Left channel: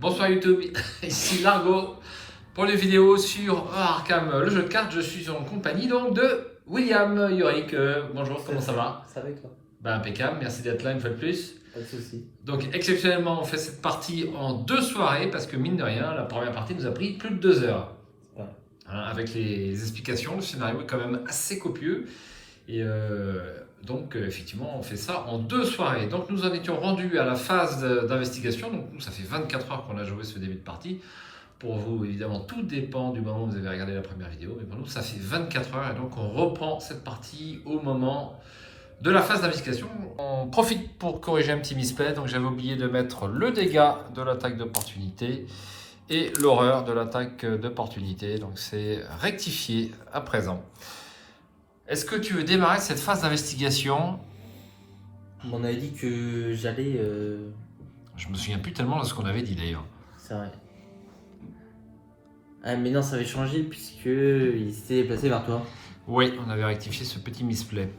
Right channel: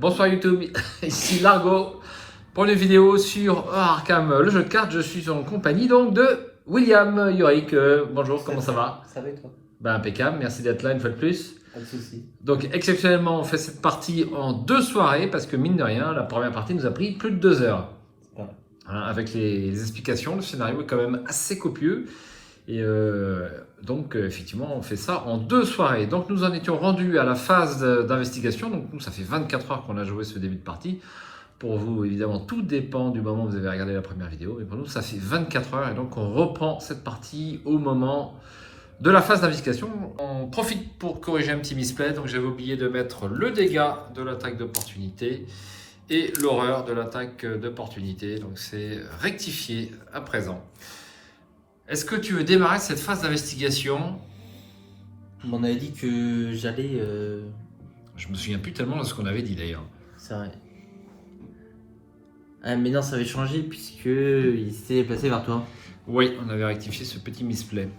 Bonsoir YouTube, ici Largo pour les vidéos sur Arkham, le jeu de cartes. Je suis en compagnie donc de William Yorick. Bonjour, comment ça va? Ça va et toi? Impeccable, merci d'être là une fois de plus. Pas de soucis. Donc exceptionnellement, on fait cette partie en 2 soirées parce que mine de rien, la première partie nous a pris plus de 2 heures. Ouais. Avec les explications, le scénario est quand même assez copieux. Et donc, effectivement, on fait ça en 2 soirées. Donc, nous en étions rendus à la phase d'investigation. Donc, nous, ça fait 24 heures qu'on a joué ce début de partie. Pour vous, évidemment, tout dépend du moment où vous avez regardé la première vidéo. Et pour nous, ça fait 24 heures. Et donc, on reprend cette partie au moment de la phase d'investigation. On profite pour corriger un petit misplay. Donc, j'avais oublié de mettre le dégât de l'attaque d'opportunité et l'horreur de l'attaque d'opportunité. Donc, c'est rectifié à présent. Est-ce que tu veux démarrer cette phase d'investigation? On avait dit que j'allais. Je me souviens plus tellement de ce qu'on avait dit d'ailleurs. C'est vrai. Ah, mais non, ça avait changé puisque il s'était déplacé vers toi. Oui, on avait rectifié ce petit misplay.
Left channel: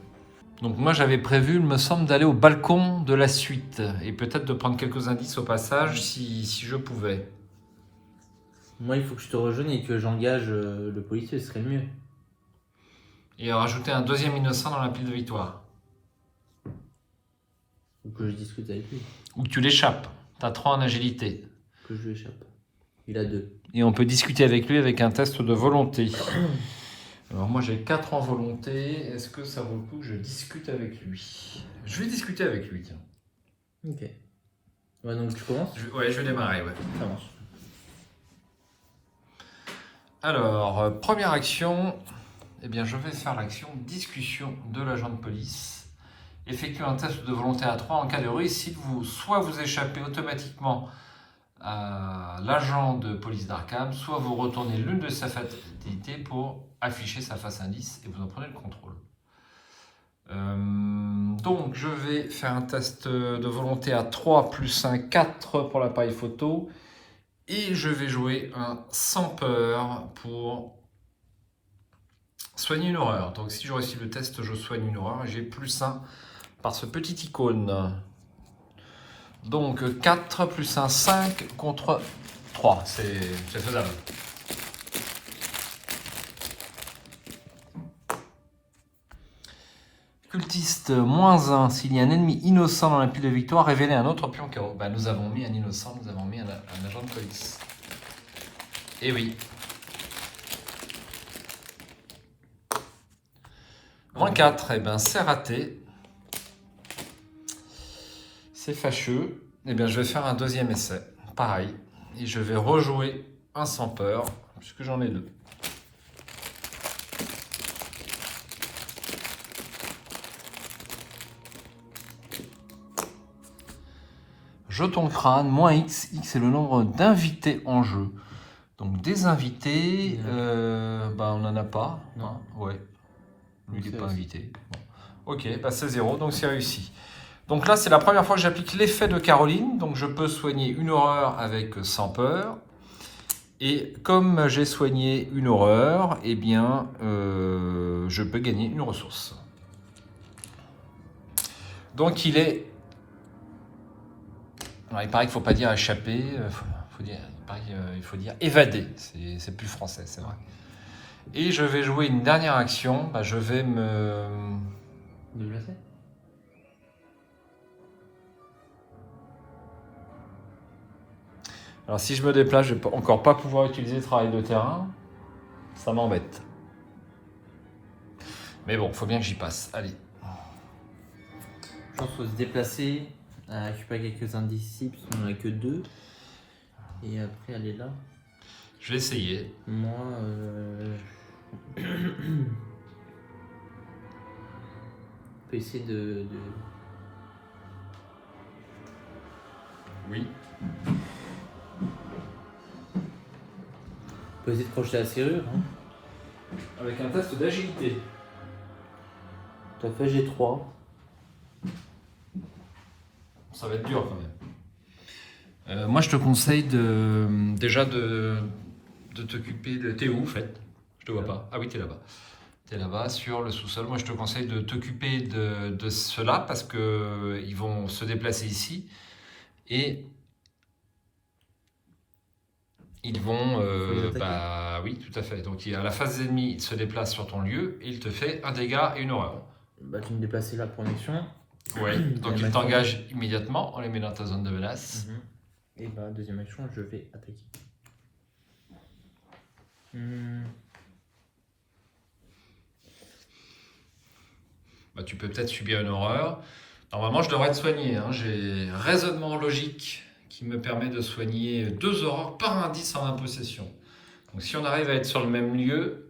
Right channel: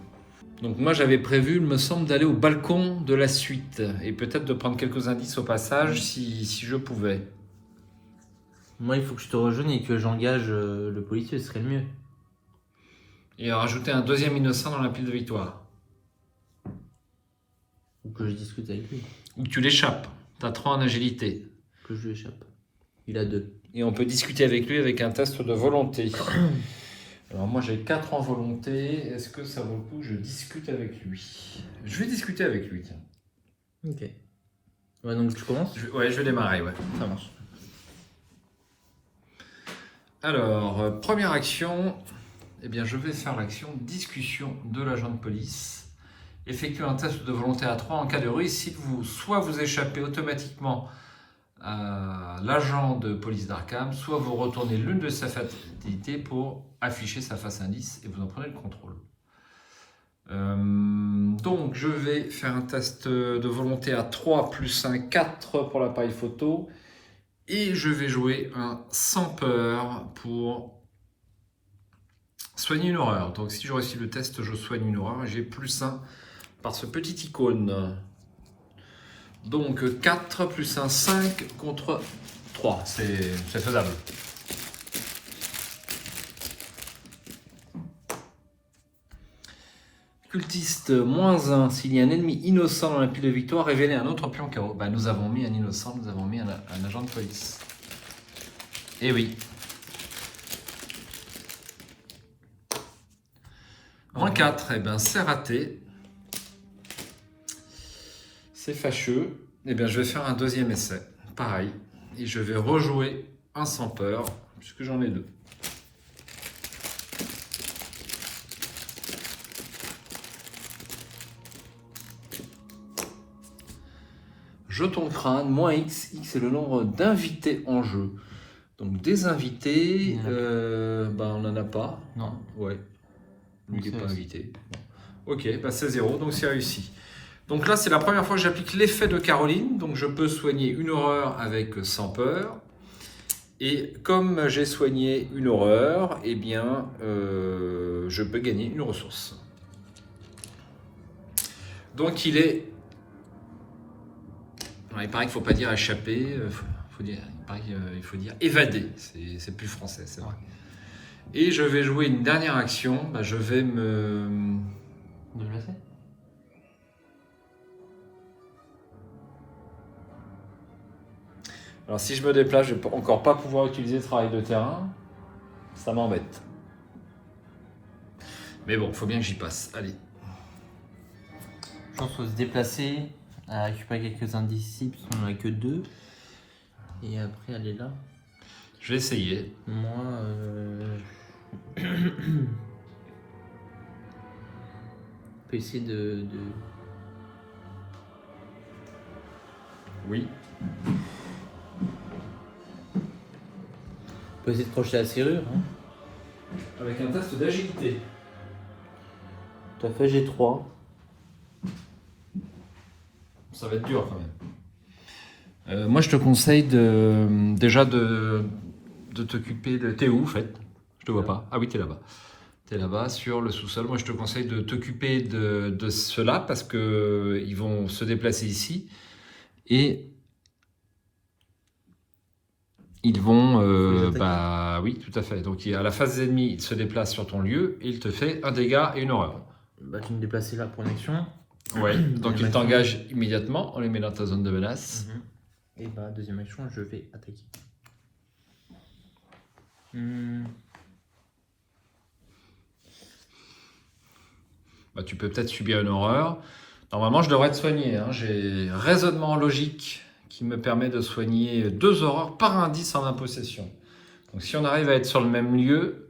Donc moi j'avais prévu, il me semble, d'aller au balcon de la suite et peut-être de prendre quelques indices au passage si je pouvais. Moi, il faut que je te rejoigne et que j'engage le policier, ce serait mieux. Et rajouter un deuxième innocent dans la pile de victoire. Ou que je discute avec lui. Ou que tu l'échappes. Tu as 3 en agilité. Que je lui échappe. Il a 2. Et on peut discuter avec lui avec un test de volonté. Alors moi j'ai 4 en volonté. Est-ce que ça vaut le coup que je discute avec lui? Je vais discuter avec lui, tiens. Ok. Ouais, donc tu commences? Ouais, je vais démarrer, ouais. Ça marche. Alors, première action, eh bien, je vais faire l'action discussion de l'agent de police. Effectuez un test de volonté à 3 en cas de réussite. Soit vous échappez automatiquement à l'agent de police d'Arkham, soit vous retournez l'une de ses fatalités pour afficher sa face indice et vous en prenez le contrôle. Donc, je vais faire un test de volonté à 3 plus un 4 pour l'appareil photo. Et je vais jouer un sans peur pour soigner une horreur. Donc si je réussis le test, je soigne une horreur. J'ai plus 1 par ce petit icône. Donc 4 plus 1, 5 contre 3. C'est faisable. Cultiste, moins 1. S'il y a un ennemi innocent dans la pile de victoire, révélez un autre pion KO. Bah, nous avons mis un innocent, nous avons mis un agent de police. Eh oui. Moins 4, eh ben c'est raté. C'est fâcheux. Eh bien, je vais faire un deuxième essai. Pareil. Et je vais rejouer un sans peur, puisque j'en ai 2. Jeton crâne, moins X. X est le nombre d'invités en jeu. Donc des invités, on n'en a pas. Non. Ouais. Lui, il n'est pas invité. Ok, c'est 0, donc c'est réussi. Donc là, c'est la première fois que j'applique l'effet de Caroline. Donc je peux soigner une horreur avec sans peur. Et comme j'ai soigné une horreur, eh bien, je peux gagner une ressource. Donc il est... Alors, il paraît qu'il ne faut pas dire échapper, il faut dire évader. C'est plus français, c'est vrai. Et je vais jouer une dernière action. Je vais me... Déplacer? Alors si je me déplace, je ne vais encore pas pouvoir utiliser le travail de terrain. Ça m'embête. Mais bon, il faut bien que j'y passe. Allez. Je pense qu'il faut se déplacer, récupérer quelques indices ici, parce qu'on n'en a que 2. Et après aller là. Je vais essayer. Moi, on peut essayer de... Oui. On peut essayer de crocher la serrure. Hein. Avec un test d'agilité. Tout à fait, j'ai 3. Ça va être dur quand même. Moi, je te conseille déjà de t'occuper de... T'es où, en fait? Je te vois pas. Ah oui, t'es là-bas. T'es là-bas, sur le sous-sol. Moi, je te conseille de t'occuper de ceux-là parce qu'ils vont se déplacer ici. Et Ils vont, Faut les attaquer. bah oui, tout à fait. Donc à la phase des ennemis, il se déplace sur ton lieu et il te fait un dégât et une horreur. Bah, tu me déplaces là pour une action. Ouais. Donc il t'engage immédiatement, on les met dans ta zone de menace. Et bah, deuxième action, je vais attaquer. Hmm. Bah, tu peux peut-être subir une horreur. Normalement, je devrais te soigner, hein. J'ai raisonnement logique qui me permet de soigner 2 horreurs par indice en impossession. Donc si on arrive à être sur le même lieu,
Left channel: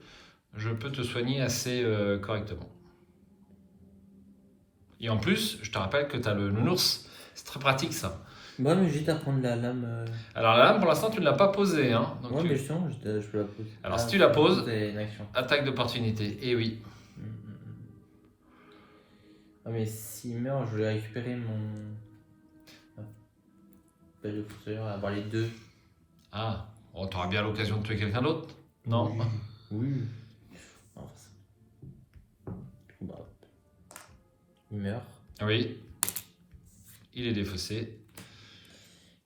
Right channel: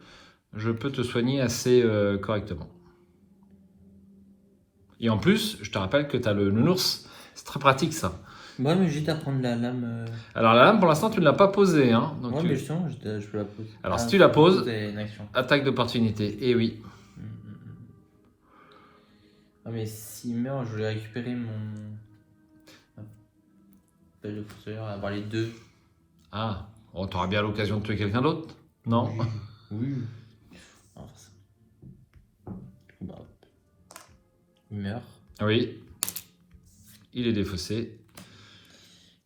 je peux te soigner assez correctement. Et en plus, je te rappelle que tu as le nounours. C'est très pratique ça. Bon, mais j'hésite à prendre la lame. Alors la lame, pour l'instant, tu ne l'as pas posée. Hein. Donc Ouais, mais justement, je peux la poser. Alors, si tu la poses, c'est une action. attaque d'opportunité. Et oui. Ah, mais s'il meurt, je vais récupérer mon. Belle de fossoyeur, avoir les deux. Ah, bon, tu auras bien l'occasion de tuer quelqu'un d'autre. Non. Oui. Alors, bah, il meurt. Oui. Il est défaussé.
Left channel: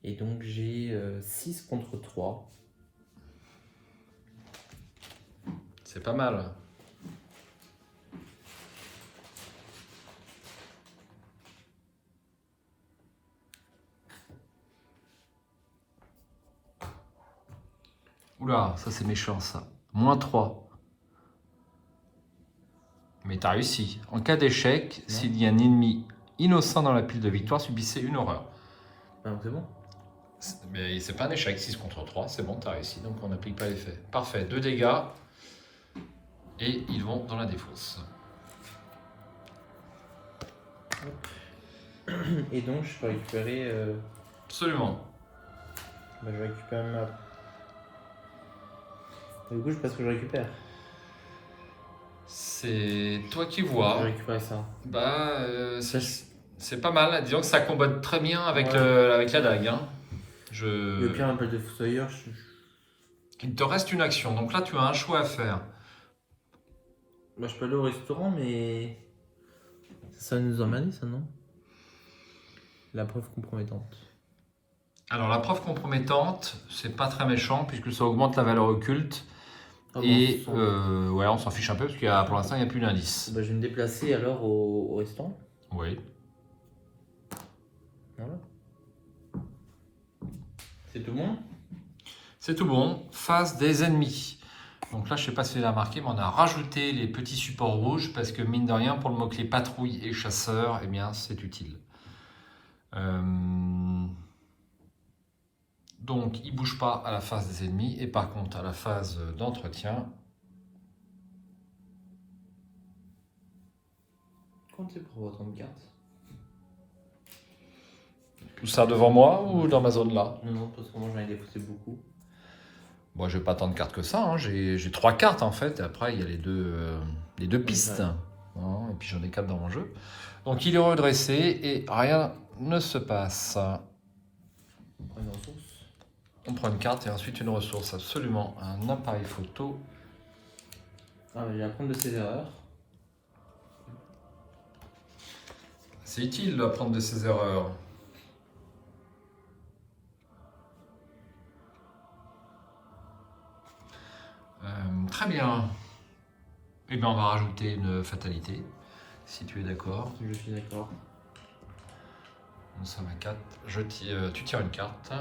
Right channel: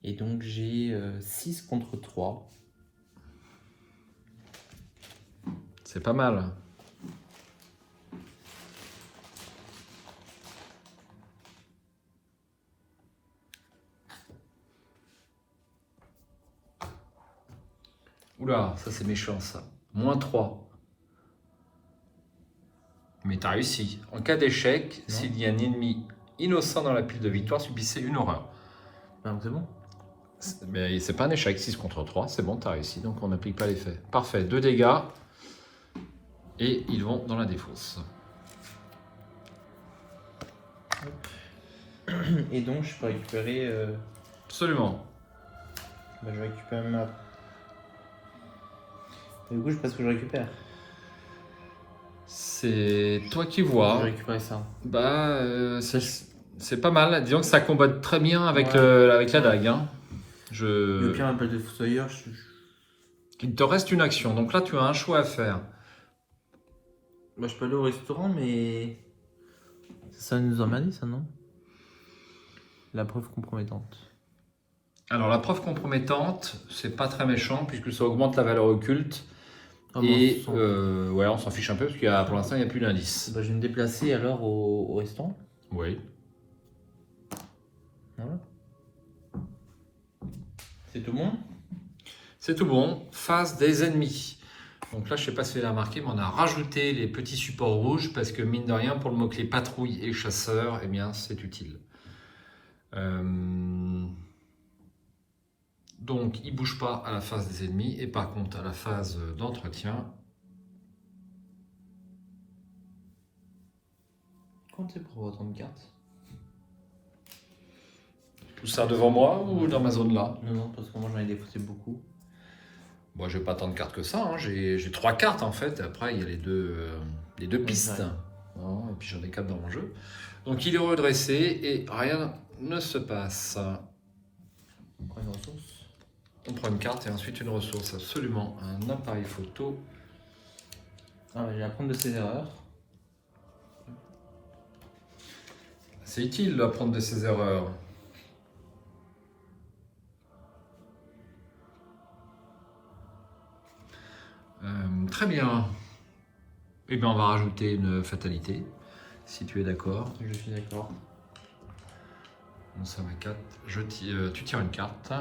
Et donc j'ai 6 contre 3. C'est pas mal. Oula, ça c'est méchant ça. -3. Mais t'as réussi. En cas d'échec, s'il y a un ennemi innocent dans la pile de victoire, subissez une horreur. Ben, c'est bon. Mais c'est pas un échec, 6 contre 3, c'est bon, t'as réussi, donc on n'applique pas l'effet. Parfait, 2 dégâts. Et ils vont dans la défausse. Et donc je peux récupérer. Absolument. Bah, je récupère ma. Et du coup, je sais pas ce que je récupère. C'est toi qui Je vois. vais récupérer ça. Bah, c'est pas mal. Disons que ça combat très bien avec, Ouais. avec la dague. Hein. Le pire, un belle de fossoyeur. Il te reste une action, donc là tu as un choix à faire. Bah, je peux aller au restaurant, mais. Ça nous emmerde, ça, non? La preuve compromettante. Alors la preuve compromettante, c'est pas très méchant puisque ça augmente la valeur occulte. Oh, Et non, ouais, on s'en fiche un peu parce que pour l'instant il n'y a plus d'indice. bah, je vais me déplacer alors au restaurant. Oui. Voilà. C'est tout bon? C'est tout bon. Phase des ennemis. Donc là, je sais pas si tu l'as remarqué, mais on a rajouté les petits supports rouges parce que mine de rien, pour le mot-clé patrouille et chasseur, eh bien, c'est utile. Donc, il ne bouge pas à la phase des ennemis et par contre, à la phase d'entretien. Comptez pour votre carte. Tout ça devant moi ou dans ma zone là? Non, parce que moi j'en ai défaussé beaucoup. Bon, j'ai pas tant de cartes que ça. Hein. J'ai 3 cartes en fait. Après, il y a les deux pistes. Ouais. Et puis j'en ai 4 dans mon jeu. Donc, il est redressé et rien ne se passe. On prend une carte et ensuite une ressource, absolument. Un appareil photo. Ah, je vais apprendre de ses erreurs. C'est utile d'apprendre de ses erreurs. Très bien. Eh bien, on va rajouter une fatalité, si tu es d'accord. Je suis d'accord. On somme à 4. Tu tires une carte.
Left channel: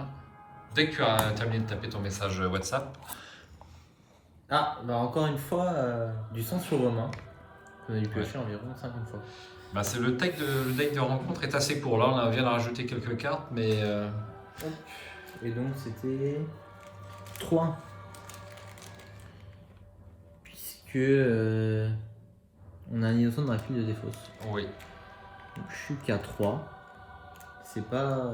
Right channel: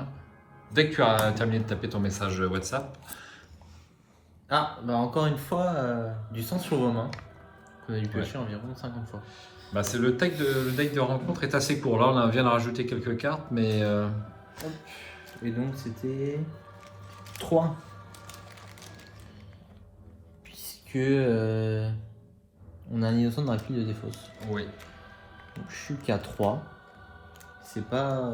Dès que tu as terminé de taper ton message WhatsApp. Ah, bah encore une fois, du sang sur vos mains. Vous avez pioché environ 50 fois. Bah, c'est le deck de rencontre est assez court. Là, on vient de rajouter quelques cartes, mais... Et donc c'était 3. Puisque on a un innocent dans la pile de défausse. Oui. Donc je suis qu'à 3. C'est pas...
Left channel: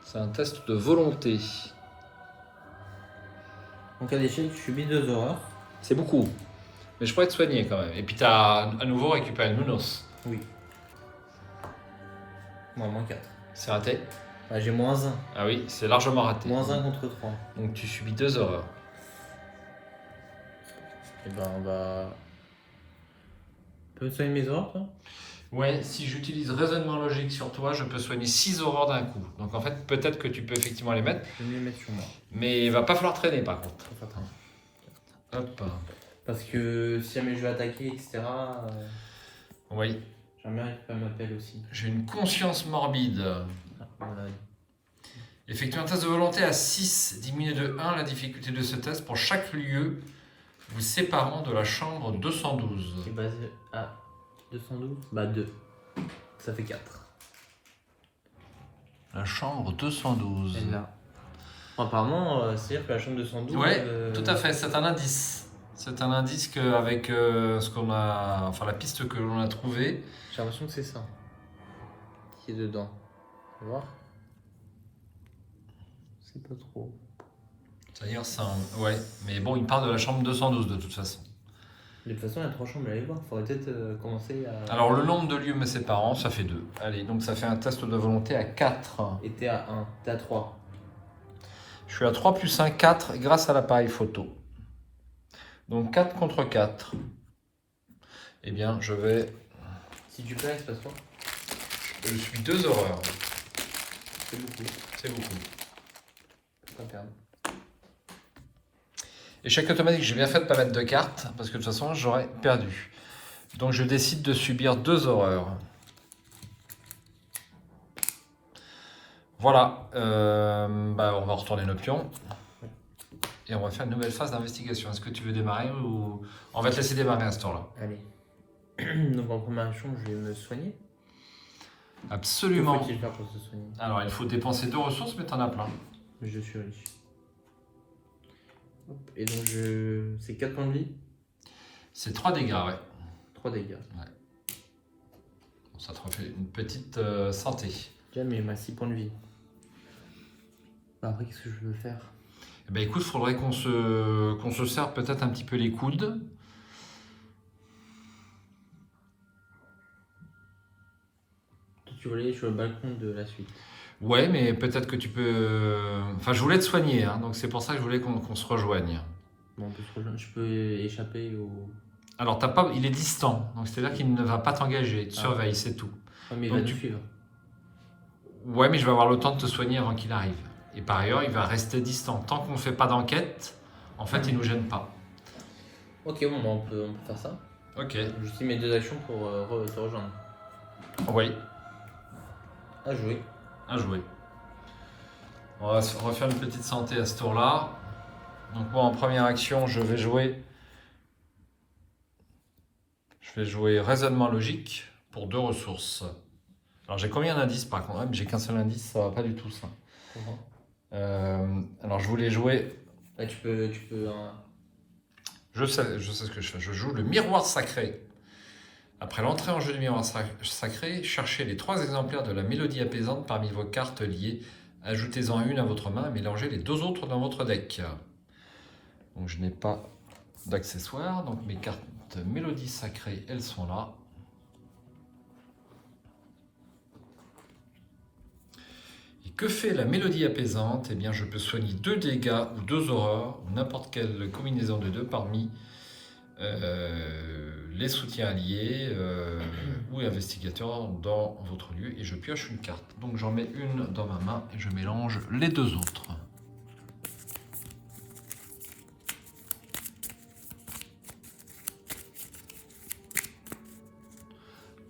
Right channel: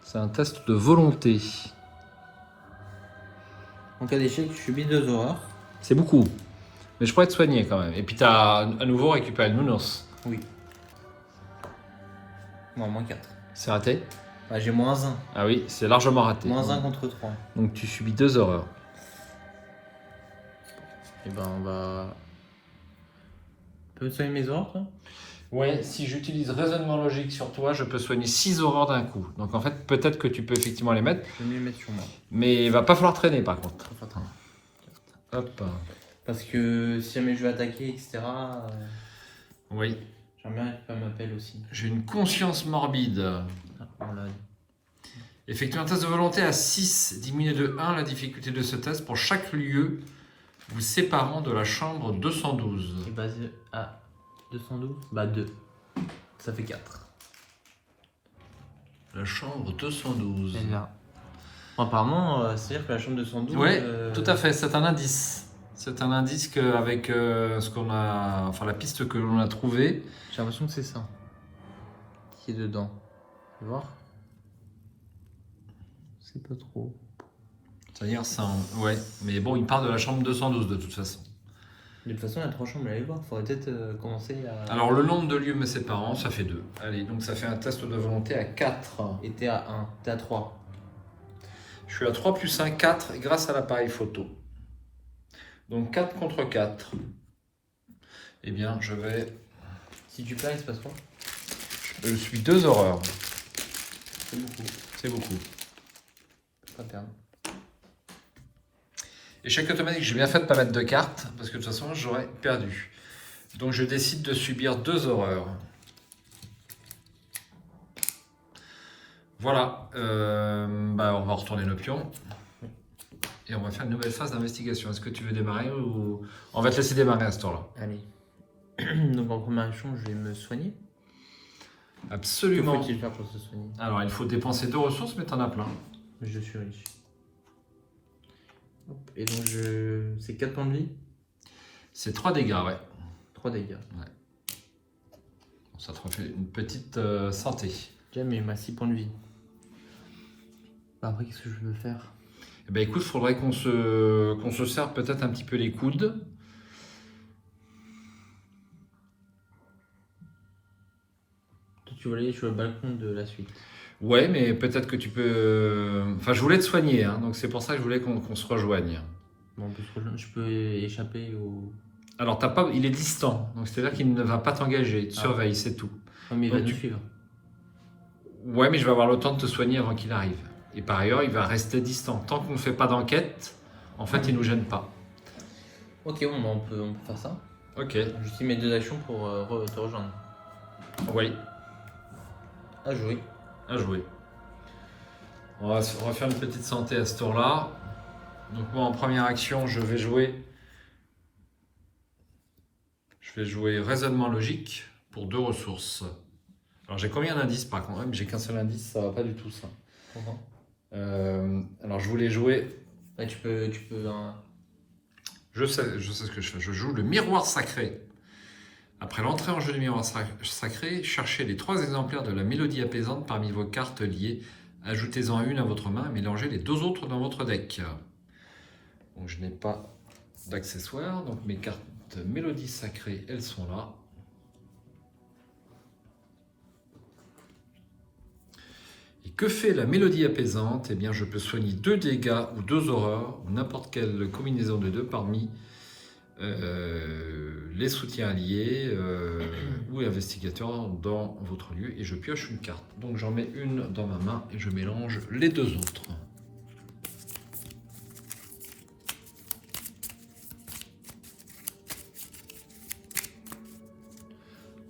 C'est un test de volonté. En cas d'échec, je subis 2 horreurs. C'est beaucoup. Mais je pourrais te soigner quand même. Et puis tu as à nouveau récupéré le nounours. Oui. Non, moins 4. C'est raté? Bah, j'ai moins 1. Ah oui, c'est largement raté. Moins 1 contre 3. Donc tu subis 2 horreurs. Et ben on va... Tu peux me soigner mes horreurs, toi? Ouais, si j'utilise raisonnement logique sur toi, je peux soigner 6 horreurs d'un coup. Donc en fait, peut-être que tu peux effectivement les mettre, Je vais mieux mettre sur moi. mais il va pas falloir traîner par contre. Faut faire attention. Hop. Parce que si jamais je vais attaquer, etc., Oui, j'aimerais bien qu'elle m'appelle aussi. j'ai une conscience morbide. Euh, Effectuez un test de volonté à 6, diminuez de 1 la difficulté de ce test pour chaque lieu vous séparant de la chambre 212. qui est basé à 212 Bah 2. Ça fait 4. La chambre 212. Apparemment, c'est-à-dire que la chambre 212... Ouais, tout à fait, c'est un indice. C'est un indice qu'avec ce qu'on a, enfin la piste que l'on a trouvée. J'ai l'impression que c'est ça qui est dedans. Tu vois? C'est pas trop. C'est-à-dire ça, ouais, mais bon, il part de la chambre 212 de toute façon. De toute façon, il y a 3 chambres à aller voir. Faudrait peut-être commencer à... Alors le nombre de lieux me séparant, ça fait 2. Allez, donc ça fait un test de volonté à 4. Et t'es à 1, t'es à 3. Je suis à 3 plus 1, 4 grâce à l'appareil photo. Donc 4 contre 4. Eh bien, je vais... Si tu perds, il se passe quoi? Je suis 2 horreurs. C'est beaucoup. C'est beaucoup. Pas perdre. Échec automatique, j'ai bien fait de ne pas mettre de cartes, parce que de toute façon, j'aurais perdu. Donc je décide de subir 2 horreurs. Voilà. On va retourner nos pions. Et on va faire une nouvelle phase d'investigation. Est-ce que tu veux démarrer ou... On va te laisser démarrer à ce tour-là. Allez. Donc en première action, je vais me soigner. Que Absolument. faut-il faire pour se soigner? Alors, il faut dépenser 2 ressources, mais t'en as plein. Je suis là-dessus. Et donc, c'est 4 points de vie, C'est 3 dégâts, ouais. 3 dégâts. Ça te refait une petite santé. Déjà, mais il m'a 6 points de vie. Après, qu'est-ce que je veux faire? Eh ben, écoute, il faudrait qu'on se serre peut-être un petit peu les coudes. Toi, tu veux aller sur le balcon de la suite. Ouais, mais peut-être que tu peux... Enfin, je voulais te soigner, hein, donc c'est pour ça que je voulais qu'on se rejoigne. Bon, parce que je peux échapper au... Alors, il est distant, donc c'est-à-dire qu'il ne va pas t'engager. Tu surveilles, c'est tout. Non, mais il Donc, va me tu- suivre. Ouais, mais je vais avoir le temps de te soigner avant qu'il arrive. Et par ailleurs, il va rester distant. Tant qu'on ne fait pas d'enquête, en fait, il ne nous gêne pas. Ok, bon, bah, on peut faire ça. Ok. J'utilise mes 2 actions pour te rejoindre. Oui, À jouer. à jouer. On va faire une petite santé à ce tour-là. Donc moi, en première action, je vais jouer raisonnement logique pour 2 ressources. Alors j'ai combien d'indices par contre? J'ai qu'un seul indice, ça va pas du tout ça. Comment? Alors je voulais jouer, Là, tu peux je sais ce que je fais. Je joue le miroir sacré. Après l'entrée en jeu du miroir sacré, cherchez les 3 exemplaires de la mélodie apaisante parmi vos cartes liées. Ajoutez-en une à votre main et mélangez les 2 autres dans votre deck. Donc je n'ai pas d'accessoires, donc mes cartes de mélodie sacrée, elles sont là. Et que fait la mélodie apaisante? Eh bien, je peux soigner 2 dégâts ou 2 horreurs, ou n'importe quelle combinaison de 2 parmi les soutiens alliés ou investigateurs dans votre lieu, et je pioche une carte. Donc j'en mets une dans ma main et je mélange les 2 autres.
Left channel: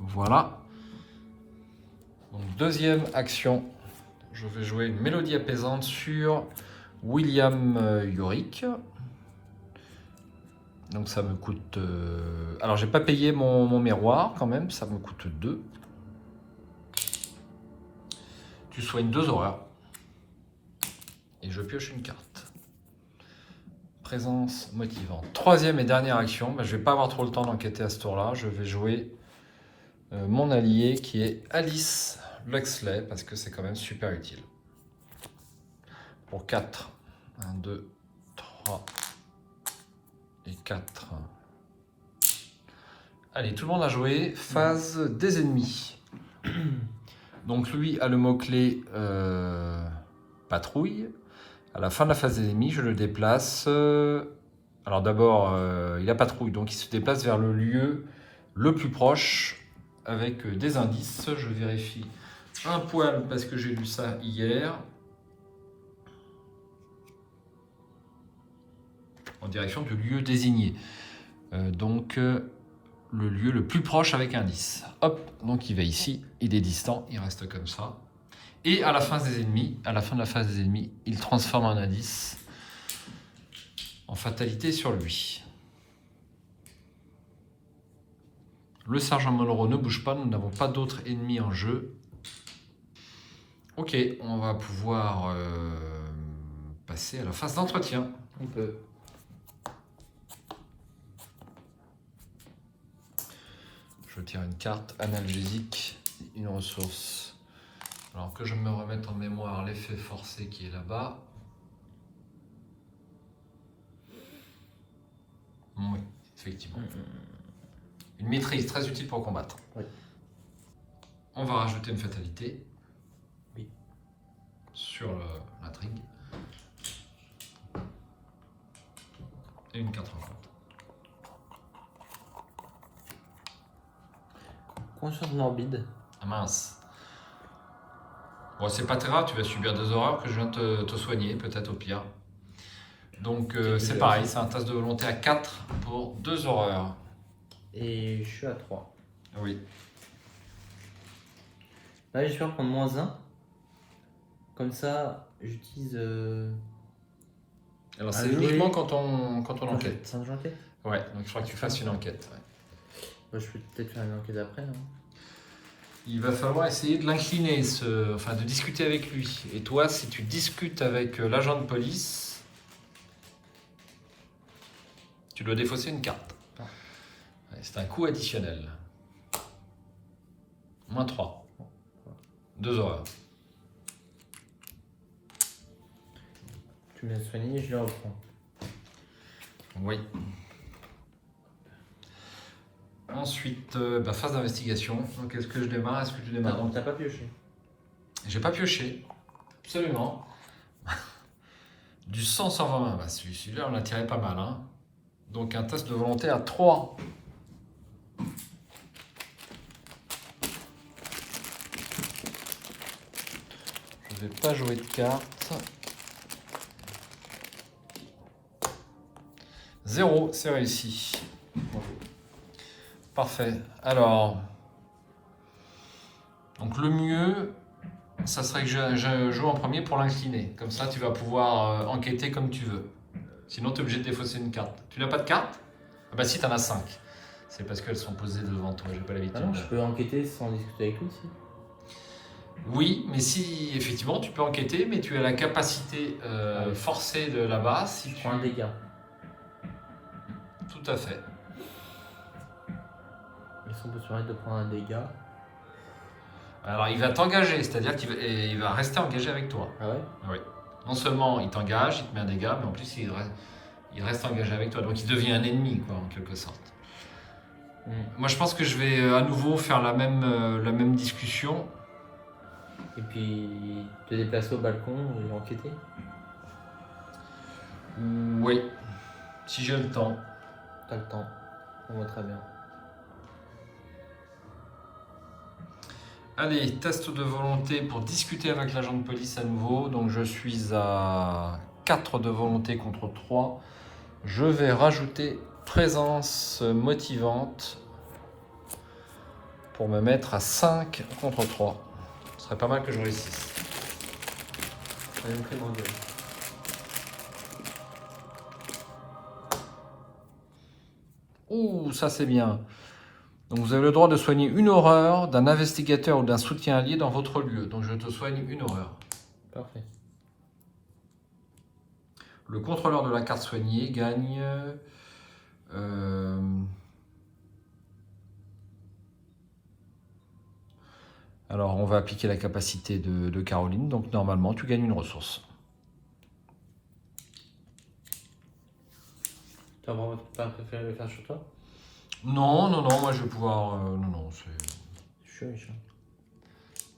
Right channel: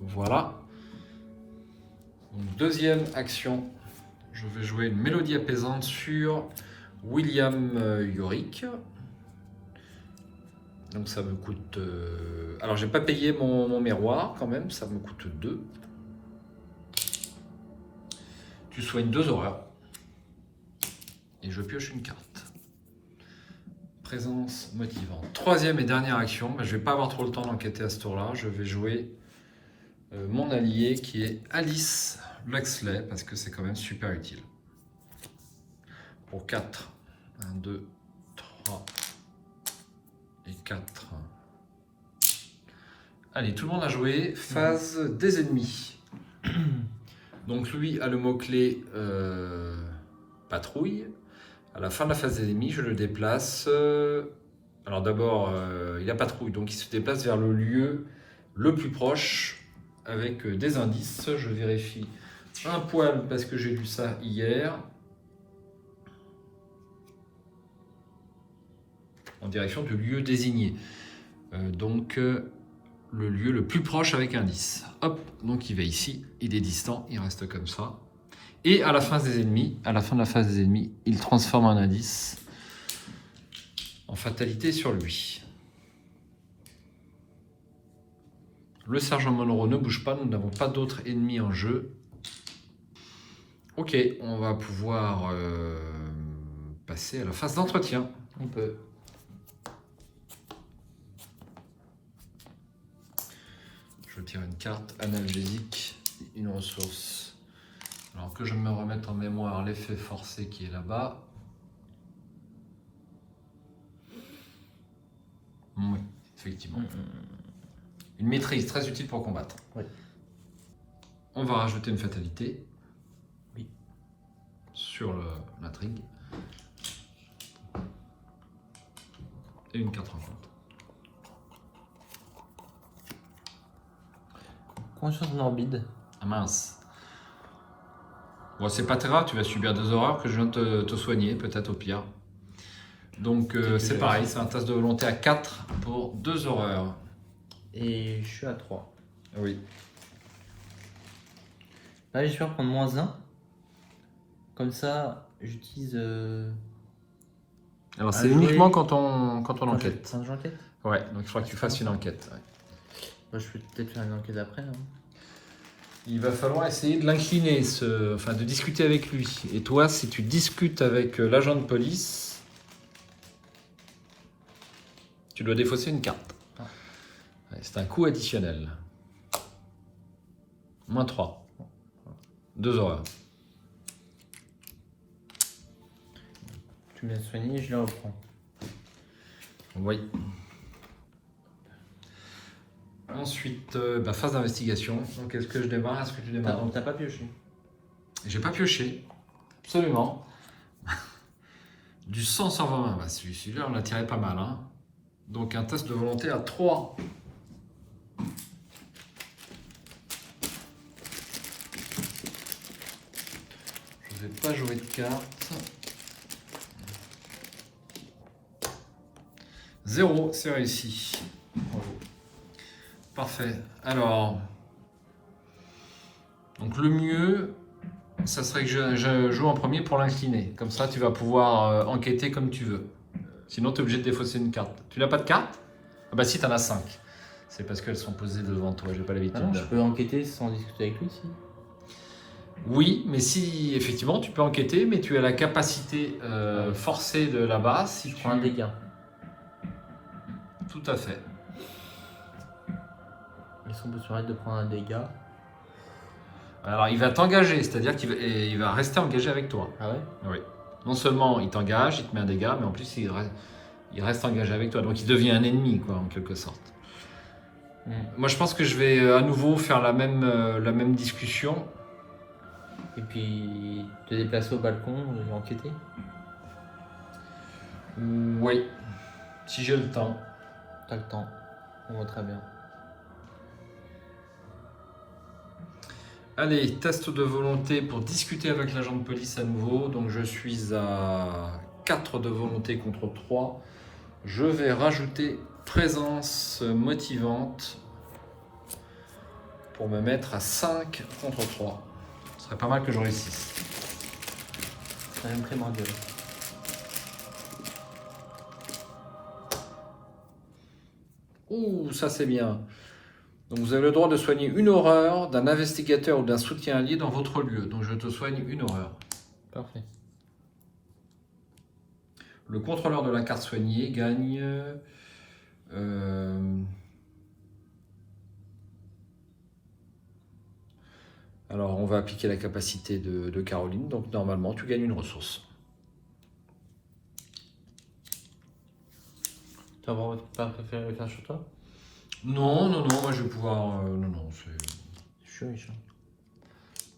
Voilà. Donc, deuxième action, je vais jouer une mélodie apaisante sur William Yorick. Donc ça me coûte... Alors j'ai pas payé mon miroir quand même, ça me coûte 2. Tu soignes 2 horreurs. Et je pioche une carte. Présence motivante. Troisième et dernière action, je vais pas avoir trop le temps d'enquêter à ce tour-là. Je vais jouer mon allié qui est Alice Luxley, parce que c'est quand même super utile. Pour 4. 1, 2, 3 et 4. Allez, tout le monde a joué. Phase des ennemis. Donc lui a le mot-clé patrouille. À la fin de la phase des ennemis, je le déplace. Alors d'abord, il a patrouille, donc il se déplace vers le lieu le plus proche avec des indices. Je vérifie un poil parce que j'ai lu ça hier. En direction du lieu désigné. Le lieu le plus proche avec indice. Hop, donc il va ici, il est distant, il reste comme ça. Et à la fin de la phase des ennemis, il transforme un indice en fatalité sur lui. Le sergent Monroe ne bouge pas, nous n'avons pas d'autres ennemis en jeu. Ok, on va pouvoir passer à la phase d'entretien. On peut. Je tire une carte analgésique, une ressource. Alors que je me remette en mémoire l'effet forcé qui est là-bas. Oui, effectivement. Une maîtrise très utile pour combattre. Ouais. On va rajouter une fatalité. Oui. Sur l'intrigue. Et une carte en compte. Conscience morbide. Ah mince. Bon, c'est pas très grave, tu vas subir 2 horreurs que je viens de te soigner, peut-être au pire. Donc c'est pareil, c'est un test de volonté à 4 pour 2 horreurs. Et je suis à 3. Oui. Là, j'espère prendre -1. Comme ça, j'utilise. Alors c'est uniquement quand on enquête. Quand j'enquête. Ouais, donc il faudra que tu fasses une enquête. Ouais. Bah, je peux peut-être faire une enquête après. Hein. Il va falloir essayer de l'incliner, de discuter avec lui. Et toi, si tu discutes avec l'agent de police, tu dois défausser une carte. Ah. Ouais, c'est un coût additionnel. -3. 2 horreurs. Tu me l'as soigné, je la reprends. Oui. Ensuite, phase d'investigation. Donc, est-ce que je démarre? Est-ce que tu démarres? Non, t'as pas pioché. J'ai pas pioché. Absolument. Du 100 sur 20. Bah, celui-là, on l'a tiré pas mal. Hein. Donc, un test de volonté à 3. Je vais pas jouer de carte. 0, c'est réussi. Parfait. Alors, donc le mieux, ça serait que je joue en premier pour l'incliner. Comme ça, tu vas pouvoir enquêter comme tu veux. Sinon, tu es obligé de défausser une carte. Tu n'as pas de carte? Ah bah si, tu en as 5. C'est parce qu'elles sont posées devant toi, j'ai pas l'habitude. Ah non, je peux enquêter sans discuter avec lui, si. Oui, mais si, effectivement, tu peux enquêter, mais tu as la capacité forcée de là-bas. Si tu prends un dégât. Tout à fait. Ils sont sur de prendre un dégât. Alors, il va t'engager, c'est-à-dire qu'il va rester engagé avec toi. Ah ouais? Oui. Non seulement il t'engage, il te met un dégât, mais en plus il reste engagé avec toi. Donc il devient un ennemi, quoi, en quelque sorte. Moi, je pense que je vais à nouveau faire la même discussion. Et puis te déplacer au balcon et enquêter? Oui, si j'ai le temps. T'as le temps. On va très bien. Allez, test de volonté pour discuter avec l'agent de police à nouveau. Donc je suis à 4 de volonté contre 3. Je vais rajouter présence motivante pour me mettre à 5 contre 3. Ce serait pas mal que je réussisse. Elle me fait moins deux. Ouh, ça c'est bien. Donc vous avez le droit de soigner une horreur d'un investigateur ou d'un soutien allié dans votre lieu. Donc je te soigne une horreur. Parfait. Le contrôleur de la carte soignée gagne... Alors on va appliquer la capacité de Caroline. Donc normalement tu gagnes une ressource. Tu vas pas préférer le faire chez toi? Non, moi je vais pouvoir... non, c'est... Je suis méchant.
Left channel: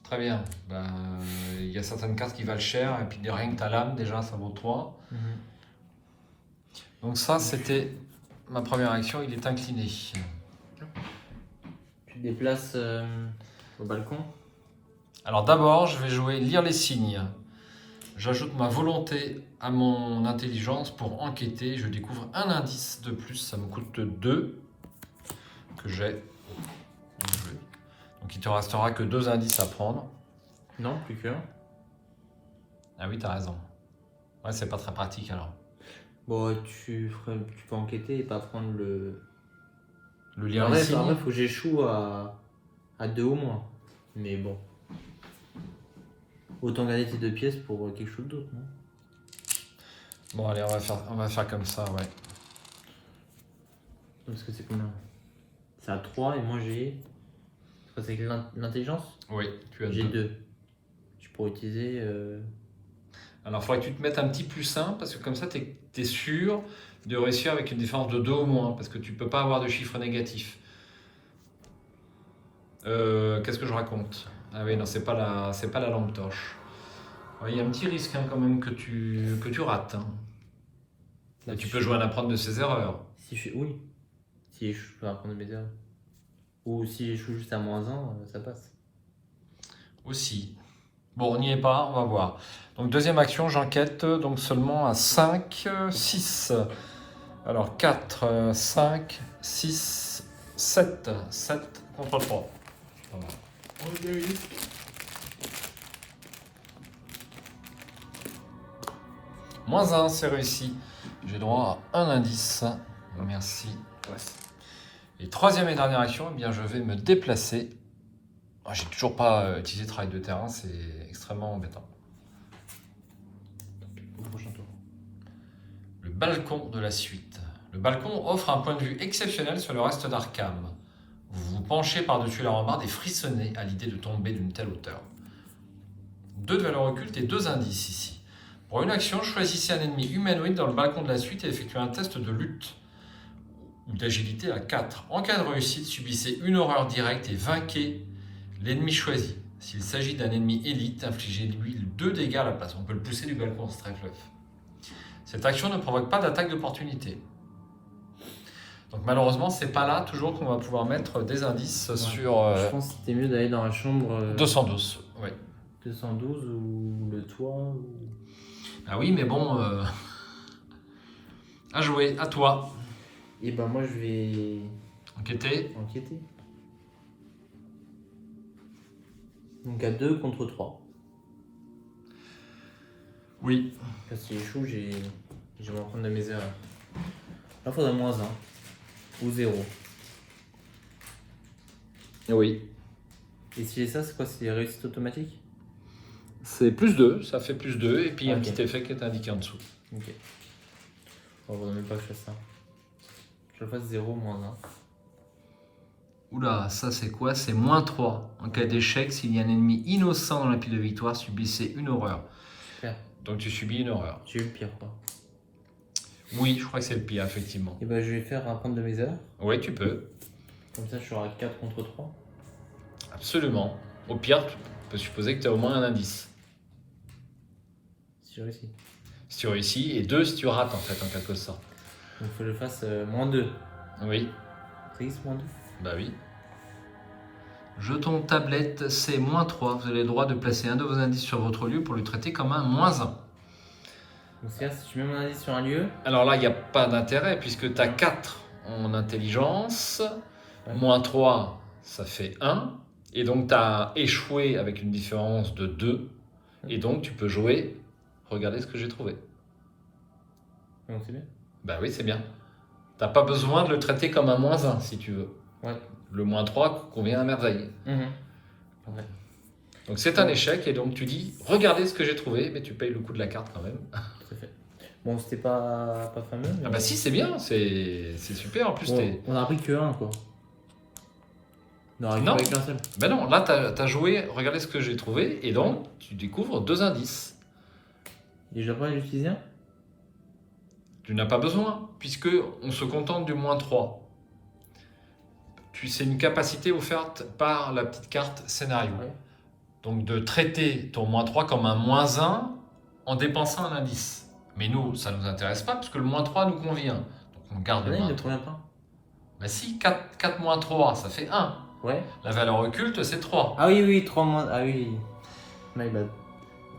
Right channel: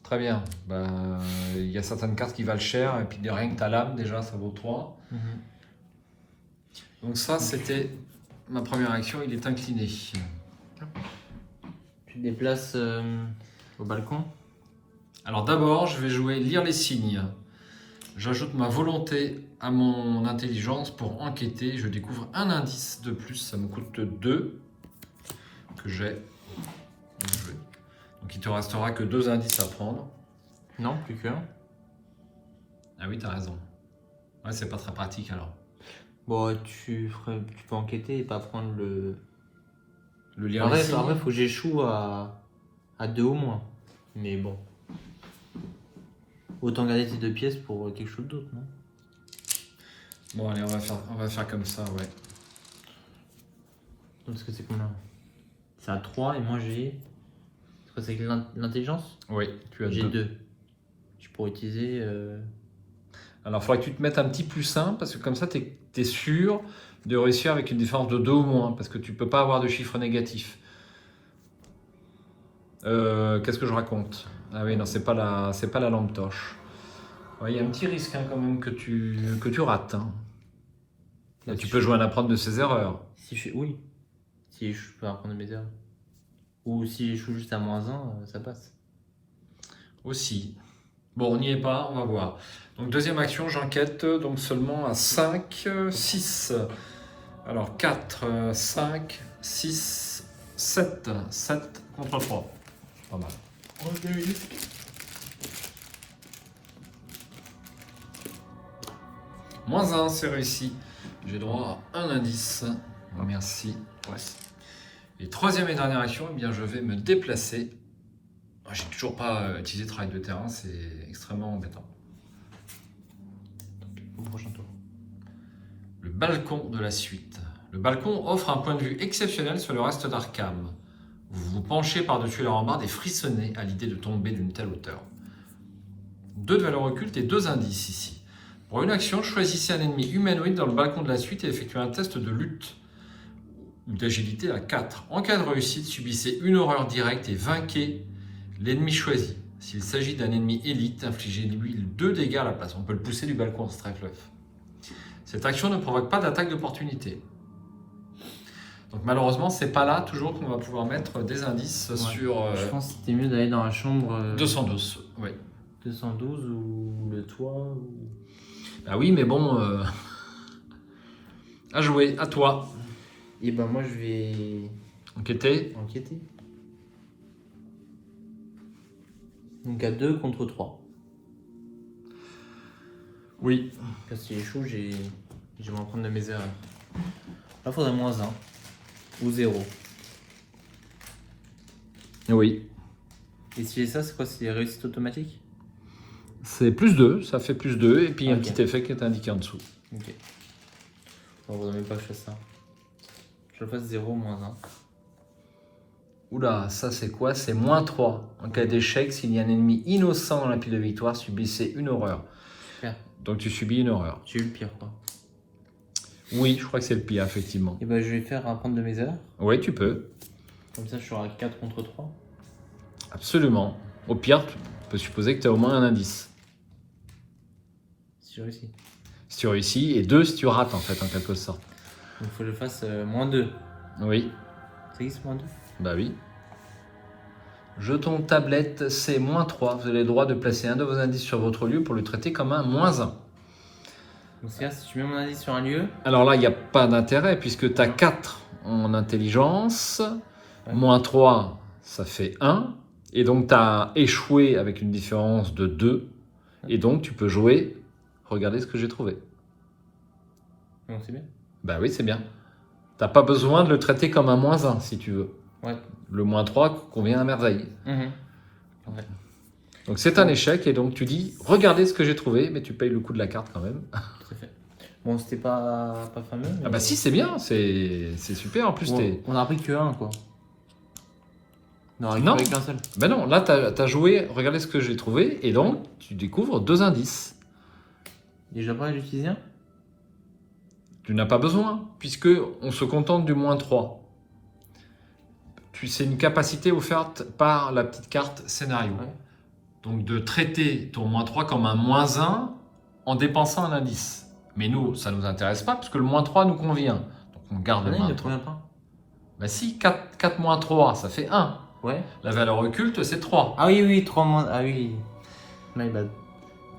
Très bien. Il y a certaines cartes qui valent cher, et puis rien que ta lame, déjà, ça vaut 3. Donc ça, c'était ma première action, il est incliné. Puis Tu déplaces au balcon. Alors d'abord, je vais jouer lire les signes. J'ajoute ma volonté à mon intelligence pour enquêter. Je découvre un indice de plus. Ça me coûte 2 que j'ai. Donc il te restera que 2 indices à prendre. Non, plus qu'un. Ah oui, t'as raison. Ouais, c'est pas très pratique alors. Bon, tu peux enquêter et pas prendre le. Le lire En les vrai, signes. il faut que j'échoue à 2 au moins. Mais bon. Autant garder tes 2 pièces pour quelque chose d'autre, non? Bon, allez, on va faire comme ça, ouais. Parce que c'est combien? C'est à 3 et moi j'ai. C'est que l'intelligence? Oui, tu as J'ai 2. 2. Je pourrais utiliser. Alors, il faudrait que tu te mettes un petit +1 parce que comme ça, tu es sûr de réussir avec une différence de 2 au moins parce que tu peux pas avoir de chiffre négatif. Qu'est-ce que je raconte? Ah oui, non, c'est pas la lampe torche. Ouais, il y a un petit risque hein, quand même que tu rates. Hein. Là, Et tu peux jouer à apprendre de ses erreurs. Si je fais. Oui. Si je peux apprendre mes erreurs. Ou si je joue juste à -1, ça passe. Aussi. Bon, on n'y est pas, on va voir. Donc, deuxième action, j'enquête donc seulement à 5, 6. Alors, 4, 5, 6, 7. 7 contre 3. Pas mal. -1, c'est réussi. J'ai droit à un indice. Merci. Et troisième et dernière action, eh bien, je vais me déplacer. Ah, j'ai toujours pas utilisé travail de terrain, c'est extrêmement embêtant. Le balcon de la suite. Le balcon offre un point de vue exceptionnel sur le reste d'Arkham. Vous vous penchez par-dessus la rambarde et frissonnez à l'idée de tomber d'une telle hauteur. 2 de valeur occulte et 2 indices ici. Pour une action, choisissez un ennemi humanoïde dans le balcon de la suite et effectuez un test de lutte ou d'agilité à 4. En cas de réussite, subissez une horreur directe et vainquez l'ennemi choisi. S'il s'agit d'un ennemi élite, infligez-lui 2 dégâts à la place. On peut le pousser du balcon en strike-off. Cette action ne provoque pas d'attaque d'opportunité. Donc malheureusement, c'est pas là toujours qu'on va pouvoir mettre des indices sur Je pense que c'était mieux d'aller dans la chambre 212. Oui. 212 ou le toit. Ah oui, mais bon, à jouer, à toi. Et ben moi je vais Enquêter. enquêter. Donc à 2 contre 3. Oui. Parce qu'il est chaud, je vais m'en prendre de mes erreurs. Là, il faudrait -1 ou 0. Oui. Et si j'ai ça, c'est quoi? C'est réussite automatique? C'est +2, ça fait +2, et puis un Ok. petit effet qui est indiqué en dessous. Ok. On ne faudrait même pas que je fasse ça. Je fasse 0 -1. Oula, ça c'est quoi? C'est -3. En cas d'échec, s'il y a un ennemi innocent dans la pile de victoire, subissez une horreur. Super. Donc tu subis une horreur. J'ai eu le pire, quoi. Oui, je crois que c'est le pire, effectivement. Et ben je vais faire un prendre de mes erreurs. Oui, tu peux. Comme ça, je serai à 4 contre 3. Absolument. Au pire, tu peux supposer que tu as au moins un indice. Si je réussis. Si tu réussis, et 2 si tu rates, en fait, en quelque sorte. Donc il faut que je fasse -2. Oui, Ça existe -2? bah oui. Jeton tablette, c'est -3. Vous avez le droit de placer un de vos indices sur votre lieu pour le traiter comme un -1. Donc c'est-à-dire si je mets mon indice sur un lieu. Alors là, il n'y a pas d'intérêt puisque tu as 4 en intelligence, Ouais. -3, ça fait 1. Et donc tu as échoué avec une différence de 2. Et donc tu peux jouer. Regardez ce que j'ai trouvé. Donc c'est bien. Bah oui, c'est bien. T'as pas besoin de le traiter comme un -1 si tu veux. Ouais. Le -3 convient à merveille. Ouais. Donc c'est un échec et donc tu dis regardez ce que j'ai trouvé, mais tu payes le coût de la carte quand même. Tout à fait. Bon, c'était pas fameux. Ah bah si, c'est bien, c'est super. En plus, Bon, t'es... on a appris que 1 quoi. On a récupéré qu'un seul. Ben non, là t'as joué, regardez ce que j'ai trouvé, et donc tu découvres 2 indices. Et j'ai pas utilisé un? Tu n'as pas besoin, puisque on se contente du -3. C'est une capacité offerte par la petite carte scénario. Donc de traiter ton -3 comme un -1 en dépensant un indice. Mais nous, ça ne nous intéresse pas, puisque le -3 nous convient. Donc on garde le Non, il ne -3. convient pas. Bah si, 4 -3, ça fait 1. Ouais. La valeur occulte, c'est 3. Ah oui, oui, 3 moins. Ah oui. My bad.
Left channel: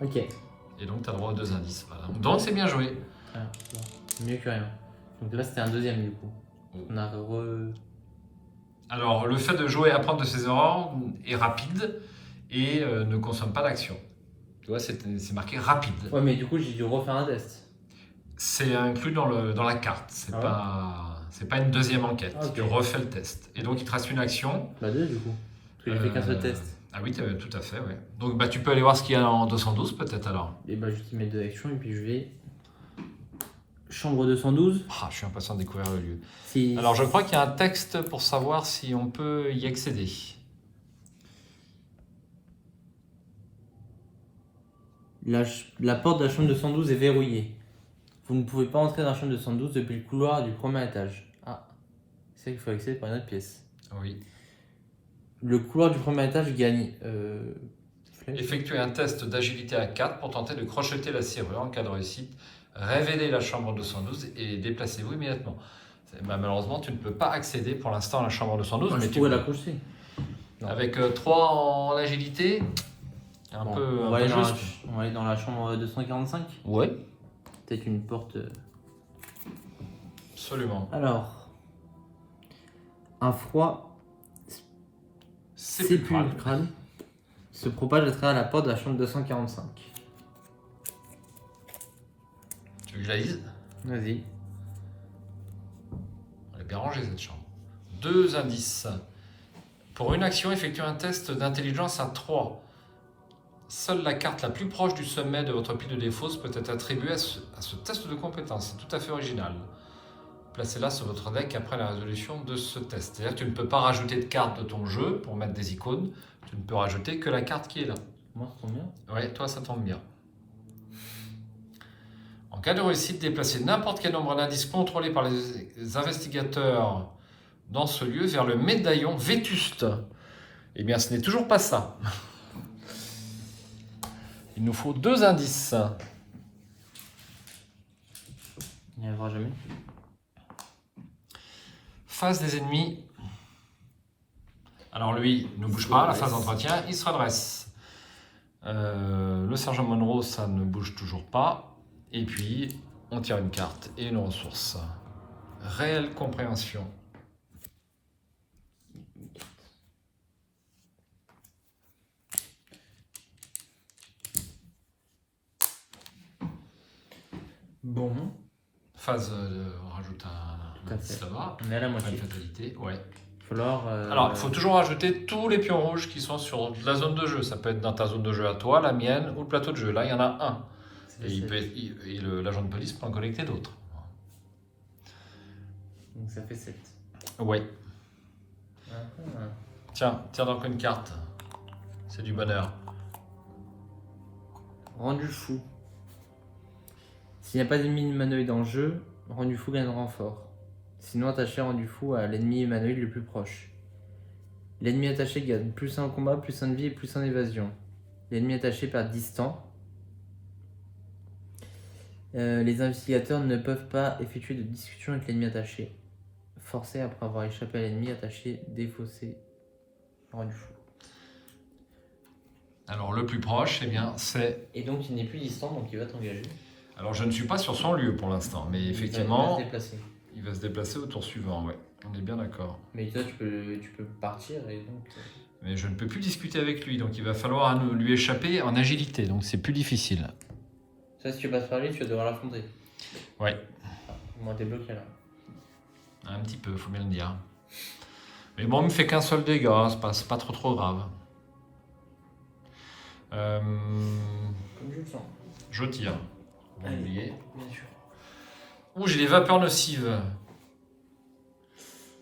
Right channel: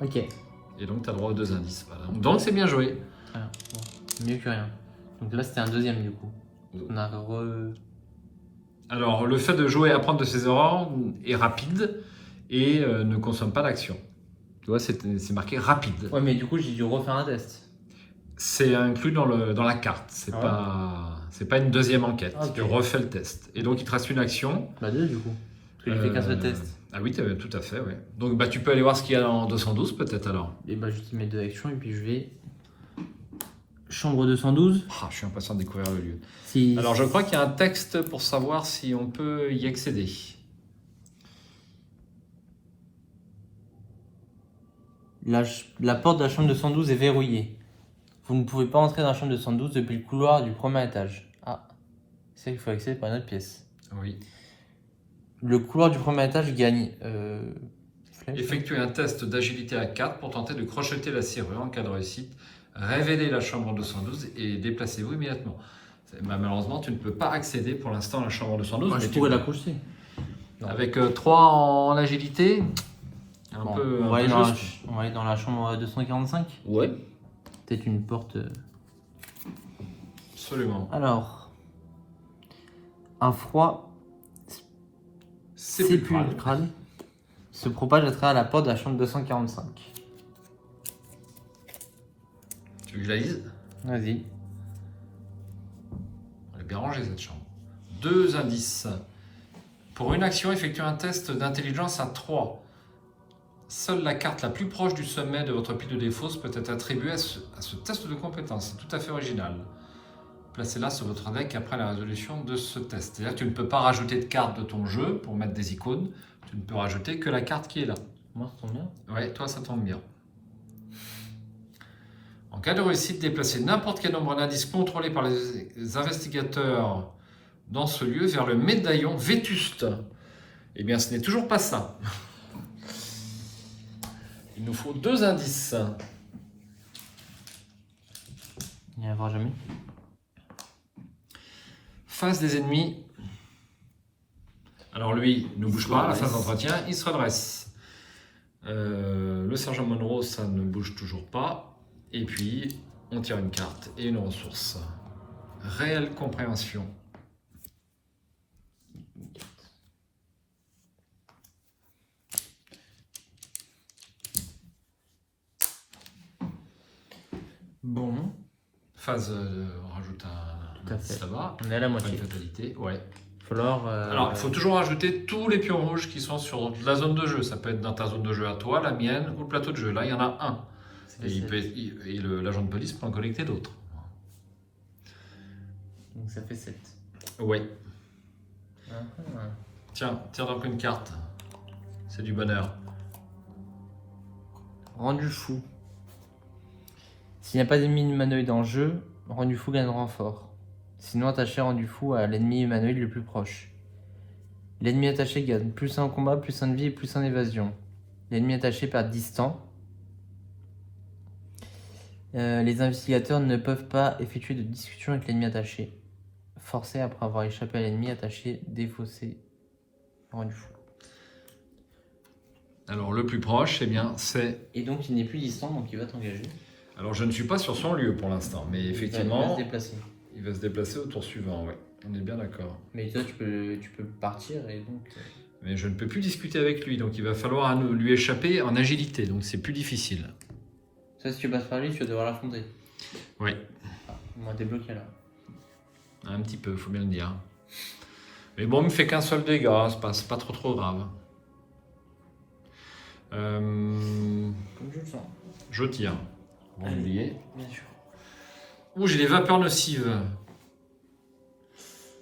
Ok. Et donc, tu as droit aux 2 indices. Voilà. Donc, c'est bien joué. Ah, bon. Mieux que rien. Donc là, c'était un deuxième du coup. On a Alors, le fait de jouer, apprendre de ses erreurs est rapide et ne consomme pas d'action. Tu vois, c'est marqué rapide. Ouais, mais du coup, j'ai dû refaire un test. C'est inclus dans la carte. C'est pas une deuxième enquête. Ah, ok. Tu refais le test. Et donc, il te reste une action. Bah, deux du coup. Parce que j'ai fait 4 tests. Ah oui, tout à fait, ouais. Donc, bah, tu peux aller voir ce qu'il y a en 212 peut-être alors. Et bah, je mets 2 actions et puis je vais. Chambre 212. Ah, je suis impatient de découvrir le lieu. Si... Alors, je crois qu'il y a un texte pour savoir si on peut y accéder. La porte de la chambre 212 est verrouillée. Vous ne pouvez pas entrer dans la chambre 212 depuis le couloir du premier étage. Ah, c'est qu'il faut accéder par une autre pièce. Oui. Le couloir du premier étage gagne. Effectuez un test d'agilité à 4 pour tenter de crocheter la serrure en cas de réussite. Révélez la chambre 212 et déplacez-vous immédiatement. Bah, malheureusement, tu ne peux pas accéder pour l'instant à la chambre 212. Je pourrais la crocheter. Avec 3 en agilité, un Bon, peu, on va aller juste. dans la chambre 245. Ouais, Peut-être une porte. absolument. Alors, un froid Sépulcral. sépulcral se propage à travers la porte de la chambre 245. Tu veux que je la lise? Vas-y. Elle est bien rangée cette chambre. 2 indices. Pour une action, effectuez un test d'intelligence à 3. Seule la carte la plus proche du sommet de votre pile de défausse peut être attribuée à ce test de compétence. C'est tout à fait original. Placez-la sur votre deck après la résolution de ce test. C'est-à-dire que tu ne peux pas rajouter de cartes de ton jeu pour mettre des icônes. Tu ne peux rajouter que la carte qui est là. Moi, ça tombe bien. Ouais, toi, ça tombe bien. En cas de réussite, déplacez n'importe quel nombre d'indices contrôlés par les investigateurs dans ce lieu vers le médaillon vétuste. Eh bien, ce n'est toujours pas ça. Il nous faut 2 indices. Il n'y en aura jamais. Face des ennemis. Alors lui ne bouge pas à la fin de l'entretien, il se redresse. Le sergent Monroe, ça ne bouge toujours pas. Et puis, on tire une carte et une ressource. Réelle compréhension. Bon. Phase, on rajoute un indice là-bas. On est à la Pas moitié. une fatalité, ouais. Alors, Alors, il faut toujours rajouter tous les pions rouges qui sont sur la zone de jeu. Ça peut être dans ta zone de jeu à toi, la mienne ou le plateau de jeu. Là, il y en a un. Et l'agent de police peut en collecter d'autres. Donc ça fait 7. Oui. Tiens, tire donc une carte. C'est du bonheur. Rendu fou. S'il n'y a pas d'ennemi humanoïde en jeu, rendu fou gagne renfort. Sinon, attaché rendu fou à l'ennemi humanoïde le plus proche. L'ennemi attaché gagne plus 1 en combat, plus 1 de vie et plus 1 d'évasion. L'ennemi attaché perd distant. Les investigateurs ne peuvent pas effectuer de discussion avec l'ennemi attaché. Forcé après avoir échappé à l'ennemi attaché, défaussé, rendu fou. Alors, le plus proche, eh bien, c'est... Et donc, il n'est plus distant, donc il va t'engager. Alors, je ne suis pas sur son lieu pour l'instant, mais effectivement, Il va se déplacer. il va se déplacer au tour suivant, oui. On est bien d'accord. Mais toi, tu peux partir et donc... Mais je ne peux plus discuter avec lui, donc il va falloir lui échapper en agilité, donc c'est plus difficile. Ça, si tu passes par lui, tu vas devoir l'affronter. Oui, Moi, t'es bloqué là. un petit peu, faut bien le dire. Mais bon, il me fait qu'un seul dégât, c'est pas trop grave. Comme je le sens. Je tire. Vous oubliez. Bien sûr. Ouh, j'ai les vapeurs nocives.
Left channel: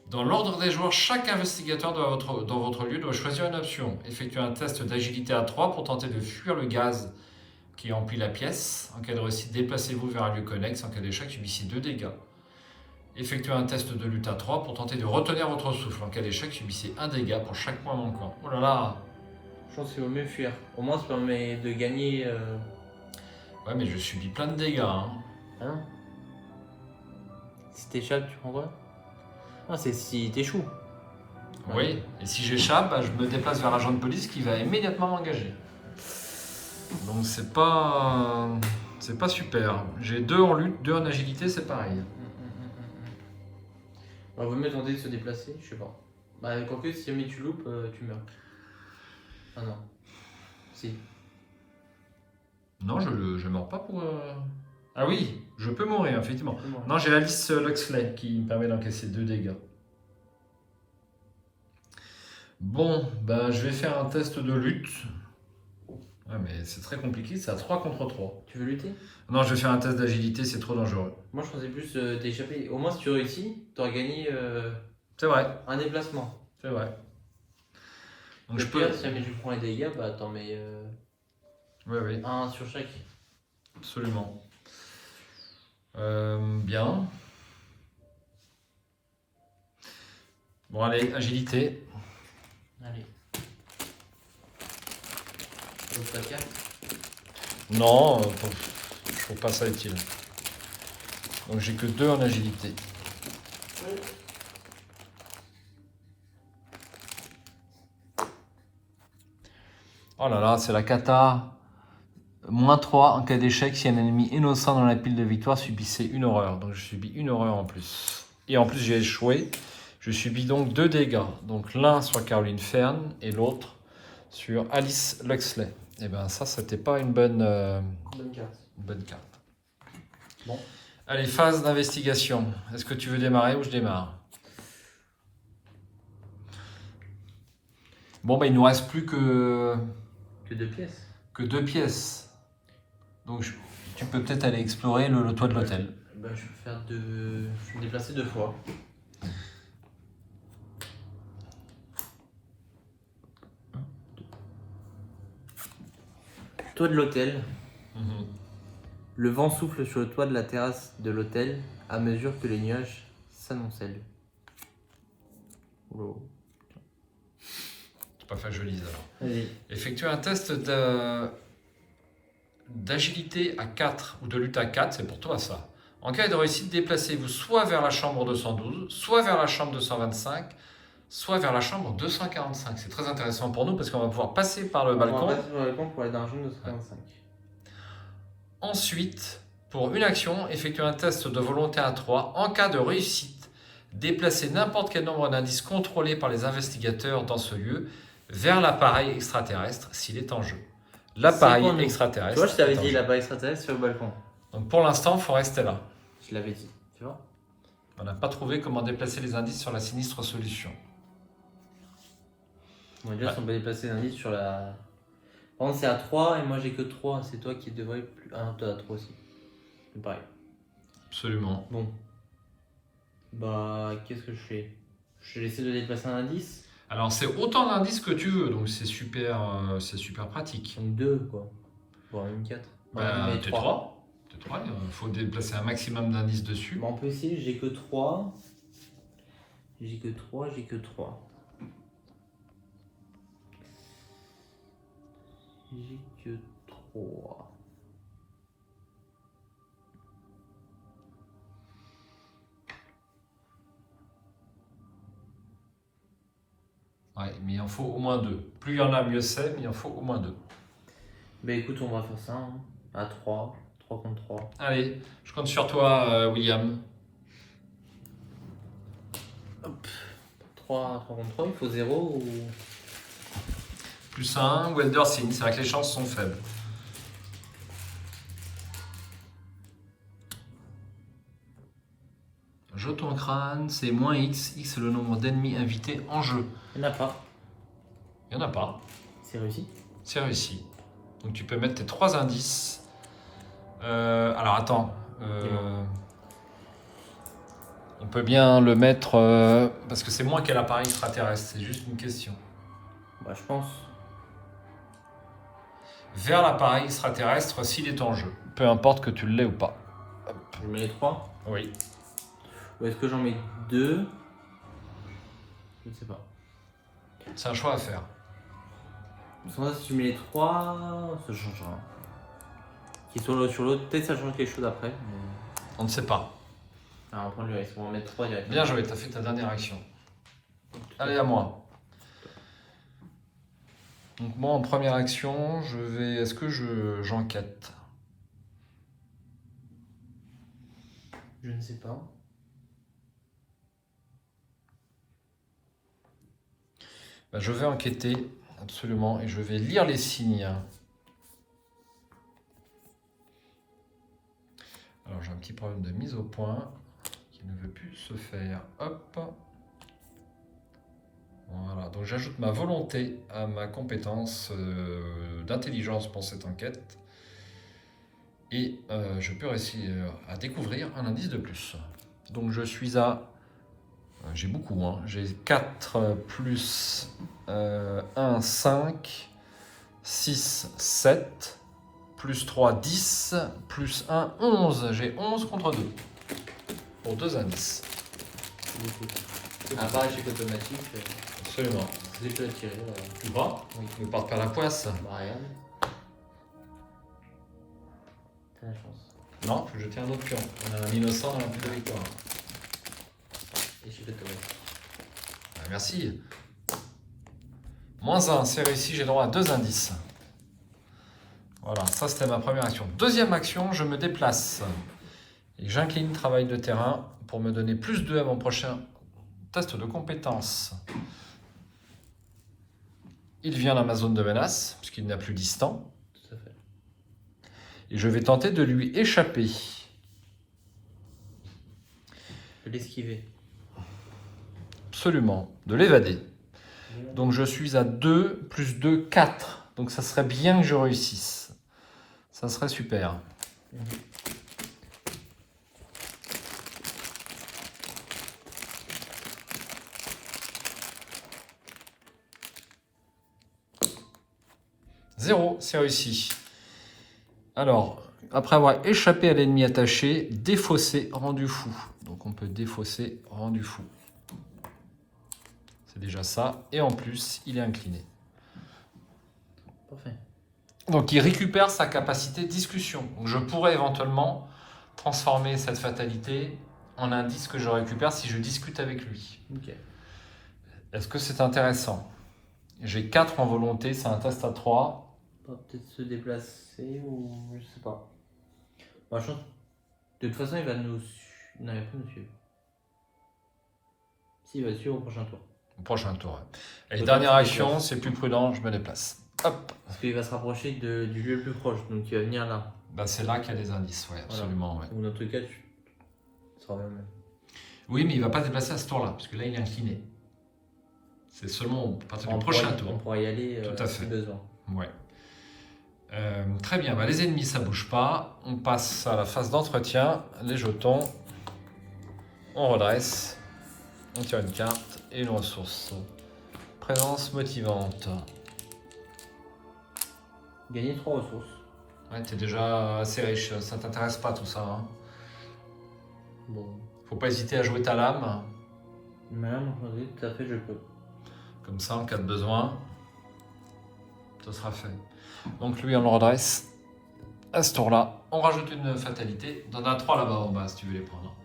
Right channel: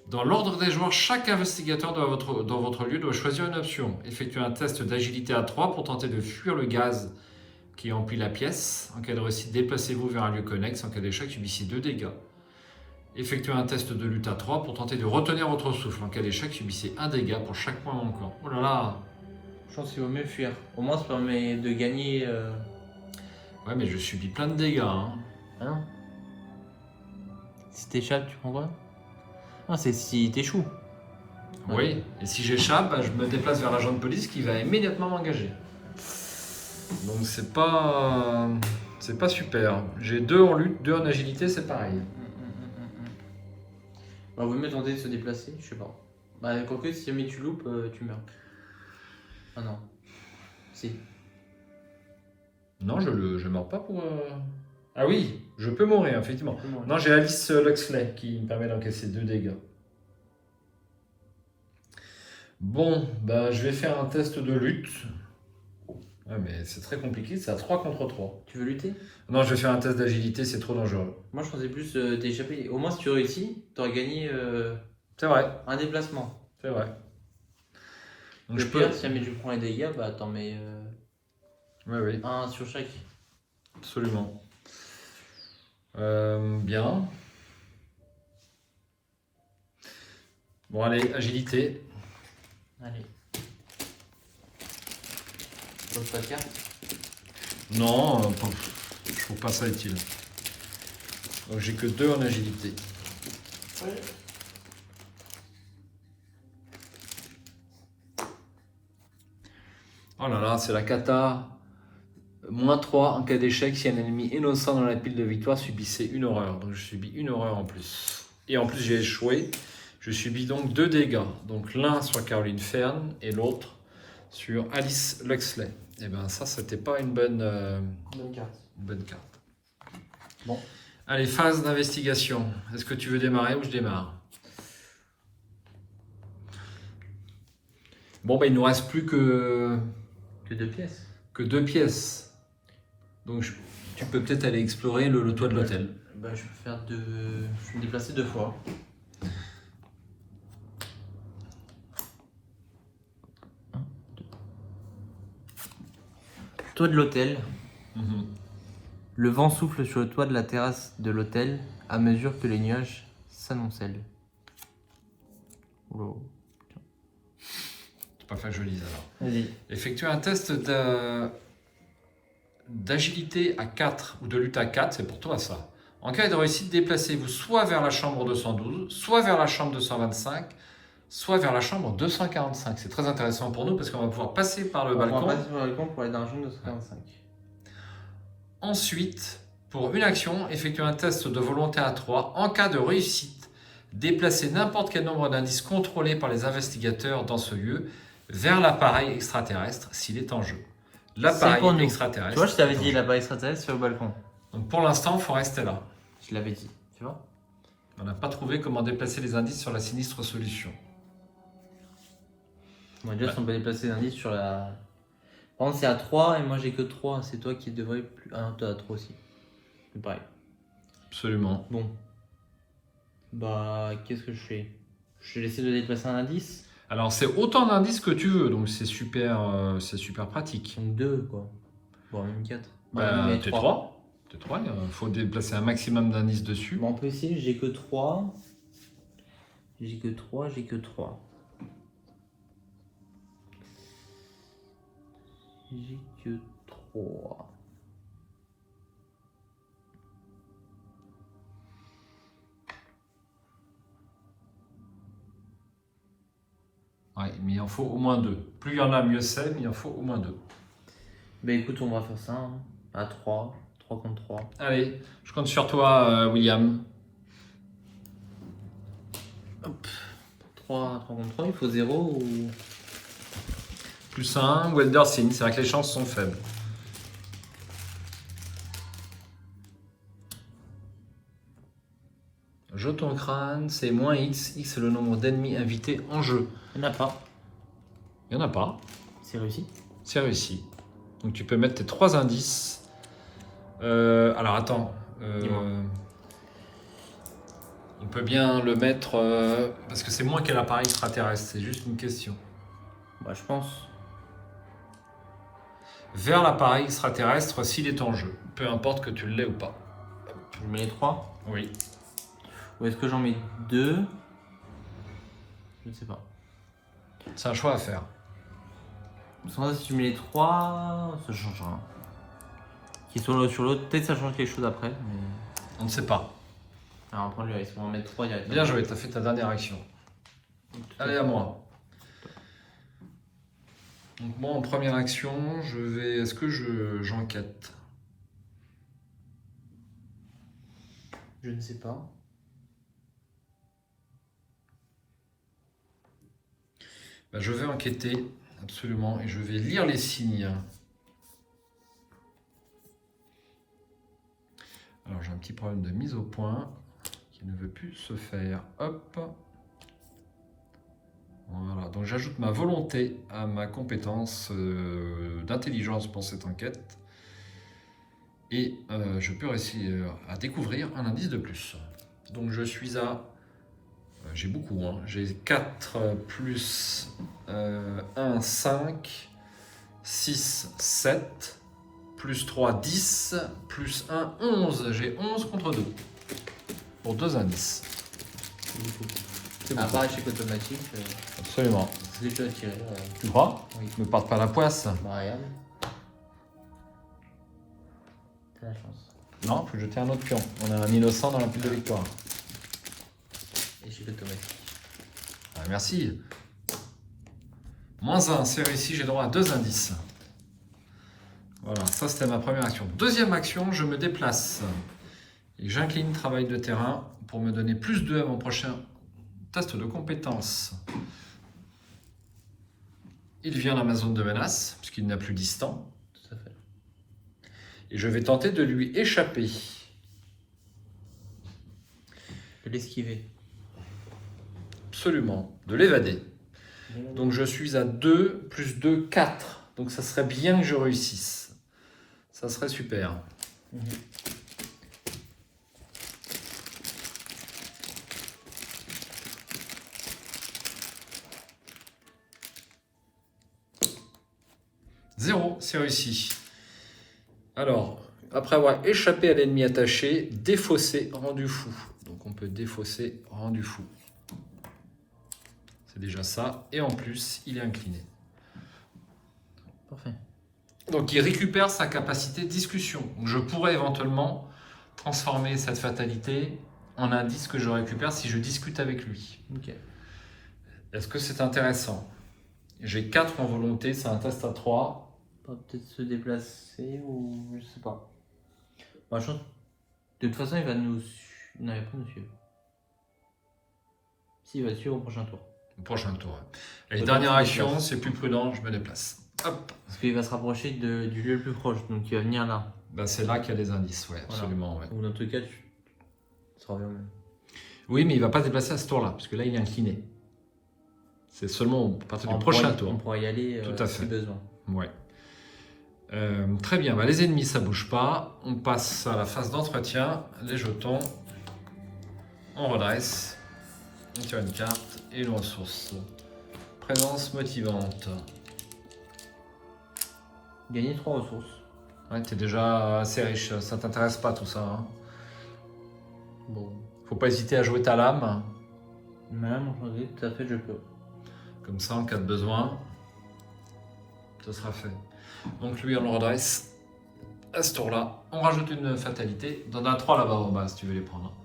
Dans l'ordre des joueurs, chaque investigateur dans votre lieu doit choisir une option. Effectuez un test d'agilité à 3 pour tenter de fuir le gaz qui emplit la pièce. En cas de réussite, déplacez-vous vers un lieu connexe. En cas d'échec, subissez 2 dégâts. Effectuez un test de lutte à 3 pour tenter de retenir votre souffle. En cas d'échec, subissez 1 dégât pour chaque point manquant. Oh là là! Je pense qu'il vaut mieux fuir. Au moins, ça permet de gagner... Ouais, mais je subis plein de dégâts. Hein. Hein? Si t'échappes, tu prends quoi? Non, c'est si t'échoues. Oui, et si j'échappe, bah, je me déplace vers l'agent de police qui va immédiatement m'engager. Donc c'est pas super. J'ai 2 en lutte, 2 en agilité, c'est pareil. On vaut mieux tenter de se déplacer, je sais pas. Bah, quoique, si jamais tu loupes, tu meurs. Ah non. Si. Non, je meurs pas pour... Ah oui, je peux mourir, effectivement. Pour moi. Non, j'ai Alice Luxley qui me permet d'encaisser 2 dégâts. Bon, ben, je vais faire un test de lutte. Ouais, mais c'est très compliqué, c'est à 3 contre 3. Tu veux lutter? Non, je vais faire un test d'agilité, c'est trop dangereux. Moi, je pensais plus t'échapper. Au moins, si tu réussis, t'aurais gagné C'est vrai, un déplacement. c'est vrai. Donc Le je peux... pire, si jamais je prends les dégâts, bah t'en mets Oui, oui, un sur chaque. absolument. Bien. Bon, allez, agilité. Allez. L'autre carte. Non, je trouve pas ça utile. Donc j'ai que 2 en agilité. Oh là là, c'est la cata. -3 en cas d'échec si un ennemi innocent dans la pile de victoire subissait une horreur. Donc je subis une horreur en plus. Et en plus j'ai échoué. Je subis donc 2 dégâts. Donc l'un sur Caroline Fern et l'autre sur Alice Luxley. Et bien ça, c'était pas une bonne carte. Bon. Allez, phase d'investigation. Est-ce que tu veux démarrer ou je démarre? Bon, ben il nous reste plus que 2 pièces. 2 pièces. Donc tu peux peut-être aller explorer le toit de l'hôtel. Bah, je vais me déplacer 2 fois. Toit de l'hôtel. Mhm. Le vent souffle sur le toit de la terrasse de l'hôtel à mesure que les nuages s'amoncellent. Wow. C'est pas fait que je lise alors. Vas-y. Effectuer un test d'agilité à 4 ou de lutte à 4, c'est pour toi ça. En cas de réussite, déplacez-vous soit vers la chambre 212, soit vers la chambre 225, soit vers la chambre 245. C'est très intéressant pour nous parce qu'on va pouvoir passer par le balcon. On va passer par le balcon pour aller dans la chambre de 125. Ensuite, pour une action, effectuez un test de volonté à 3. En cas de réussite, déplacez n'importe quel nombre d'indices contrôlés par les investigateurs dans ce lieu vers l'appareil extraterrestre s'il est en jeu. L'appareil extraterrestre. Tu vois, je t'avais est en dit jeu. l'appareil extraterrestre sur le balcon. Donc pour l'instant, il faut rester là. Je l'avais dit, tu vois. On n'a pas trouvé comment déplacer les indices sur la sinistre solution. Bon, déjà, si on peut déplacer l'indice sur la. Par contre, c'est à 3 et moi j'ai que 3. C'est toi qui devrais plus. Ah, toi à 3 aussi. C'est pareil. Absolument. Bon. Bah, qu'est-ce que je fais? Je vais essayer de déplacer un indice. Alors c'est autant d'indices que tu veux, donc c'est super pratique. Une 2, quoi. Voire une 4. Ben, t'es 3. Il faut déplacer un maximum d'indices dessus. Bon, on peut essayer, j'ai que 3. J'ai que 3. J'ai que 3. Ouais, mais il en faut au moins 2. Plus il y en a, mieux c'est, mais il en faut au moins 2. Bah écoute, on va faire ça. Hein. À 3. 3 contre 3. Allez, je compte sur toi, William. 3 contre 3, il faut 0 ou. Plus 1, Welder signe, c'est vrai que les chances sont faibles. Jeton crâne, c'est moins X. X c'est le nombre d'ennemis invités en jeu. Il n'y en a pas. Il n'y en a pas. C'est réussi. C'est réussi. Donc tu peux mettre tes 3 indices. Alors attends. On peut bien le mettre parce que c'est moins quel appareil extraterrestre. C'est juste une question. Bah je pense. Vers l'appareil extraterrestre s'il est en jeu. Peu importe que tu l'aies ou pas. Je mets les 3. Oui. Ou est-ce que j'en mets 2? Je ne sais pas. C'est un choix à faire. Sans ça, si je mets les 3, ça change rien. Qui sont l'un sur l'autre, peut-être ça change quelque chose après. Mais... On ne sait pas. Alors après, on va mettre 3 directement. Bien joué, tu as fait ta dernière action. Allez, à moi. Donc moi, en première action, je vais... Est-ce que j'enquête? Je ne sais pas. Ben, je vais enquêter, absolument, et je vais lire les signes. Alors j'ai un petit problème de mise au point qui ne veut plus se faire. Hop. Voilà, donc j'ajoute ma volonté à ma compétence d'intelligence pour cette enquête. Et je peux réussir à découvrir un indice de plus. Donc je suis à... J'ai beaucoup, hein. J'ai 4 plus 1, 5, 6, 7, plus 3, 10, plus 1, 11. J'ai 11 contre 2. Pour 2 indices. Après, échec automatique, Absolument. c'est déjà tiré. Voilà. Tu crois? Oui. Ne parte pas la poisse. Bah, regarde. T'as la chance. Non, faut jeter un autre pion. On a un innocent dans la pile de victoire. Échec automatique. Ah, merci. Moins 1, c'est réussi, j'ai droit à 2 indices. Voilà, ça c'était ma première action. Deuxième action, je me déplace. Et j'incline travail de terrain pour me donner plus 2 à mon prochain test de compétence. Il vient dans ma zone de menace, puisqu'il n'est plus distant. Tout à fait. Et je vais tenter de lui échapper. De l'esquiver. Absolument, de l'évader. Donc je suis à 2 plus 2, 4. Donc ça serait bien que je réussisse. Ça serait super. Zéro, c'est réussi. Alors, après avoir échappé à l'ennemi attaché, défausser, rendu fou. Donc on peut défausser, rendu fou. C'est déjà ça. Et en plus, il est incliné. Parfait. Donc il récupère sa capacité de discussion. Donc, je pourrais éventuellement transformer cette fatalité en indice que je récupère si je discute avec lui. Ok. Est-ce que c'est intéressant? J'ai 4 en volonté, c'est un test à 3. On va peut-être se déplacer ou je sais pas. Bah, je pense... De toute façon, il va nous suivre. Non, il va pas nous suivre. Si, il va suivre au prochain tour. Au prochain tour. Et dernière action, c'est plus prudent, je me déplace. Hop. Parce qu'il va se rapprocher du lieu le plus proche, donc il va venir là. Ben, c'est là qu'il y a des indices, ouais, absolument. Ouais. Ou dans tout cas, tu. Ça revient même. Oui, mais il ne va pas se déplacer à ce tour-là, parce que là, il est incliné. C'est seulement à partir du prochain tour. On pourra y aller tout à fait. si besoin. Ouais. Très bien, bah, les ennemis ça bouge pas. On passe à la phase d'entretien. Les jetons. On redresse. On tire une carte et l'on ressource. Présence motivante. Gagner 3 ressources. Ouais, t'es déjà assez riche. Ça t'intéresse pas tout ça. Hein. Bon. Faut pas hésiter à jouer ta lame. Même, oui, tout à fait, je peux. Comme ça, en cas de besoin, ce sera fait. Donc lui, on le redresse. À ce tour-là, on rajoute une fatalité. On en a 3 là-bas en bas, si tu veux les prendre.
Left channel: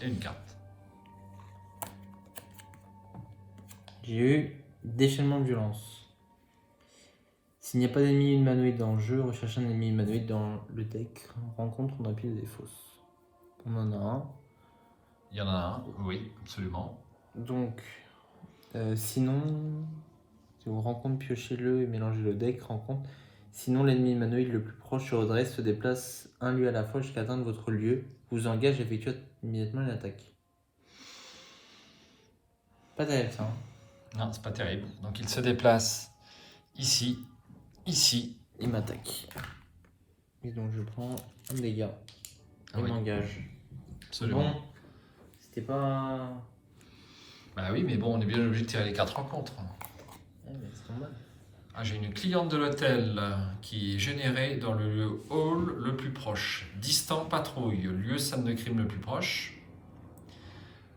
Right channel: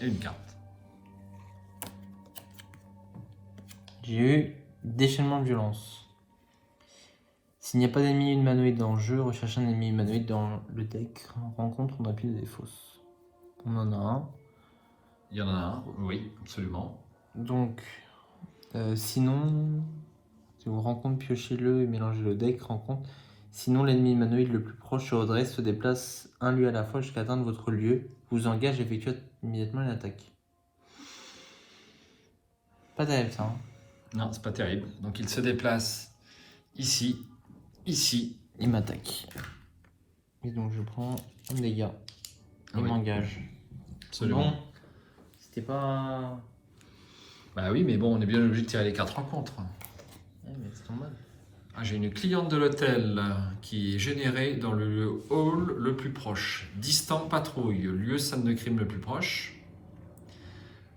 Et une carte. J'ai eu déchaînement de violence. S'il n'y a pas d'ennemi humanoïde dans le jeu, recherchez un ennemi humanoïde dans le deck. Rencontre dans la pile des fosses. On en a un. Il y en a un, oui, absolument. Donc, sinon, si vous rencontre, piochez-le et mélangez le deck, rencontre. Sinon, l'ennemi humanoïde le plus proche se redresse, se déplace un lieu à la fois jusqu'à atteindre votre lieu, vous engage et effectue immédiatement une attaque. Pas terrible ça. Hein. Non, c'est pas terrible. Donc il se déplace ici, ici. Il m'attaque. Et donc je prends un dégât. Ah Il oui. m'engage. Absolument. Bon, c'était pas. Bah oui, mais bon, on est bien obligé de tirer les 4 rencontres. Eh, mais c'est normal. Ah, j'ai une cliente de l'hôtel qui est générée dans le hall le plus proche. Distant patrouille, lieu scène de crime le plus proche.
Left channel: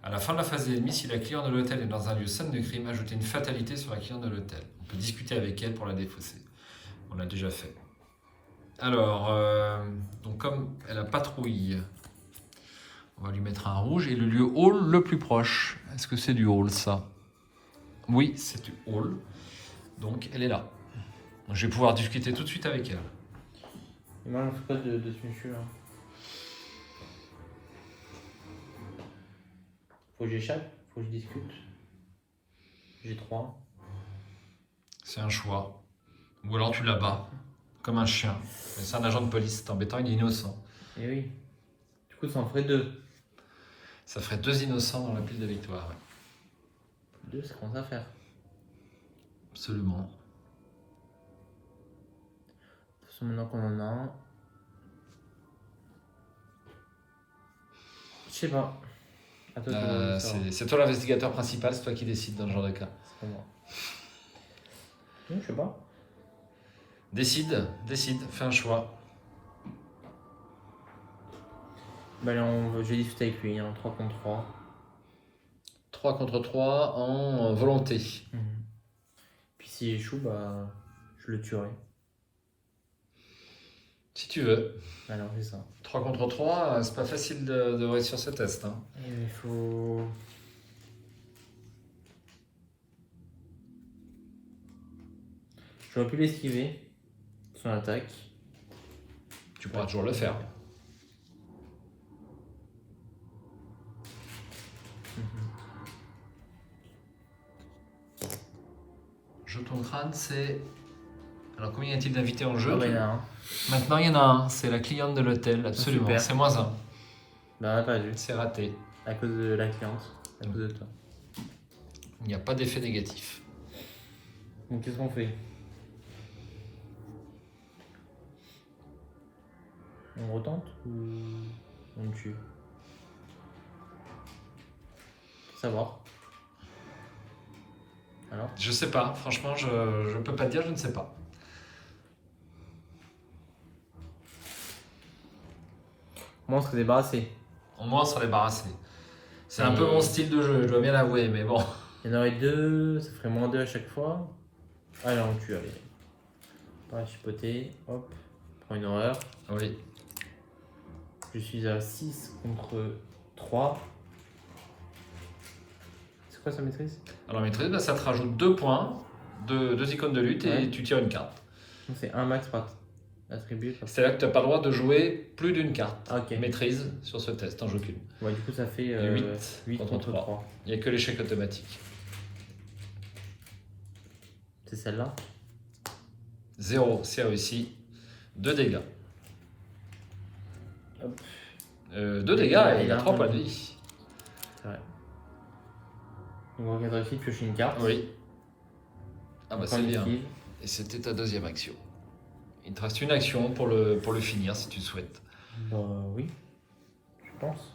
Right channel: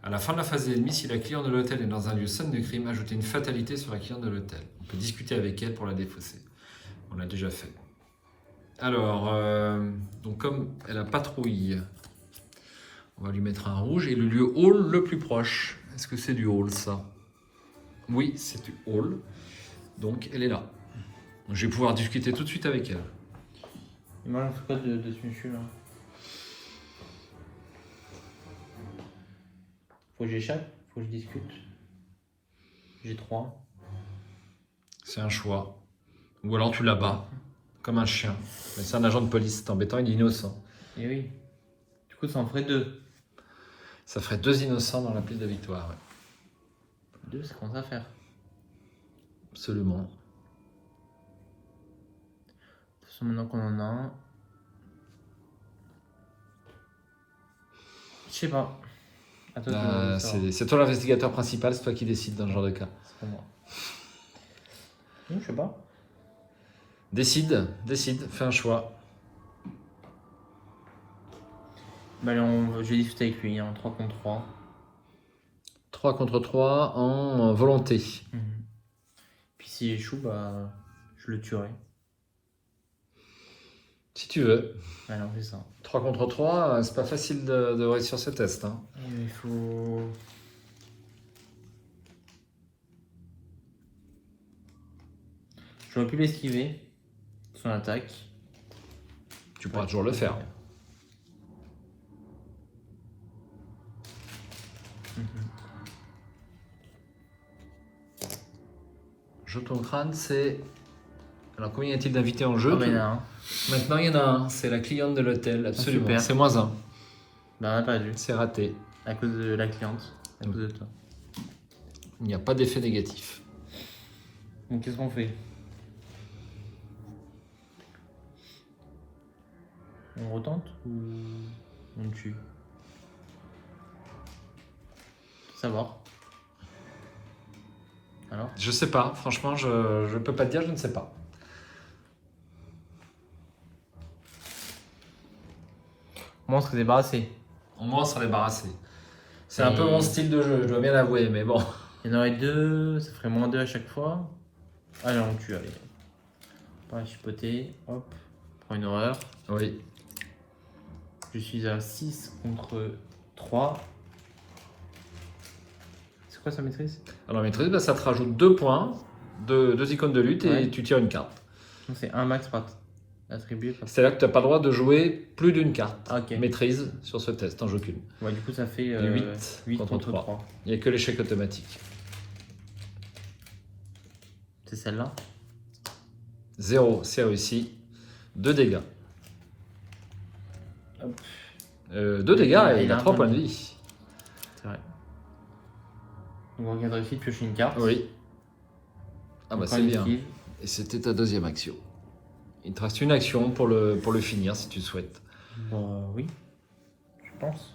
À la fin de la phase ennemie, si la cliente de l'hôtel est dans un lieu scène de crime, ajoutez une fatalité sur la cliente de l'hôtel. On peut discuter avec elle pour la défausser. On l'a déjà fait. Alors, donc comme elle a patrouille, On va lui mettre un rouge et le lieu hall le plus proche. Est-ce que c'est du hall ça? Oui, c'est du hall. Donc elle est là. Je vais pouvoir discuter tout de suite avec elle. Et moi, j'en fais quoi de ce monsieur là? Faut que j'échappe? Faut que je discute? J'ai 3. C'est un choix. Ou alors tu l'abats, comme un chien. Mais c'est un agent de police, c'est embêtant, il est innocent. Et oui. Du coup, ça en ferait 2. Ça ferait 2 innocents dans la pile de victoire. 2, ça commence à faire. Absolument. De toute façon, maintenant qu'on en a un. Je sais pas. À toi de voir ça. C'est toi l'investigateur principal, c'est toi qui décides dans ce genre de cas. C'est pas moi. Je sais pas. Décide, fais un choix. Bah, allez, je vais discuter avec lui en 3 contre 3. 3 contre 3 en volonté. Puis s'il échoue, bah, je le tuerai. Si tu veux. Alors, c'est ça. 3 contre 3, c'est pas facile de réussir ce test. Hein. Il faut. J'aurais pu l'esquiver, son attaque. Tu pourras toujours le faire. Jeton crâne, c'est... Alors combien y a-t-il d'invités en jeu? Ah, bah, il y en a un. Maintenant il y en a un, c'est la cliente de l'hôtel, absolument. super. C'est -1. Bah, on a perdu. C'est raté. À cause de la cliente. À cause de toi. Il n'y a pas d'effet négatif. Donc, qu'est-ce qu'on fait? On retente ou on tue? Savoir. Alors? Je sais pas, franchement, je peux pas te dire, je ne sais pas. Moi, on serait débarrassé. Au moins, on sera débarrassé. C'est un peu mon style de jeu, je dois bien l'avouer, mais bon. Il y en aurait 2, ça ferait -2 à chaque fois. Allez, on tue, allez. Pas chipoter, hop, prends une horreur. Oui. Je suis à 6 contre 3. C'est quoi sa maîtrise? Alors, maîtrise, bah, ça te rajoute 2 points, 2 icônes de lutte Ouais. et tu tires une carte. Donc c'est un max par attribué. C'est là que tu n'as pas le droit de jouer plus d'une carte. Ah, ok. Maîtrise sur ce test, en jeu qu'une. Ouais, du coup, ça fait 8 contre 3. Il n'y a que l'échec automatique. C'est celle-là? 0, c'est réussi. 2 dégâts. Hop. 2 dégâts et il a 3 points de vie. C'est vrai. Donc, on regarde réussi de piocher une carte. Oui. Ah bah On c'est prend une bien. esquive. Et c'était ta deuxième action. Il te reste une action pour le finir si tu souhaites. Bah oui, je pense.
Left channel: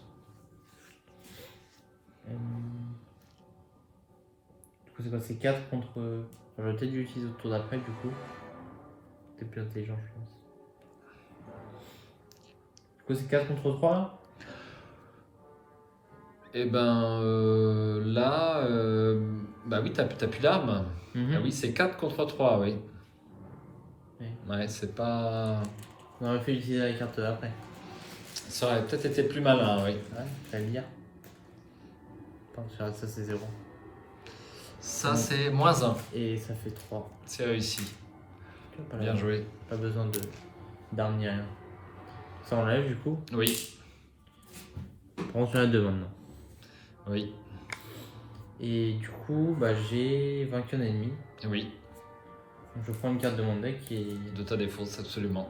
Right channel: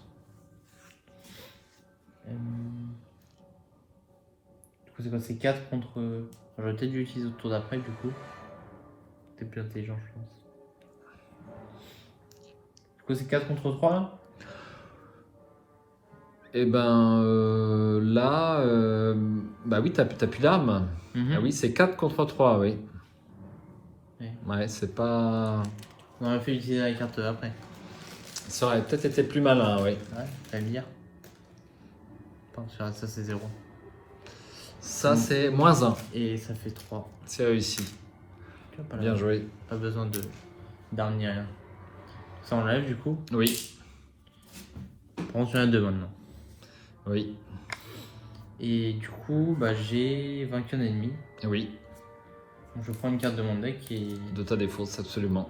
Du coup, c'est quoi? C'est 4 contre. J'aurais peut-être dû l'utiliser au tour d'après, du coup. T'es plus intelligent, je pense. Du coup, c'est 4 contre 3 là? Et ben là, bah oui, t'as plus l'arme. Ah oui, c'est 4 contre 3, oui. Ouais, c'est pas... On aurait fait utiliser la carte après. Ça aurait peut-être été plus malin, oui. Ouais, j'aime bien. Attends, ça c'est 0. Ça, c'est -1. Et ça fait 3. C'est réussi. Tu vois, pas Bien joué. Pas besoin d'arme ni rien. Ça enlève du coup. Oui, Prends sur la 2 maintenant. oui, Et du coup, bah, j'ai vaincu un ennemi. oui. Donc je prends une carte de mon deck et. De ta défausse, absolument.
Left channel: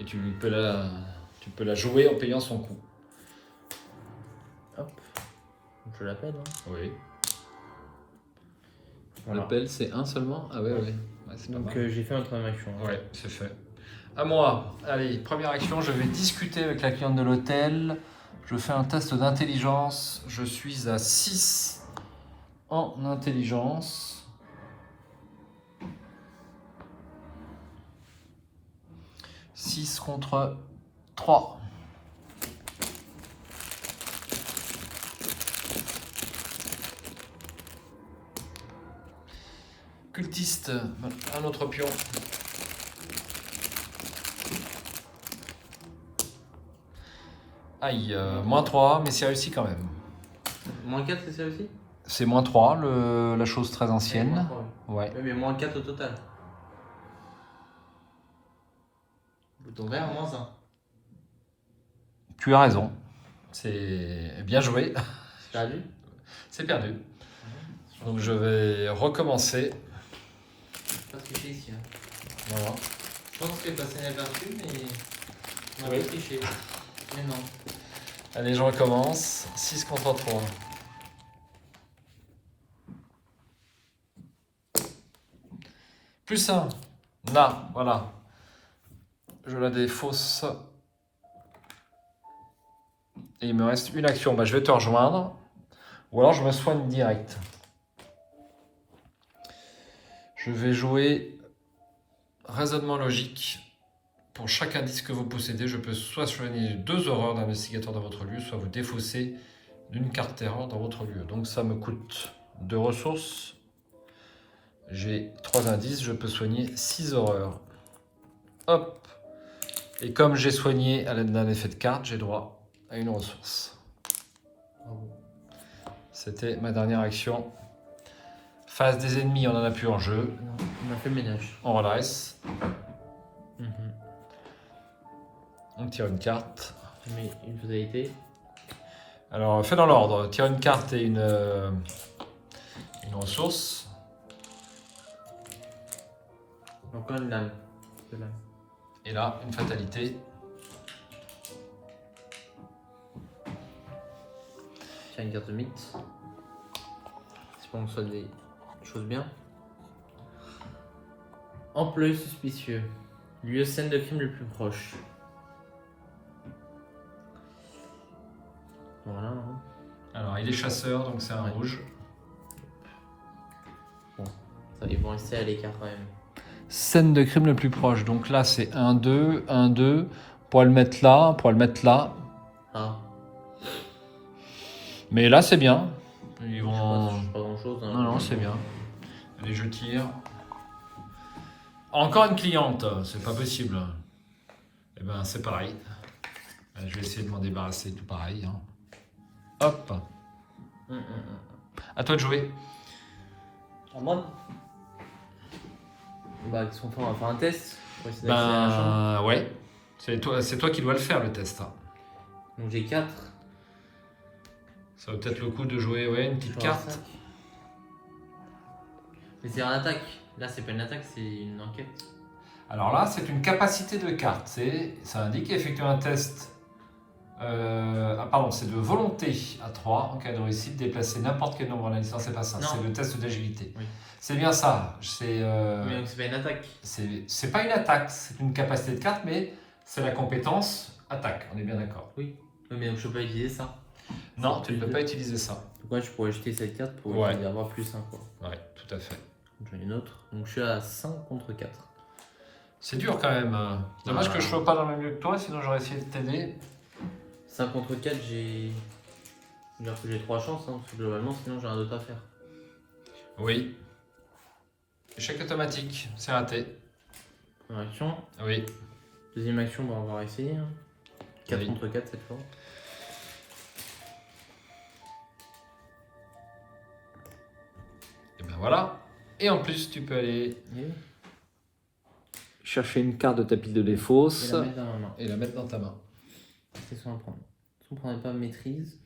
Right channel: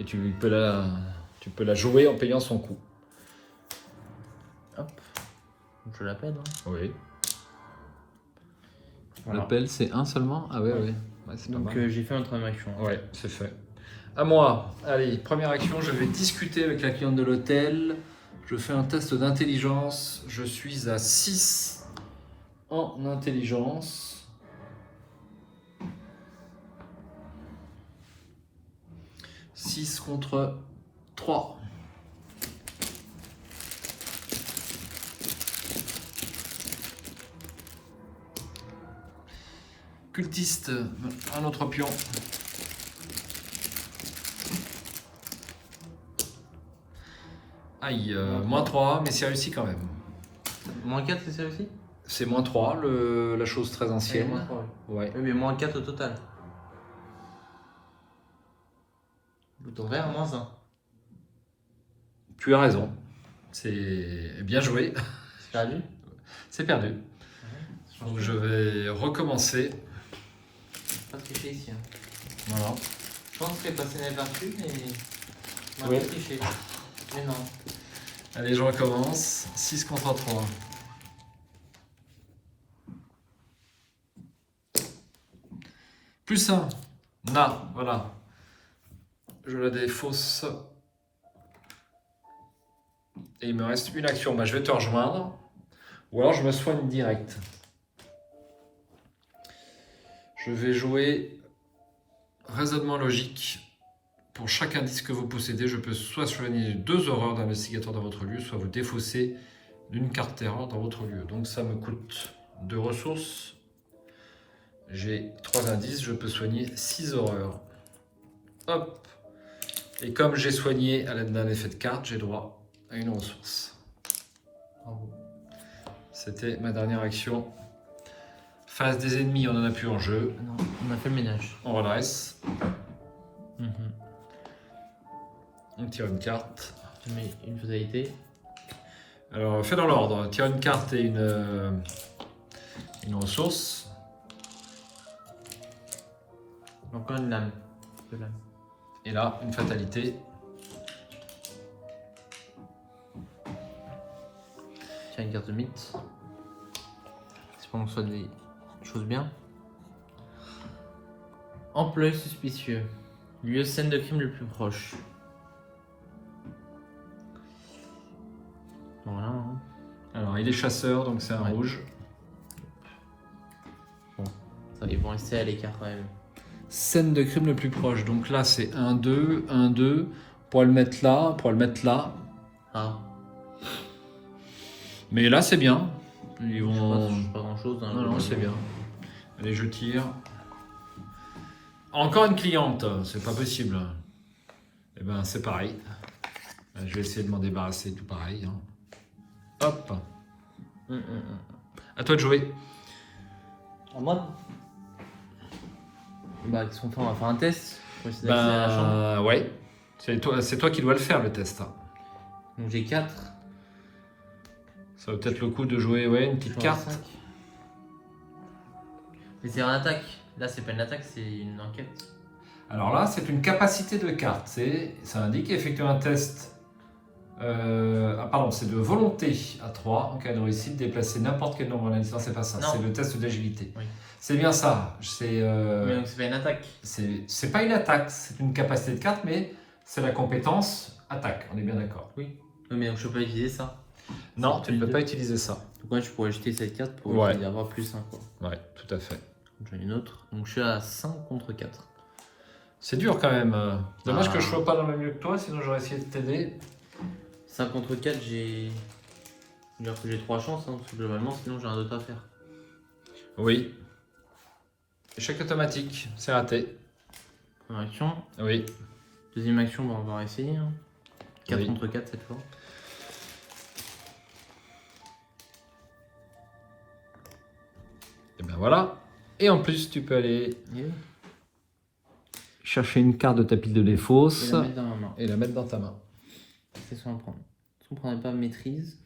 Et tu peux la jouer en payant son coût. Hop. Donc je l'appelle. Hein. Oui. Voilà. L'appel, c'est un seulement? Ah ouais, Ouais. ouais. Ouais, c'est pas Donc mal. j'ai fait une troisième action. Ouais, c'est fait. À moi. Allez, première action, je vais discuter avec la cliente de l'hôtel. Je fais un test d'intelligence. Je suis à 6 en intelligence. « 6 contre 3. Cultiste, un autre pion. Aïe, moins 3, mais c'est réussi quand même. Moins 4, c'est ça aussi? C'est moins 3, la chose très ancienne. Moins 3, Ouais. oui, mais moins 4 au total. Bouton vert, moins 1. Tu as raison. C'est bien joué. C'est perdu. C'est perdu. Donc je vais recommencer. Pas triché ici. Voilà. Je pense que passer inaperçu, mais. On Ouais. va pas tricher. Mais non. Allez, je recommence. 6 contre 3. Plus 1. Là, voilà. Je la défausse. Et il me reste une action. Bah, je vais te rejoindre. Ou alors je me soigne direct. Je vais jouer raisonnement logique. Pour chaque indice que vous possédez, je peux soit soigner 2 horreurs d'investigateur dans votre lieu, soit vous défausser d'une carte terreur dans votre lieu. Donc ça me coûte 2 ressources. J'ai 3 indices, je peux soigner 6 horreurs. Hop. Et comme j'ai soigné à l'aide d'un effet de carte, j'ai droit à une ressource. C'était ma dernière action. Face des ennemis, on en a plus en jeu. On a fait le ménage. On redresse. On tire une carte. Mais une fatalité. Alors, fais dans l'ordre. Tire une carte et une ressource. Donc là, une lame. Et là, une fatalité. Tiens, une carte de mythe. C'est pour qu'on soit des choses bien. Employé suspicieux. Lieu scène de crime le plus proche. Voilà. Alors, il est chasseur, donc c'est un rouge. Ça, ils vont rester à l'écart quand même. Scène de crime le plus proche. Donc là, c'est 1, 2, 1, 2. Pour le mettre là, pour le mettre là. Ah. Mais là, c'est bien. Ils Je vont... sais pas grand chose. Non, non, c'est bien. Allez, je tire. Encore une cliente, c'est pas possible. Eh ben, c'est pareil. Je vais essayer de m'en débarrasser tout pareil. Hein. Hop. À toi de jouer. À moi. Bah, qu'est-ce qu'on fait? On va faire un test. Je vais essayer d'accéder à la chambre. Ouais. C'est toi qui dois le faire, le test. Donc j'ai 4. Ça vaut peut-être le coup de jouer une petite carte. Mais c'est une attaque. Là, c'est pas une attaque, c'est une enquête. Alors là, c'est une capacité de carte. Ça indique effectuer un test. C'est de volonté à 3. En cas de réussite, déplacer n'importe quel nombre d'indices. Non, c'est pas ça. Non. C'est le test d'agilité. Oui. C'est bien ça. Mais donc c'est pas une attaque. C'est pas une attaque. C'est une capacité de carte, mais c'est la compétence attaque. On est bien d'accord. Oui. Mais je peux pas utiliser ça. Non, tu ne peux pas utiliser ça. Donc moi, je pourrais jeter cette carte pour Ouais. avoir plus 1 quoi. Ouais, tout à fait. J'en ai une autre. Donc je suis à 5 contre 4. C'est dur quand même. Dommage que je sois pas dans le même lieu que toi, sinon j'aurais essayé de t'aider. 5 contre 4, j'ai 3 chances, hein, parce que globalement, sinon j'ai un autre à faire. Oui. Échec automatique, c'est raté. Première action. Oui. Deuxième action, bon, on va essayer. 4 Oui. contre 4 cette fois. Et ben voilà. Et en plus, tu peux aller Et chercher une carte de ta pile de défausse la mettre dans ma main. et la mettre dans ta main. Qu'est-ce qu'on va prendre? Est-ce qu'on prendrait pas maîtrise?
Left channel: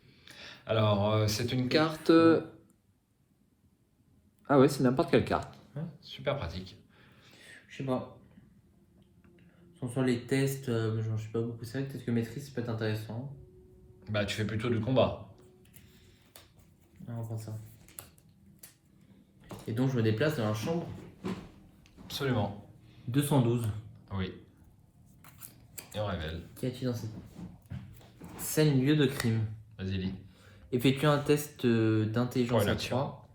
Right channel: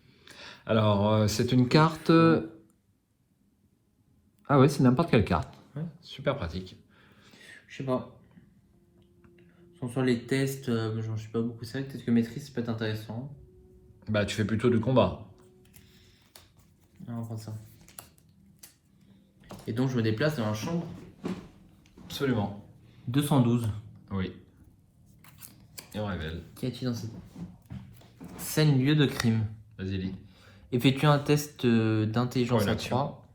Alors, c'est une carte. Ah ouais, c'est n'importe quelle carte. Ouais. Super pratique. Je sais pas. Sur les tests, j'en sais pas beaucoup. C'est vrai que peut-être que maîtrise, ça peut être intéressant. Bah, tu fais plutôt du combat. On va prendre ça. Et donc je me déplace dans la chambre Absolument. 212. Oui. Et on révèle. Qu'y a-t-il dans cette scène lieu de crime? Vas-y, lis. Effectue un test d'intelligence Ouais, à l'action. 3.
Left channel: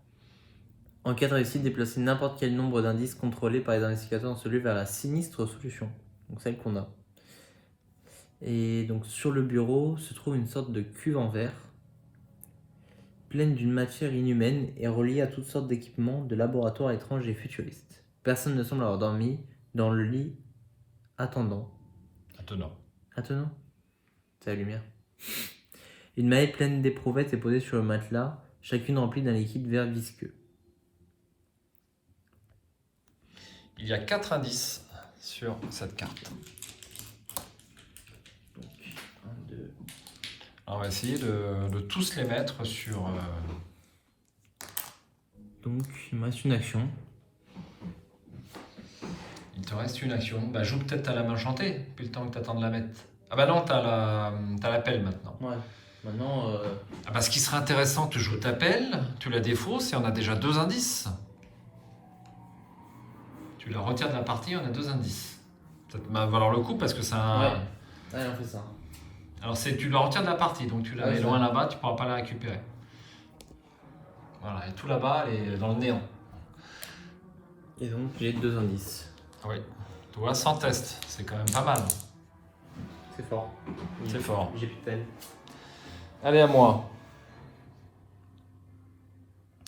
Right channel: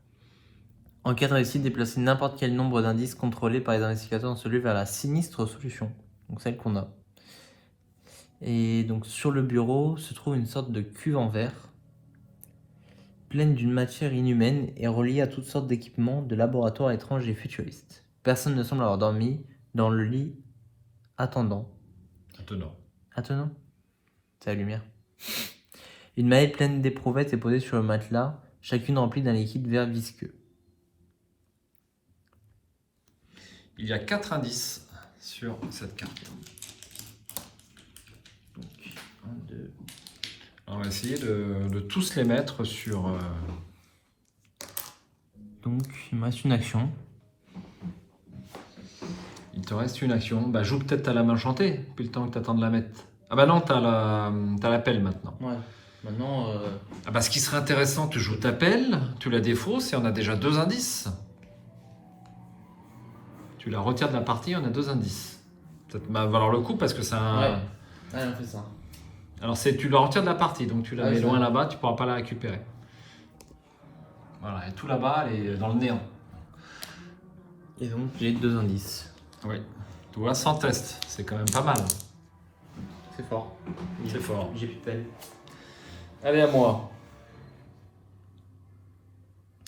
En cas de réussite, déplacer n'importe quel nombre d'indices contrôlés par les investigateurs dans celui vers la sinistre solution. Donc celle qu'on a. Et donc sur le bureau se trouve une sorte de cuve en verre, pleine d'une matière inhumaine et reliée à toutes sortes d'équipements de laboratoires étranges et futuristes. Personne ne semble avoir dormi dans le lit attendant. Attenant. Attenant? C'est la lumière. Une maillette pleine d'éprouvettes est posée sur le matelas, chacune remplie d'un liquide vert visqueux. Il y a 4 indices sur cette carte. Alors, on va essayer de tous les mettre sur... Donc, il me reste une action. Il te reste une action. Bah, joue peut-être à la main chantée, depuis le temps que tu attends de la mettre. Ah bah non, t'as la pelle maintenant. Ouais. Maintenant, Ah bah, ce qui serait intéressant, tu joues ta pelle, tu la défausses et on a déjà 2 indices. Tu la retires de la partie, on a 2 indices. Ça va valoir le coup parce que c'est un... ouais, on fait ça. Alors tu la retires de la partie, donc tu la Ouais, mets c'est loin bon. là-bas, tu pourras pas la récupérer. Voilà, et tout là-bas, elle est dans le néant. Et donc, j'ai 2 indices. Oui. Tu vois, sans test, c'est quand même pas mal. C'est fort. C'est fort. J'ai plus de peine. Allez, à moi.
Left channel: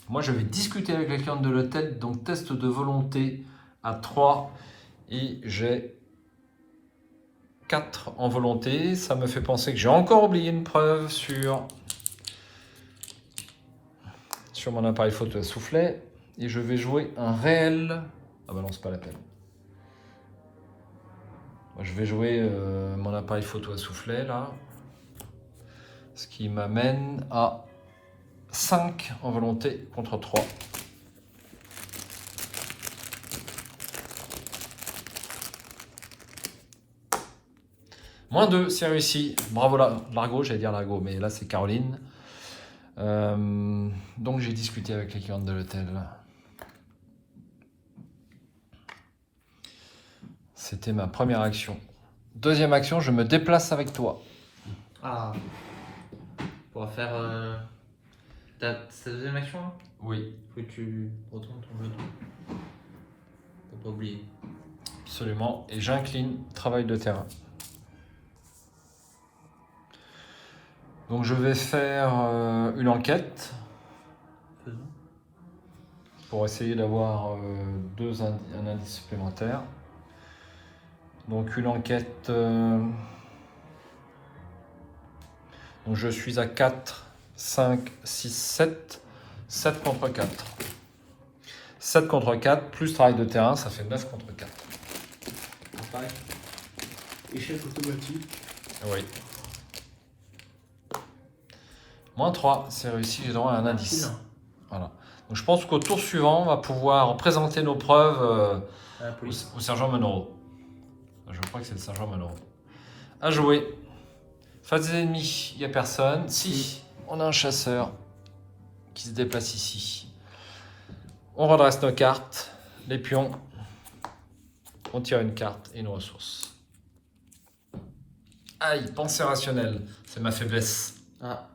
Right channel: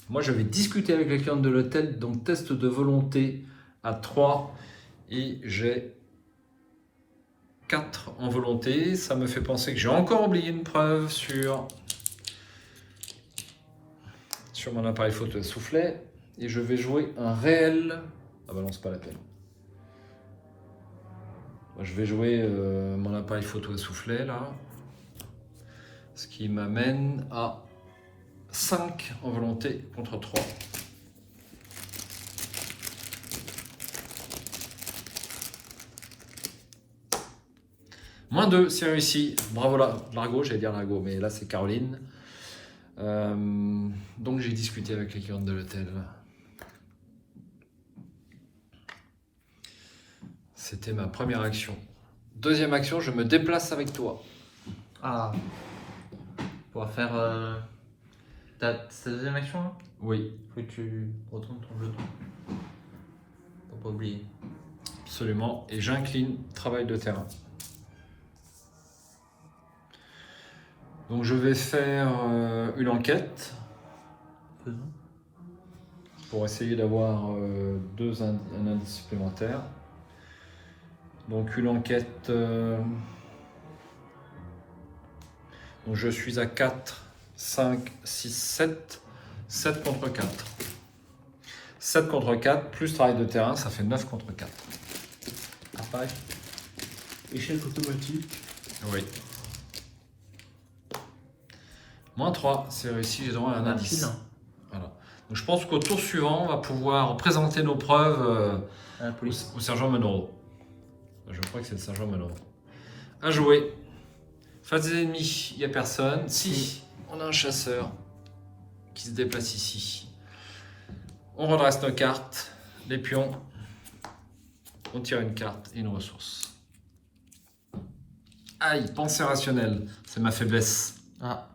Moi, je vais discuter avec les clients de l'hôtel, donc test de volonté à 3 et j'ai 4 en volonté. Ça me fait penser que j'ai encore oublié une preuve sur mon appareil photo à soufflet et je vais jouer un réel... Ah bah non, c'est pas la peine. Je vais jouer mon appareil photo à soufflet là, ce qui m'amène à 5 en volonté contre 3. Moins 2, c'est réussi. Bravo Largo, j'allais dire Largo, mais là c'est Caroline. Donc j'ai discuté avec les clientes de l'hôtel. C'était ma première action. Deuxième action, je me déplace avec toi. Ah. On va faire. C'est ta deuxième action là? Oui, Faut que tu retournes ton bouton. Faut pas oublier. absolument. Et j'incline, travail de terrain. Donc je vais faire une enquête pour essayer d'avoir un indice supplémentaire. Donc une enquête, donc je suis à 4, 5, 6, 7, 7 contre 4. 7 contre 4 plus travail de terrain, ça fait 9 contre 4. Pareil. Échec automatique. Oui. Moins 3, c'est réussi, j'ai droit à un indice. Voilà. Donc je pense qu'au tour suivant, on va pouvoir présenter nos preuves au sergent Monroe. Je crois que c'est le sergent Monroe. À jouer. Face des ennemis, il n'y a personne. Si, on a un chasseur qui se déplace ici. On redresse nos cartes, les pions. On tire une carte et une ressource. Aïe, pensée rationnelle, c'est ma faiblesse. Ah.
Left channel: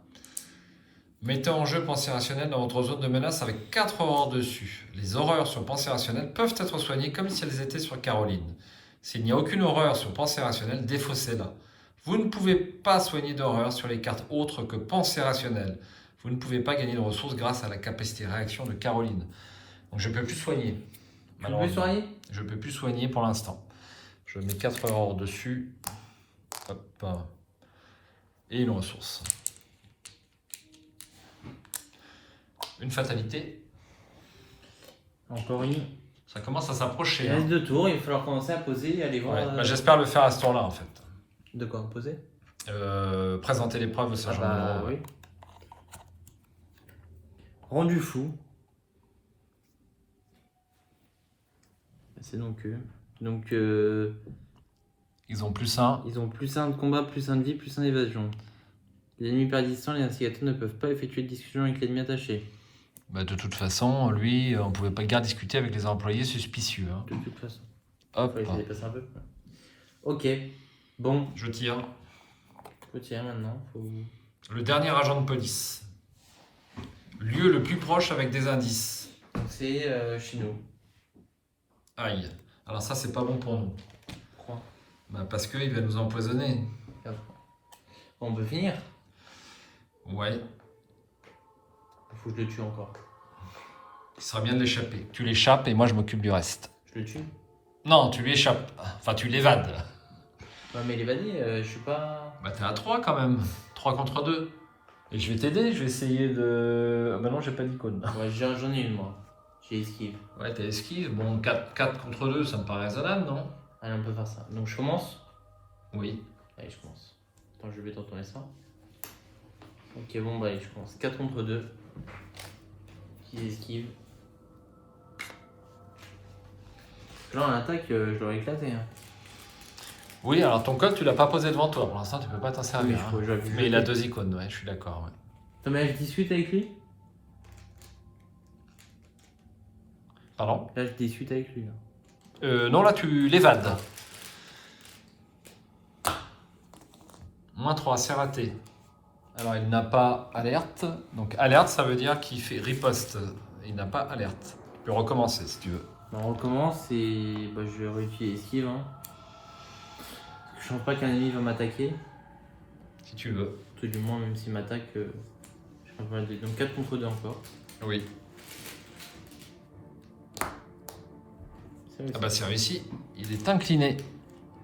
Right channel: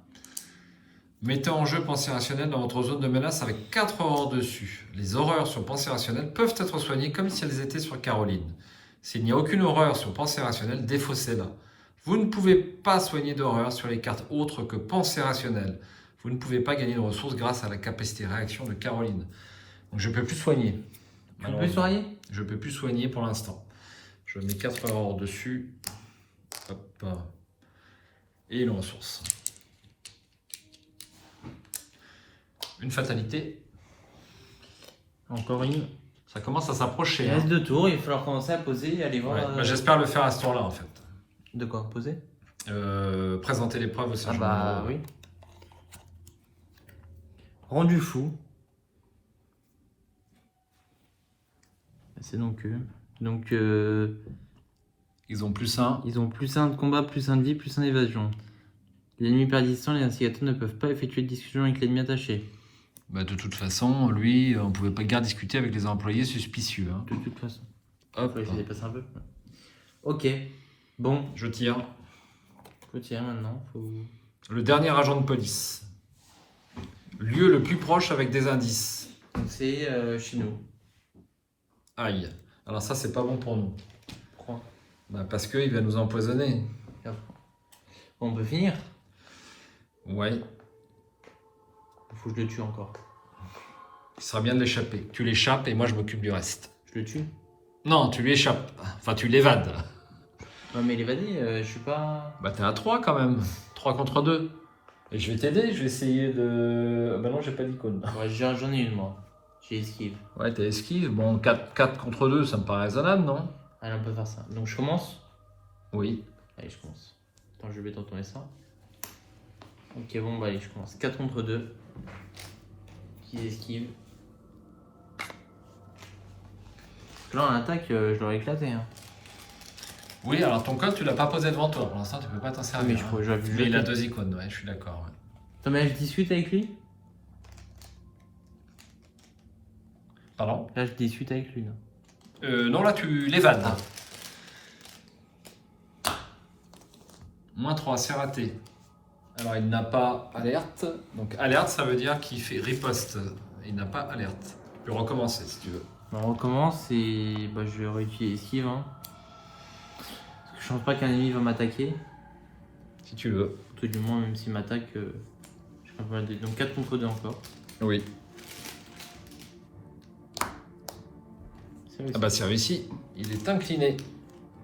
Mettez en jeu pensée rationnelle dans votre zone de menace avec 4 horreurs dessus. Les horreurs sur pensée rationnelle peuvent être soignées comme si elles étaient sur Caroline. S'il n'y a aucune horreur sur pensée rationnelle, défaussez-la. Vous ne pouvez pas soigner d'horreur sur les cartes autres que pensée rationnelle. Vous ne pouvez pas gagner de ressources grâce à la capacité réaction de Caroline. Donc je ne peux plus soigner. Tu peux plus soigner? Je ne peux plus soigner pour l'instant. Je mets 4 horreurs dessus. Hop. Et une ressource. Une fatalité. Encore une. Ça commence à s'approcher. Il reste 2 tours, il va falloir commencer à poser et aller voir. Ouais, j'espère le faire à ce tour-là en fait. De quoi poser? Présenter les preuves au sergent Monroe. Oui. Rendu fou. C'est donc eux. Donc Ils ont plus 1. ils ont plus 1 de combat, plus 1 de vie, plus 1 d'évasion. L'ennemi persistant, les instigateurs ne peuvent pas effectuer de discussion avec l'ennemi attaché. Bah, de toute façon, lui, on ne pouvait pas guère discuter avec les employés suspicieux. Hein. De toute façon. Hop. Faut essayer de passer un peu. Ok. Bon. Je tire. Je tire maintenant. Faut... Le dernier agent de police. Lieu le plus proche avec des indices. C'est Chino. Aïe. Alors ça, c'est pas bon pour nous. Pourquoi? Bah, parce qu'il va nous empoisonner. On peut finir. Ouais. Il faut que je le tue encore. Il serait bien de l'échapper. Tu l'échappes et moi, je m'occupe du reste. Je le tue? Non, tu lui échappes. Enfin, tu l'évades. Ouais, mais l'évader, je suis pas... Bah, t'es à 3 quand même. 3 contre 2. Et je vais t'aider, je vais essayer de... Ah bah non, j'ai pas d'icône. Ouais, j'en ai une, moi. J'ai esquive. Ouais, t'es esquive. Bon, 4 contre 2, ça me paraît raisonnable, non? Allez, on peut faire ça. Donc je commence. Oui. Allez, je commence. Attends, je vais te retourner ça. Ok, bon, bah allez, je commence. 4 contre 2. Petite esquive. Là, en attaque, je l'aurais éclaté. Hein. Oui, alors ton code, tu l'as pas posé devant toi. Pour l'instant, tu peux pas t'en servir. Mais je crois que je vais Mais il a 2 icônes, ouais, je suis d'accord. Ouais. T'en as 18 avec lui? Pardon? Là, je discute avec lui. Non, là, tu l'évades. -3, c'est raté. Alors, il n'a pas alerte. Donc, alerte, ça veut dire qu'il fait riposte. Il n'a pas alerte. Tu peux recommencer si tu veux. Bah, on recommence et bah, je vais vérifier esquive. Hein. Je ne pense pas qu'un ennemi va m'attaquer. Si tu veux. Tout du moins, même s'il m'attaque, je ferai rien. Donc 4 contre 2 encore. Oui. Ah bah, c'est réussi. Il est incliné.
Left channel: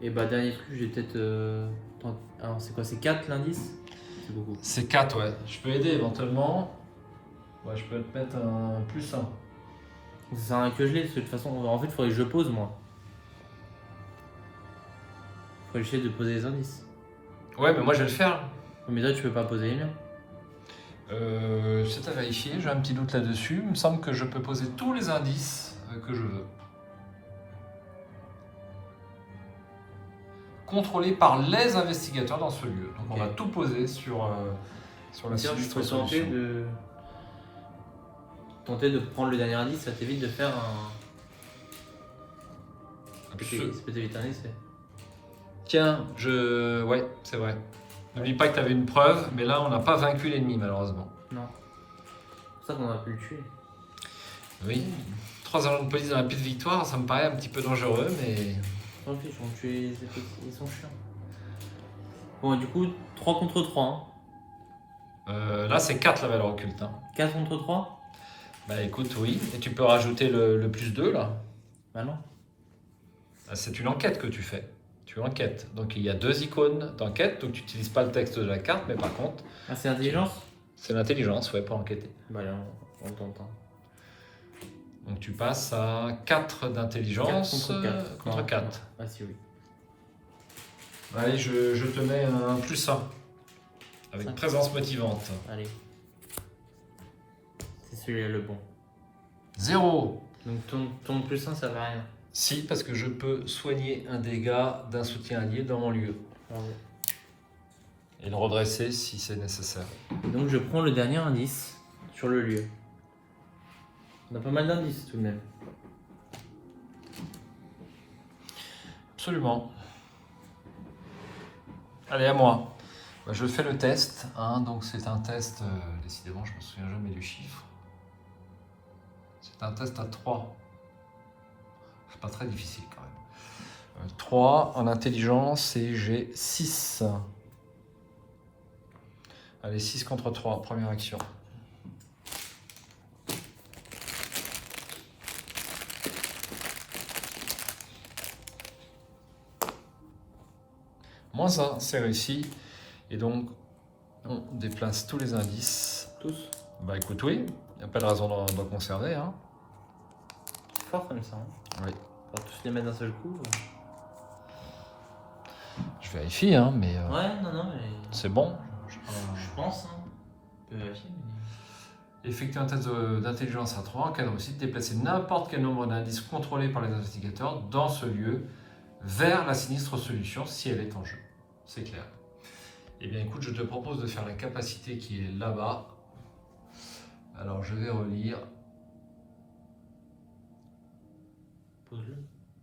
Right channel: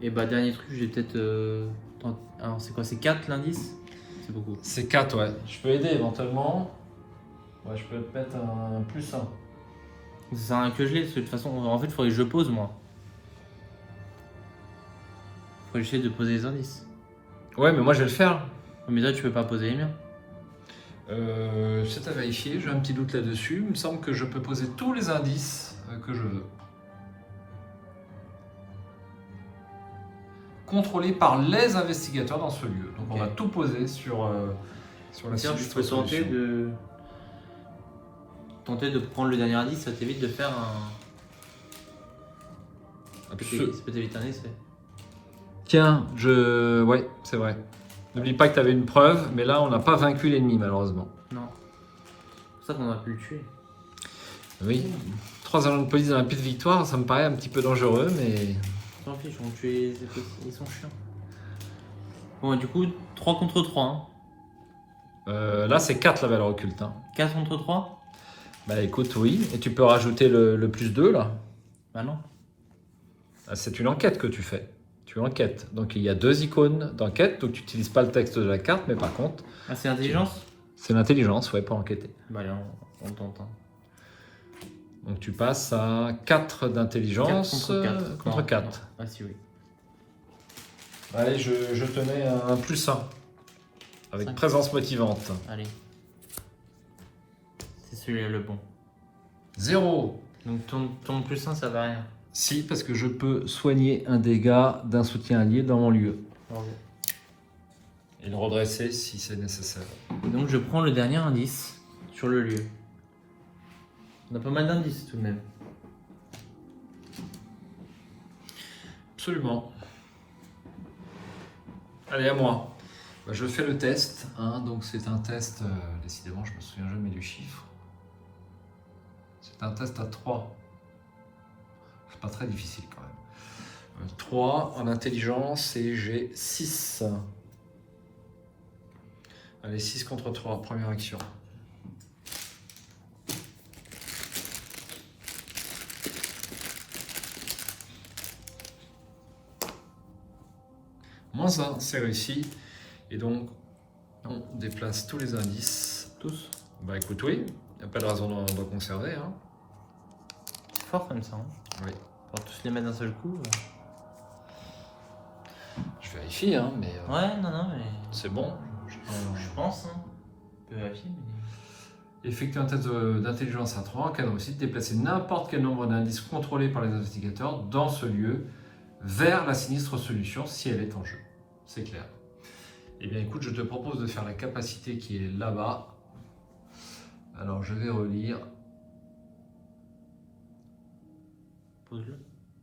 Et bah, dernier truc, je vais peut-être. Alors, c'est quoi? C'est 4 l'indice? C'est beaucoup. C'est 4, ouais. Je peux aider éventuellement. Ouais, je peux te mettre un +1. C'est un que je l'ai, de toute façon. En fait, il faudrait que je pose moi. Il faudrait que j'essaie de poser les indices. Ouais, mais moi, je vais le faire. Mais toi, tu peux pas poser les miens. C'est à vérifier, j'ai un petit doute là-dessus. Il me semble que je peux poser tous les indices que je veux. Contrôlé par les investigateurs dans ce lieu. Donc on va tout poser sur la sinistre solution. Tenter de prendre le dernier indice, ça t'évite de faire un. Ça peut t'éviter un essai. Tiens, ouais, c'est vrai. N'oublie pas que tu avais une preuve, mais là on n'a pas vaincu l'ennemi malheureusement. Non. C'est ça qu'on a pu le tuer. Oui. 3 agents de police dans la piste de victoire, ça me paraît un petit peu dangereux, mais. Tant pis, on tuer ils sont chiants. Bon, du coup, 3 contre 3. Hein. Là c'est 4 la valeur occulte. Hein. 4 contre 3? Bah écoute, oui. Et tu peux rajouter le +2 là. Bah non. C'est une enquête que tu fais. Tu enquêtes. Donc il y a 2 icônes d'enquête, donc tu n'utilises pas le texte de la carte, mais par contre. Ah, c'est l'intelligence? C'est l'intelligence, ouais, pour enquêter. Bah allez, on tente. Hein. Donc tu passes à 4 d'intelligence contre 4. Ah si, oui. Allez, je te mets un +1. Avec 5. Présence motivante. Allez. C'est celui-là le bon. 0. Donc ton +1, ça va rien. Si, parce que je peux soigner un dégât d'un soutien allié dans mon lieu. Et le redresser si c'est nécessaire. Donc je prends le dernier indice sur le lieu. On a pas mal d'indices tout de même. Absolument. Allez, à moi. Je fais le test. Hein, donc c'est un test, décidément je me souviens jamais du chiffre. C'est un test à 3. C'est pas très difficile quand même. 3 en intelligence et j'ai 6. Allez, 6 contre 3, première action. -1, c'est réussi. Et donc, on déplace tous les indices. Tous? Bah écoute, oui, il n'y a pas de raison d'en conserver. Hein. C'est fort comme ça. Hein. Oui. On va tous les mettre d'un seul coup. Je vérifie, hein, mais Ouais, non, mais. c'est bon. Je pense. Hein. On peut vérifier. Effectuer un test d'intelligence à 3 en cas de réussite, déplacer n'importe quel nombre d'indices contrôlés par les investigateurs dans ce lieu vers la sinistre solution si elle est en jeu. C'est clair. Eh bien écoute, je te propose de faire la capacité qui est là-bas. Alors je vais relire.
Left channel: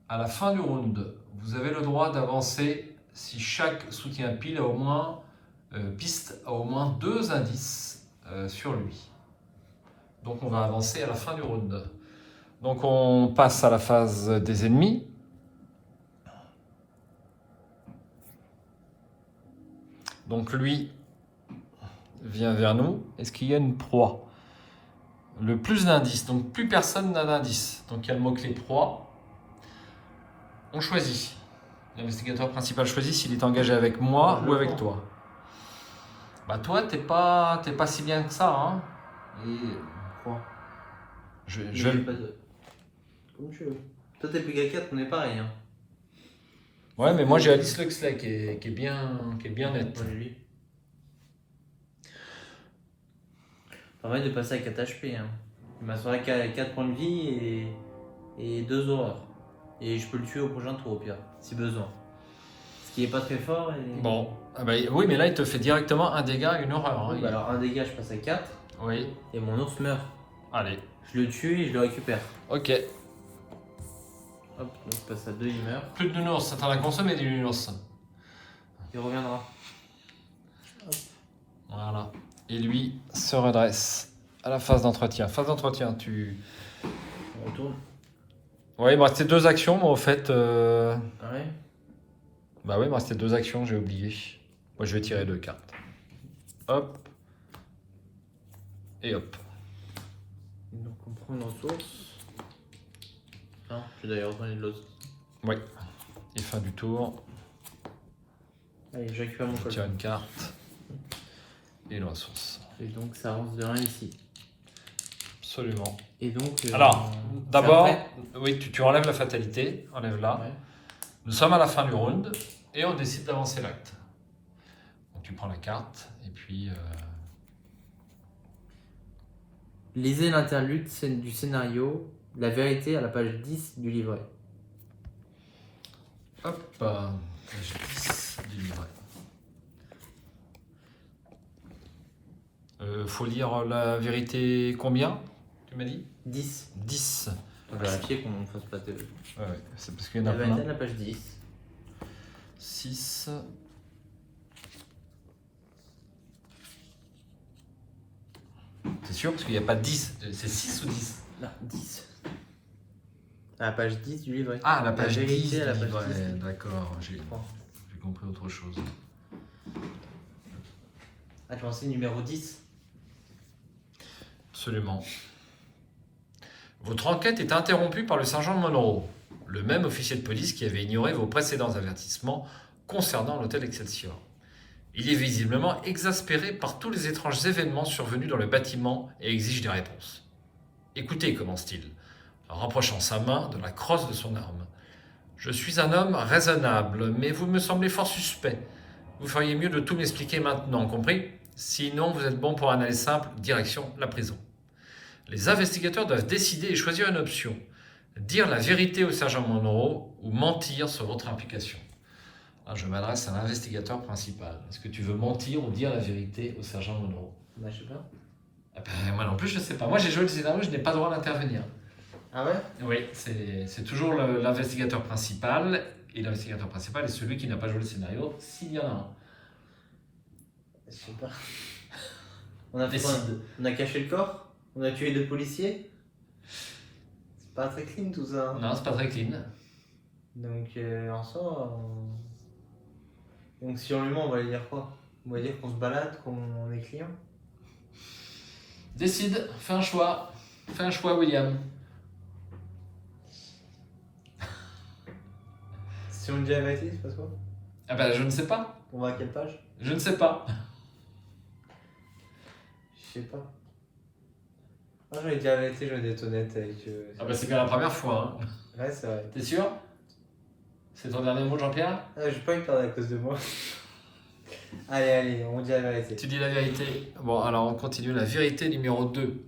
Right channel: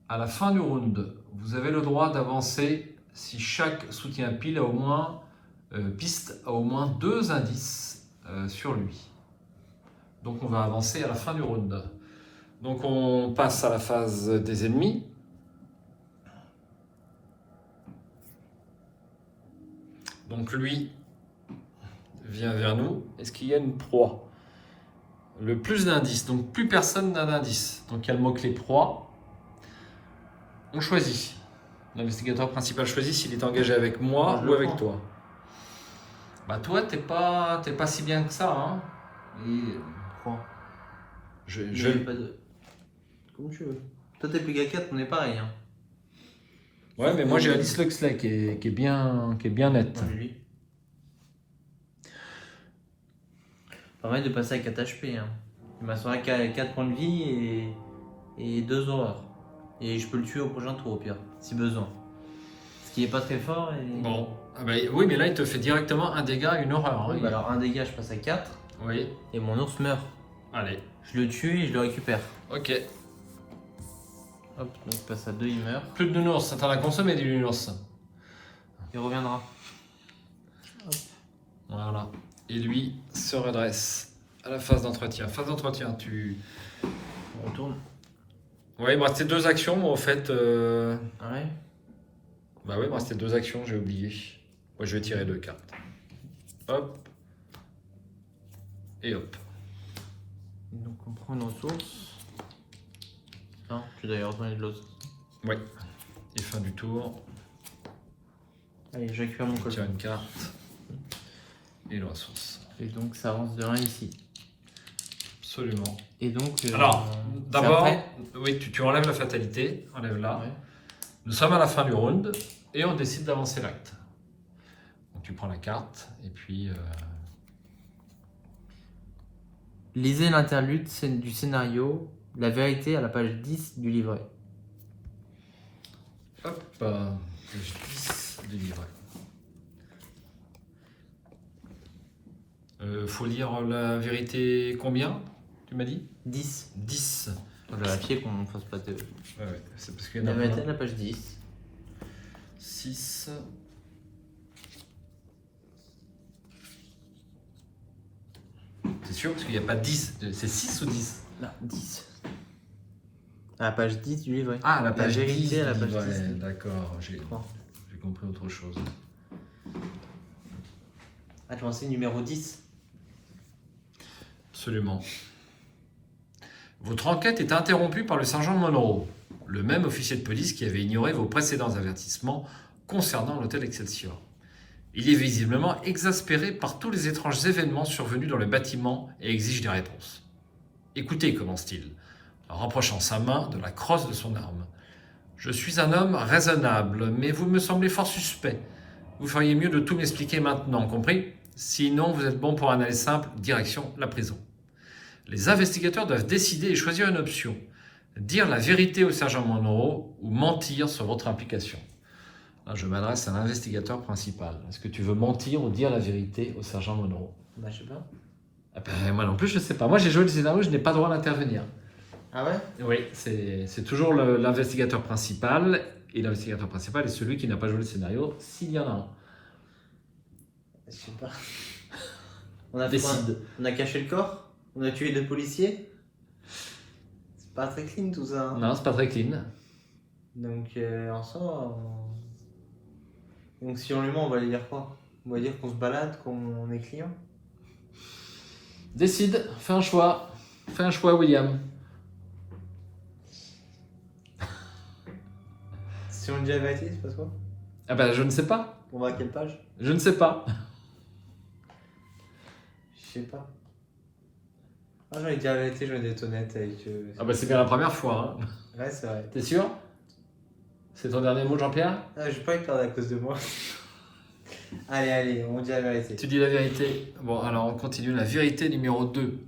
À la fin du round, vous avez le droit d'avancer si chaque soutien pile a au moins, piste a au moins 2 indices sur lui. Donc on va avancer à la fin du round. Donc on passe à la phase des ennemis. Donc lui vient vers nous. Est-ce qu'il y a une proie? Le plus d'indices, donc plus personne n'a d'indice. Donc il y a le mot-clé proie. On choisit. L'investigateur principal choisit s'il est engagé avec moi ou avec toi. Bah toi, t'es pas si bien que ça, hein. Et Quoi? je, Il je- y a pas de... Comme tu veux. Toi, t'es Pega 4, on est pareil. Hein. Ouais, mais moi j'ai Alice Luxley qui est bien nette. Ouais, lui. Permet de passer à 4 HP. Hein. Il m'a sauvé 4 points de vie et 2 horreurs. Et je peux le tuer au prochain tour au pire, si besoin. Ce qui est pas très fort. Et... Bon, ah bah, oui, mais là il te fait directement un dégât et une horreur. Hein. Oui, bah alors un dégât, je passe à 4 Oui, et mon ours meurt. allez, Je le tue et je le récupère. ok. Hop, là, je passe à 2, il meurt. Plus de nounours, t'en as consommé du nounours. Il reviendra. Voilà. Et lui se redresse à la phase d'entretien. Phase d'entretien, tu... On tourne. Ouais, il me restait 2 actions, moi, au fait. Ouais. Bah ouais, il me restait 2 actions, j'ai oublié. Moi, je vais tirer 2 cartes. Hop. Et hop. Et donc on prend nos sources. Non, tu dois y retourner de l'autre. Ouais. Et fin du tour. Allez, je récupère mon Je coffre. tire une carte. Et la ressource. Et donc ça avance de 1 ici. Absolument. Et donc. Alors, d'abord, ça oui, tu enlèves la fatalité. Enlève-la. fait- Ouais. Nous sommes à la fin du round. Et on décide d'avancer l'acte. Donc tu prends la carte. Et puis... Lisez l'interlude du scénario, la vérité à la page 10 du livret. Hop, justice délivrée. Faut lire la vérité combien, tu m'as dit? 10. 10. On va vérifier qu'on ne fasse pas de. Ouais, c'est parce qu'il y en La a vérité plein. à la page 10. 6. C'est sûr, parce qu'il n'y a pas 10. C'est 6 ou 10? Là, 10. À la page 10 du livret. Ah, la page vérité 10. à la page Ouais, 10. d'accord, j'ai Bon. compris autre chose. Ah, tu pensais numéro 10. Absolument. Votre enquête est interrompue par le sergent Monroe, le même officier de police qui avait ignoré vos précédents avertissements concernant l'hôtel Excelsior. Il est visiblement exaspéré par tous les étranges événements survenus dans le bâtiment et exige des réponses. Écoutez, commence-t-il, en rapprochant sa main de la crosse de son arme. Je suis un homme raisonnable, mais vous me semblez fort suspect. Vous feriez mieux de tout m'expliquer maintenant, compris? Sinon, vous êtes bon pour un aller simple, direction la prison. Les investigateurs doivent décider et choisir une option. Dire la vérité au sergent Monroe ou mentir sur votre implication. Là, je m'adresse à l'investigateur principal. Est-ce que tu veux mentir ou dire la vérité au sergent Monroe? Bah, je sais pas. Ah ben, moi non plus, je ne sais pas. Moi, j'ai joué le scénario, je n'ai pas le droit d'intervenir. Ah ouais? Oui, c'est toujours l'investigateur principal. Et l'investigateur principal est celui qui n'a pas joué le scénario, s'il y en a un. Je sais pas. On a, Décide. on a caché le corps? On a tué des policiers? C'est pas très clean tout ça. Hein. Non, c'est pas très clean. Donc en soi, donc si on lui ment, on va lui dire quoi? On va dire qu'on se balade, qu'on est client. Décide, fais un choix. Fais un choix, William. Si on dit la vérité, c'est pas quoi? Ah ben, je ne sais pas. On va à quelle page? Je ne sais pas. Je sais pas. Moi j'aurais dit la vérité, je vais être honnête avec Ah ben, c'est bien la première fois. Hein. Ouais, c'est vrai. T'es sûr? C'est ton dernier mot, Jean-Pierre? Ah, je vais pas le perdre à cause de moi. Allez, on dit la vérité. Tu dis la vérité. Bon, alors on continue. La vérité numéro 2.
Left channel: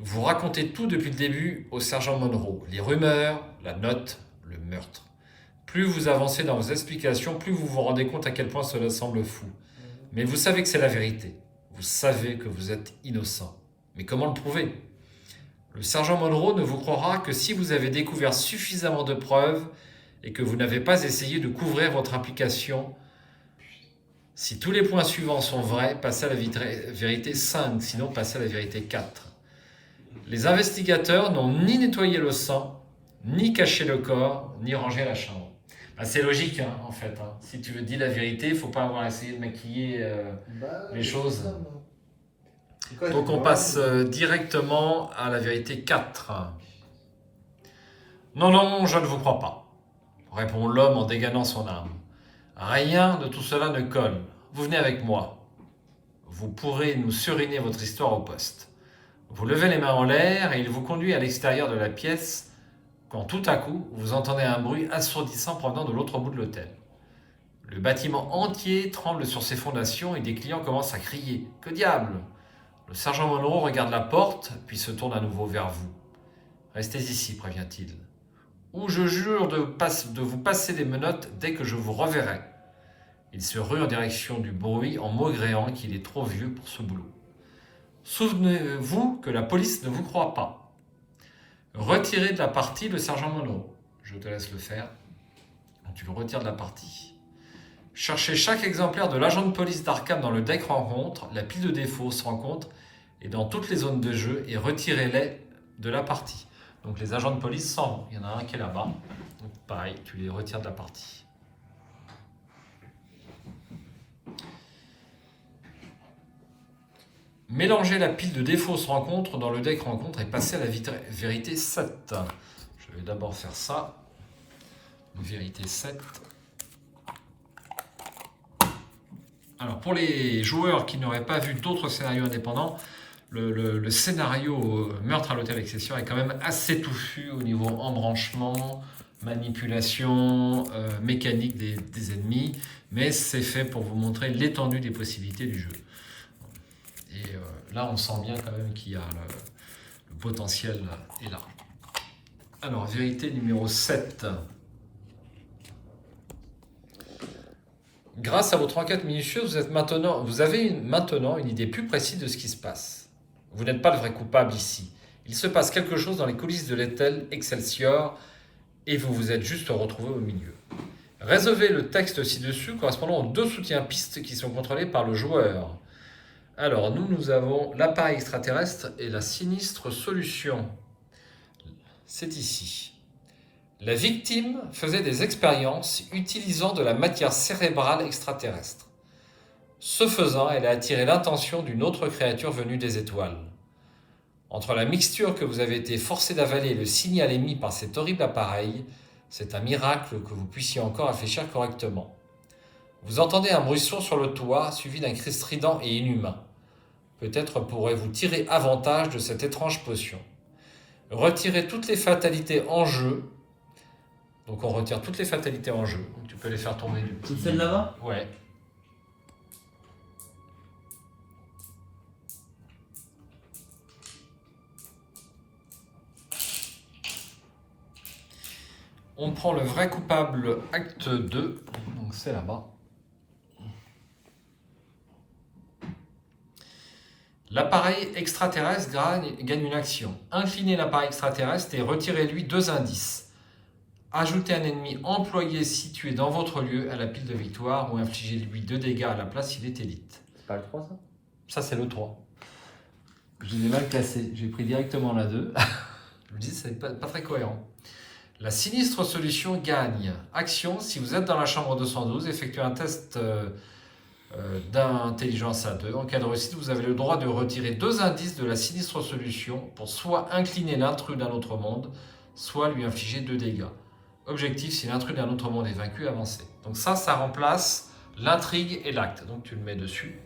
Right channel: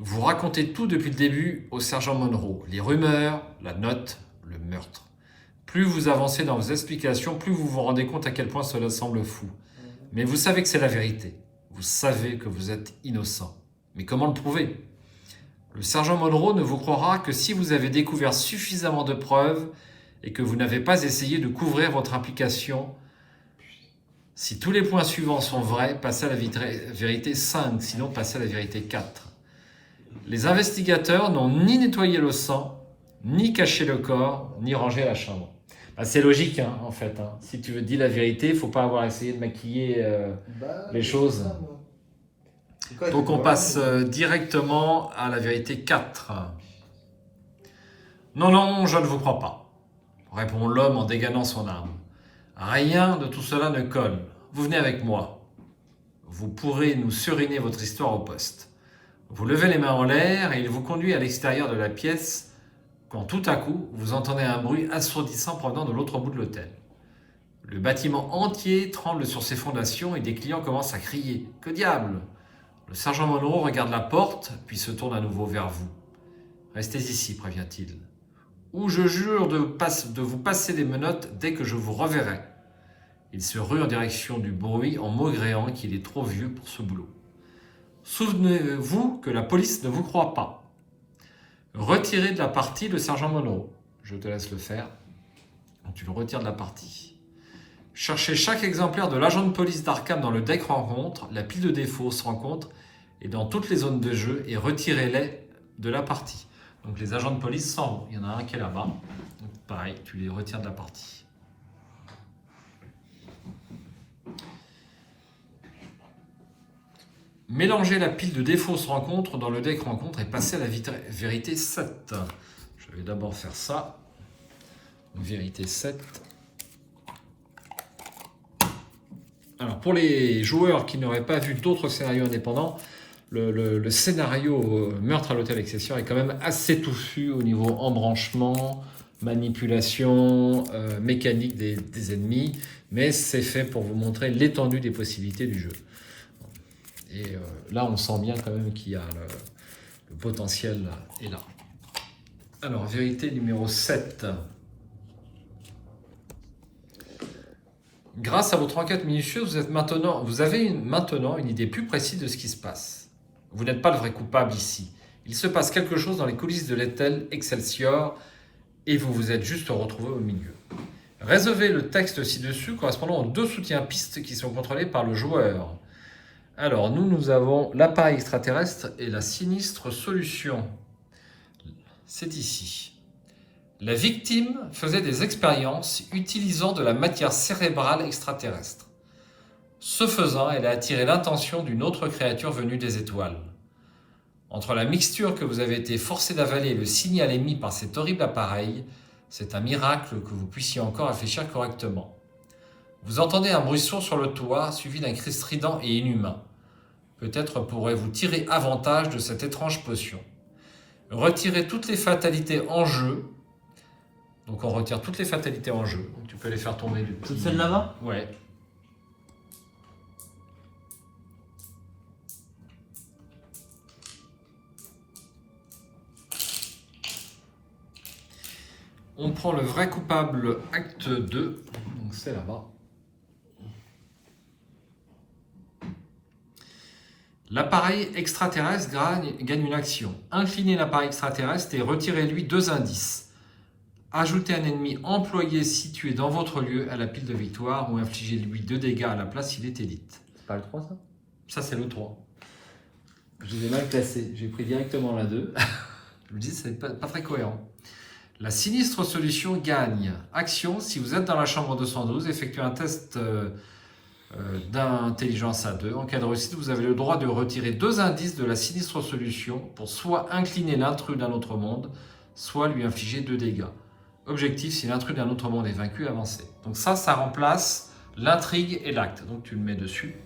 Vous racontez tout depuis le début au sergent Monroe. Les rumeurs, la note, le meurtre. Plus vous avancez dans vos explications, plus vous vous rendez compte à quel point cela semble fou. Mais vous savez que c'est la vérité. Vous savez que vous êtes innocent. Mais comment le prouver? Le sergent Monroe ne vous croira que si vous avez découvert suffisamment de preuves et que vous n'avez pas essayé de couvrir votre implication. Si tous les points suivants sont vrais, passez à la vérité 5, sinon passez à la vérité 4. Les investigateurs n'ont ni nettoyé le sang, ni caché le corps, ni rangé la chambre. Bah, c'est logique, hein, en fait. Hein. Si tu veux dire la vérité, il ne faut pas avoir essayé de maquiller les choses. Donc on passe directement à la vérité 4. Non, non, je ne vous crois pas, répond l'homme en dégainant son arme. Rien de tout cela ne colle. Vous venez avec moi. vous pourrez nous suriner votre histoire au poste. Vous levez les mains en l'air et il vous conduit à l'extérieur de la pièce quand tout à coup, vous entendez un bruit assourdissant provenant de l'autre bout de l'hôtel. Le bâtiment entier tremble sur ses fondations et des clients commencent à crier « Que diable ?» Le sergent Monroe regarde la porte, puis se tourne à nouveau vers vous. « Restez ici, prévient-il. Ou je jure de vous passer des menottes dès que je vous reverrai. » Il se rue en direction du bruit en maugréant qu'il est trop vieux pour ce boulot. Souvenez-vous que la police ne vous croit pas. Retirez de la partie le sergent Monroe. Je te laisse le faire. Tu le retires de la partie. Cherchez chaque exemplaire de l'agent de police d'Arkham dans le deck rencontre, la pile de défauts se rencontre et dans toutes les zones de jeu et retirez-les de la partie. Donc les agents de police s'en vont. Il y en a un qui est là-bas. Donc pareil, tu les retires de la partie. Mélangez la pile de défauts se rencontre dans le deck rencontre et passez à la vérité 7. Je vais d'abord faire ça. Vérité 7. Alors pour les joueurs qui n'auraient pas vu d'autres scénarios indépendants, le scénario Meurtre à l'hôtel Excelsior est quand même assez touffu au niveau embranchement, manipulation, mécanique des ennemis, mais c'est fait pour vous montrer l'étendue des possibilités du jeu. Et là, on sent bien quand même qu'il y a le potentiel est là. Alors, vérité numéro 7. Grâce à votre enquête minutieuse, vous avez maintenant une idée plus précise de ce qui se passe. Vous n'êtes pas le vrai coupable ici. Il se passe quelque chose dans les coulisses de l'hôtel Excelsior et vous vous êtes juste retrouvé au milieu. Résolvez le texte ci-dessus correspondant aux 2 soutiens-pistes qui sont contrôlés par le joueur. Alors, nous avons l'appareil extraterrestre et la sinistre solution. C'est ici. La victime faisait des expériences utilisant de la matière cérébrale extraterrestre. Ce faisant, elle a attiré l'attention d'une autre créature venue des étoiles. Entre la mixture que vous avez été forcé d'avaler et le signal émis par cet horrible appareil, c'est un miracle que vous puissiez encore réfléchir correctement. Vous entendez un bruit sourd sur le toit, suivi d'un cri strident et inhumain. Peut-être pourrez-vous tirer avantage de cette étrange potion. Retirez toutes les fatalités en jeu. Donc on retire toutes les fatalités en jeu. Donc tu peux les faire tomber du petit... Toutes celles là-bas ? Ouais. On prend le vrai coupable acte 2. Donc c'est là-bas. L'appareil extraterrestre gagne une action. Inclinez l'appareil extraterrestre et retirez-lui 2 indices. Ajoutez un ennemi employé situé dans votre lieu à la pile de victoire ou infligez-lui 2 dégâts à la place s'il est élite. C'est pas le 3 ça ? Ça c'est le 3. Je l'ai mal placé, j'ai pris directement la 2. Je me dis c'est pas très cohérent. La sinistre solution gagne. Action, si vous êtes dans la chambre 212, effectuez un test d'intelligence à 2. En cas de réussite, vous avez le droit de retirer 2 indices de la sinistre solution pour soit incliner l'intrus d'un autre monde, soit lui infliger 2 dégâts. Objectif, si l'intrus d'un autre monde est vaincu, avancez. Donc ça remplace l'intrigue et l'acte. Donc tu le mets dessus.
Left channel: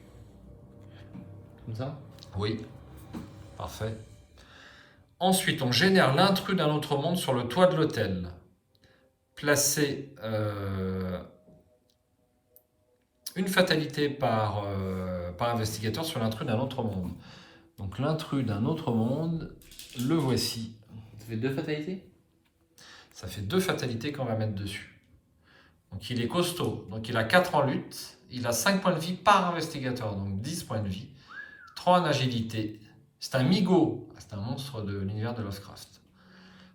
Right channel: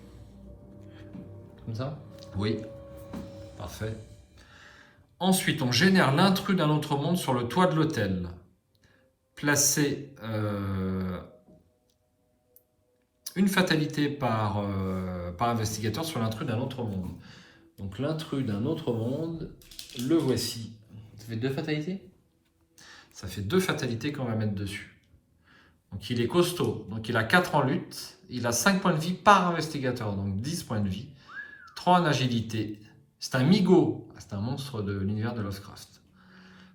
Comme ça ? Oui, parfait. Ensuite, on génère l'intrus d'un autre monde sur le toit de l'hôtel. Placez une fatalité par investigateur sur l'intrus d'un autre monde. Donc l'intrus d'un autre monde, le voici. Ça fait 2 fatalités ? Ça fait 2 fatalités qu'on va mettre dessus. Donc il est costaud. Donc il a 4 en lutte. Il a 5 points de vie par investigateur. Donc 10 points de vie. 3 en agilité. C'est un migo. C'est un monstre de l'univers de Lovecraft.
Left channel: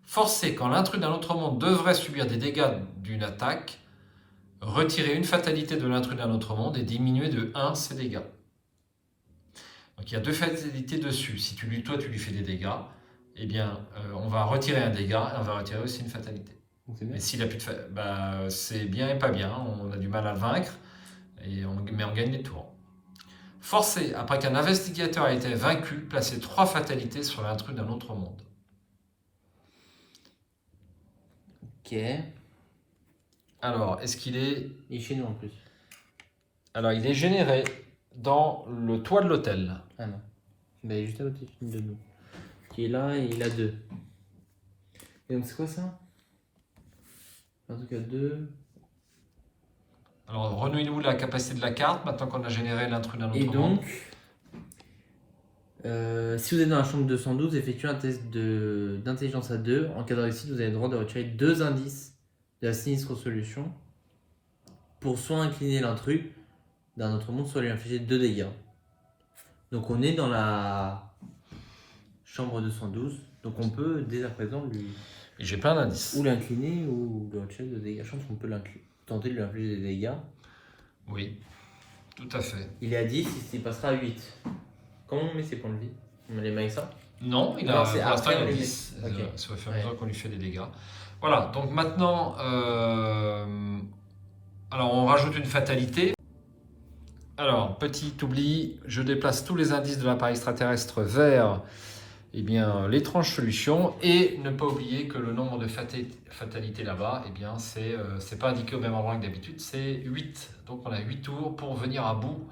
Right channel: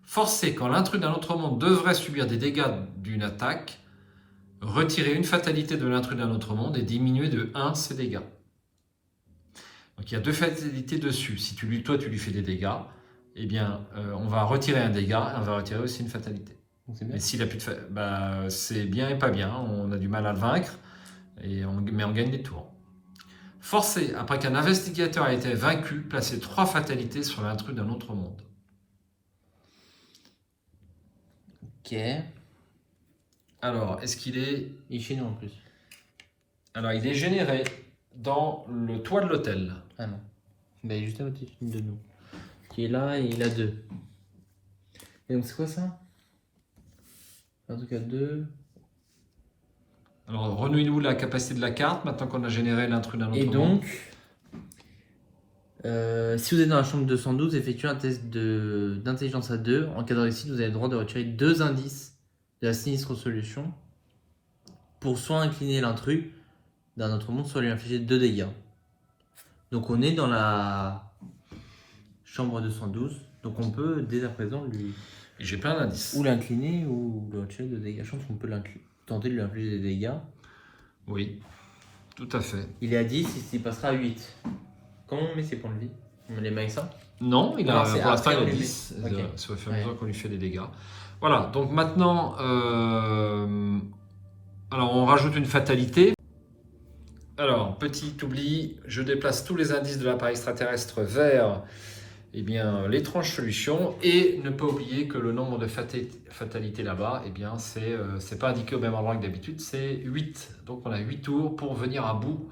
Forcé quand l'intrus d'un autre monde devrait subir des dégâts d'une attaque, retirez une fatalité de l'intrus d'un autre monde et diminuez de 1 ses dégâts. Donc il y a 2 fatalités dessus. Si tu lui fais des dégâts, eh bien, on va retirer un dégât et on va retirer aussi une fatalité. Mais s'il a plus de c'est bien et pas bien. On a du mal à le vaincre, mais on gagne des tours. Forcé, après qu'un investigateur a été vaincu, placez 3 fatalités sur l'intrus d'un autre monde. Ok. Alors, est-ce qu'il est... Il est chez nous en plus. Alors, il est généré. dans le toit de l'hôtel. Ah non. Bah, il est juste à côté de nous. Qui est là et il a 2. Donc c'est quoi ça? En tout cas 2. Alors, renouez-nous la capacité de la carte maintenant qu'on a généré l'intrus d'un autre Et monde. donc, si vous êtes dans la chambre 212, effectuez un test d'intelligence à 2. En cas de réussite, vous avez le droit de retirer 2 indices de la sinistre solution pour soit incliner l'intrus d'un autre monde, soit lui infliger 2 dégâts. Donc on est dans la chambre 212, donc on peut dès à présent lui J'ai pas un indice. ou l'incliner ou lui retirer 2 dégâts. Je pense qu'on peut tenter de lui infliger des dégâts. Oui, tout à fait. Il est à 10, il passera à 8. Comment on met ses points de vie? On les met avec ça? Non, il a, pour l'instant, il a après, 10. ok. C'est au fur et à mesure qu'on lui fait des dégâts. Voilà, donc maintenant, alors on rajoute une fatalité. Alors, petit oubli, je déplace tous les indices de l'appareil extraterrestre vers eh bien, l'étrange solution et ne pas oublier que le nombre de fatalités là-bas, eh bien, c'est pas indiqué au même endroit que d'habitude, c'est 8. Donc on a 8 tours pour venir à bout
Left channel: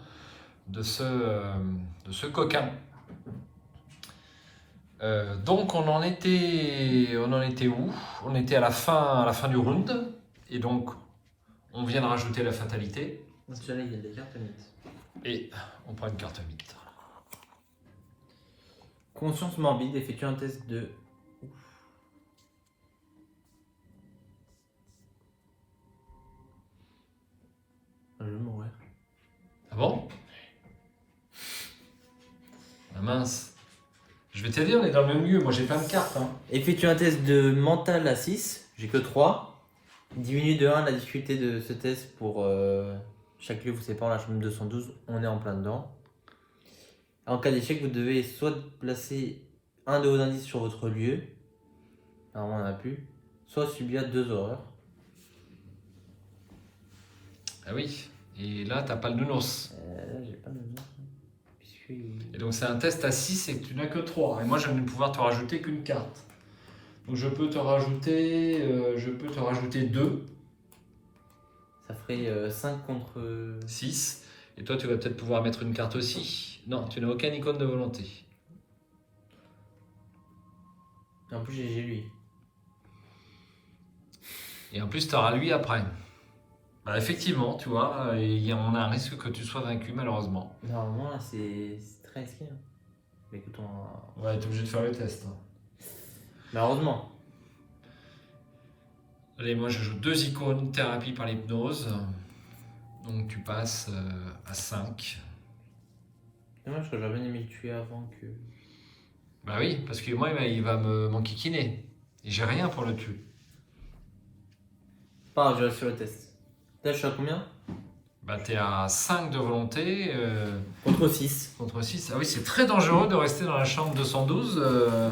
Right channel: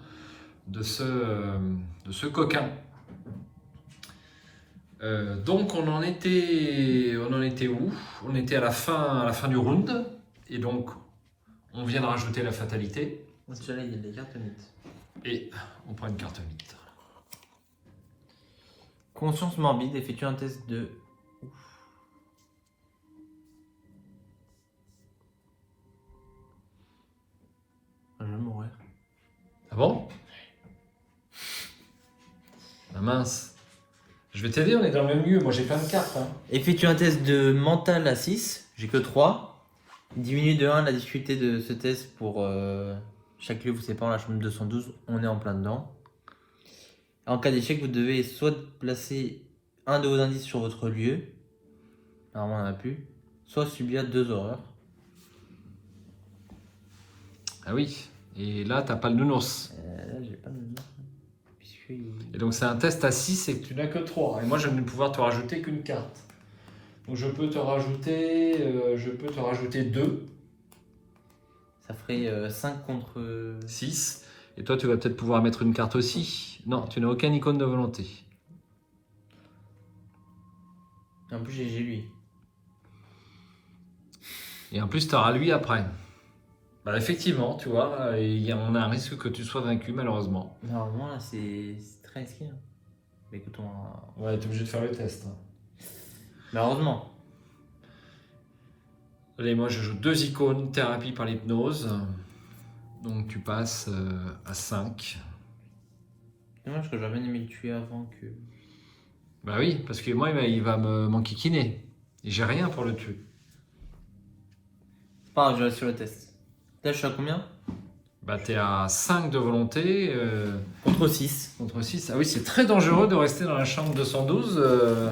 de ce coquin. Donc on en était où? On était à la fin du round et donc on vient de rajouter la fatalité et on prend une carte mythe. Conscience morbide, effectue un test de. Je vais mourir. Ah bon? Ah mince. Je vais t'aider, on est dans le même lieu. Moi j'ai plein de cartes. Hein. Effectue un test de mental à 6, j'ai que 3. Diminue de 1 la difficulté de ce test pour chaque lieu vous séparant la chambre 212, on est en plein dedans. En cas d'échec, vous devez soit placer un de vos indices sur votre lieu, normalement on n'en a plus, soit subir 2 horreurs. Ah oui. Et là t'as pas le nounours. Là j'ai pas de nom. Et donc c'est un test à 6 et tu n'as que 3. Et moi je ne vais pouvoir te rajouter qu'une carte. Donc je peux te rajouter 2. Ça ferait 5 contre 6. Et toi tu vas peut-être pouvoir mettre une carte aussi. Non, tu n'as aucune icône de volonté. En plus j'ai lui. Et en plus tu auras lui après. Bah effectivement, tu vois, on a un risque que tu sois vaincu malheureusement. Normalement là c'est très risqué. Hein. Mais écoute, Ouais, t'es obligé de faire le test. Malheureusement. Allez, moi je joue 2 icônes, thérapie par l'hypnose. Donc tu passes à 5. Dommage que j'aurais bien aimé le tuer avant que. Bah oui, parce que moi il va m'enquiquiner. Et j'ai rien pour le tuer. Pas grave, je reste sur le test. Là je suis à combien? Bah t'es à 5 de volonté. Contre 6. Contre 6. Ah oui, c'est très dangereux de rester dans la chambre 212.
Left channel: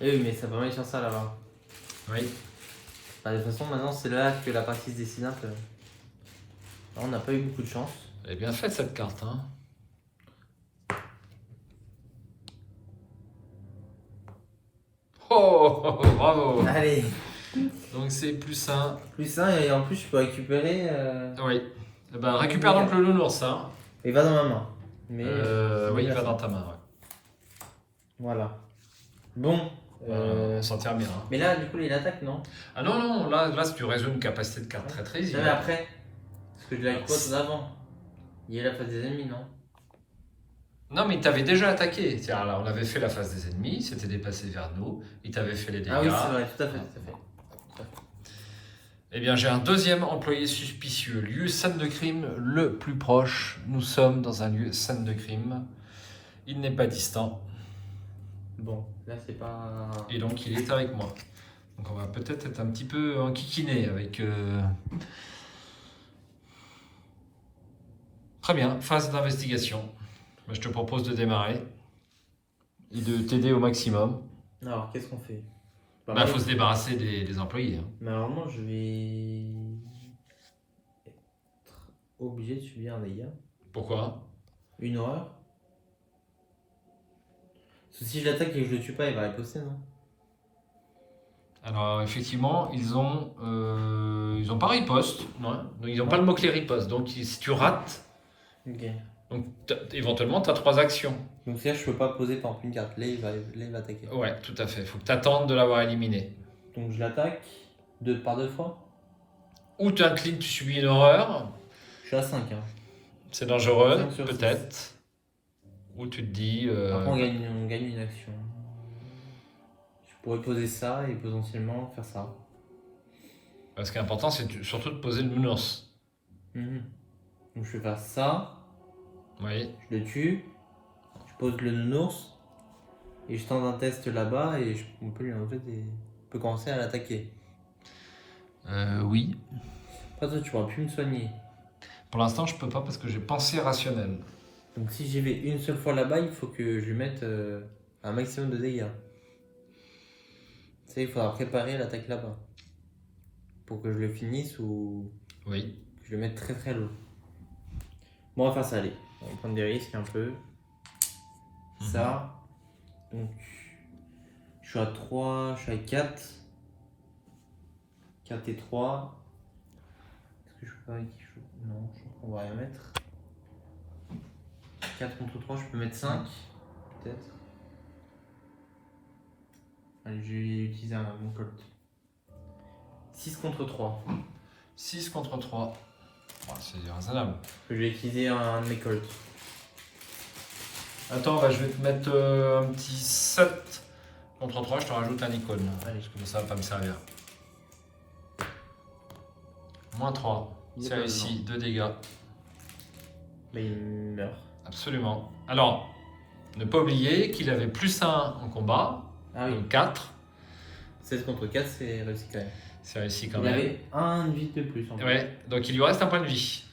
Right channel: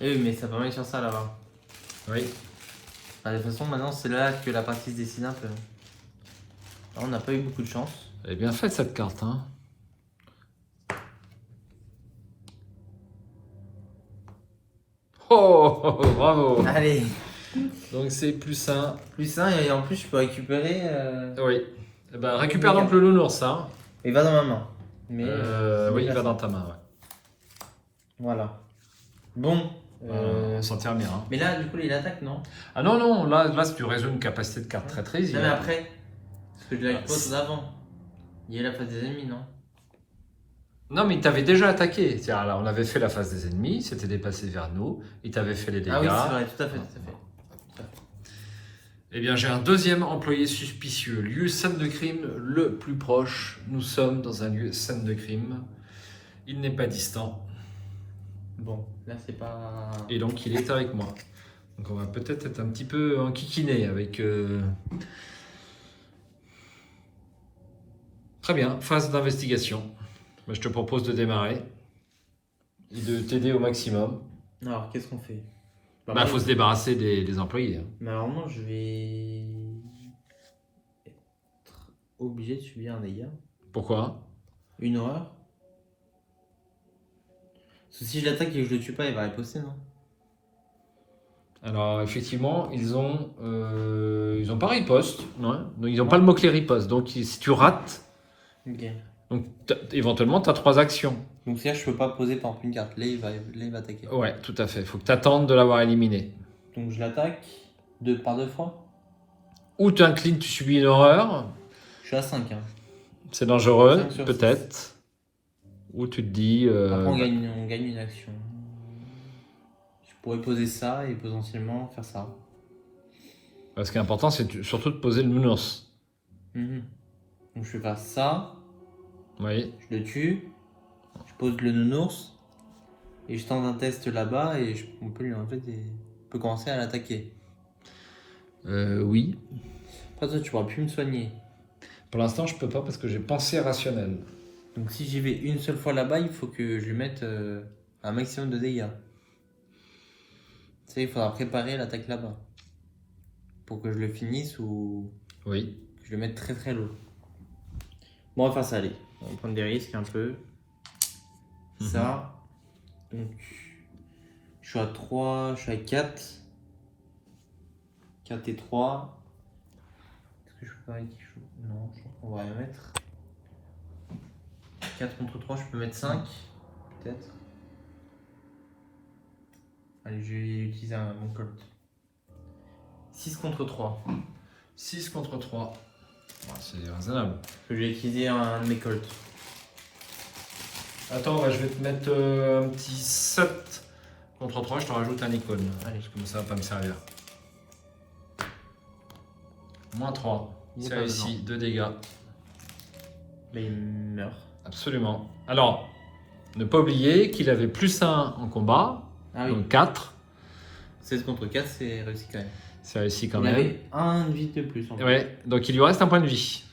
Et oui, mais ça peut rien sur ça là-bas. Oui. De toute façon, maintenant c'est là que la partie se dessine un peu. On n'a pas eu beaucoup de chance. Elle est bien faite cette carte. Hein. Oh, bravo. Allez. Donc c'est plus 1. Plus 1 et en plus je peux récupérer. Oui. Eh ben, récupère donc le nounours. Hein. Il va dans ma main. Mais oui, il va dans ta main. Ouais. Voilà. Bon. On s'en tire bien. Hein. Mais là, du coup, il attaque, non? Ah non, non, là si tu résous une capacité de carte traîtrise, il Là, va... après. Parce que je l'ai pas tout avant. Il est la phase des ennemis, non? Non, mais il t'avait déjà attaqué. Là, on avait fait la phase des ennemis, c'était déplacé vers nous, il t'avait fait les dégâts. Ah oui, c'est vrai, tout à fait. Tout à fait. Eh bien, j'ai un deuxième employé suspicieux. Lieu scène de crime le plus proche. Nous sommes dans un lieu scène de crime. Il n'est pas distant. Bon, là, c'est pas. Et donc, il est avec moi. Donc, on va peut-être être un petit peu enquiquiné avec... Très bien, phase d'investigation. Je te propose de démarrer et de t'aider au maximum. Alors, qu'est-ce qu'on fait? Bah, faut se débarrasser des employés. Hein. Mais alors, moi, je vais être obligé de subir un dégât. Pourquoi? Une horreur. Parce que si je l'attaque et que je le tue pas, il va riposter, non? Alors, effectivement, ils ont pas riposte. Non, donc, ils n'ont pas le mot-clé riposte. Donc, si tu rates, Ok. Donc éventuellement, tu as 3 actions. Donc c'est là, je peux pas poser par exemple une carte. Là, il va attaquer. Ouais, tout à fait. Il faut que tu attendes de l'avoir éliminé. Donc je l'attaque par deux fois. Ou tu inclines, tu subis une horreur. Je suis à 5. Hein. C'est dangereux, 5 sur peut-être. Ou tu te dis... Après, on gagne une action. Je pourrais poser ça et potentiellement faire ça. Ce qui est important, c'est surtout de poser le nounours. Donc je vais faire ça. Oui. Je le tue. Je pose le nounours. Et je tente un test là-bas et on peut on peut commencer à l'attaquer. Oui. Après, toi, tu pourras plus me soigner. Pour l'instant, je peux pas parce que j'ai pensée rationnelle. Donc si j'y vais une seule fois là-bas, il faut que je lui mette un maximum de dégâts. Tu sais, il faudra préparer l'attaque là-bas. Pour que je le finisse ou Oui. que je le mette très très low. Bon, on va faire ça, allez. On va prendre des risques un peu. Ça. Donc, je suis à 3, je suis à 4. 4 et 3. Est-ce que je peux pas mettre quelque chose? Non, je crois qu'on va le mettre. 4 contre 3, je peux mettre 5. Peut-être. Allez, je vais utiliser mon colt. 6 contre 3. 6 contre 3. Ouais, c'est raisonnable. Je vais utiliser un de mes colts. Attends, je vais te mettre un petit 7 contre 3. Je te rajoute un icône. Parce que ça va pas me servir. Moins 3. C'est réussi. 2 dégâts. Mais il meurt. Absolument. Alors, ne pas oublier qu'il avait plus 1 en combat. Ah oui. Donc 4. 16 contre 4, c'est réussi quand même. C'est réussi quand Il même. avait un de vie de plus. En fait. Ouais, donc il lui reste un point de vie.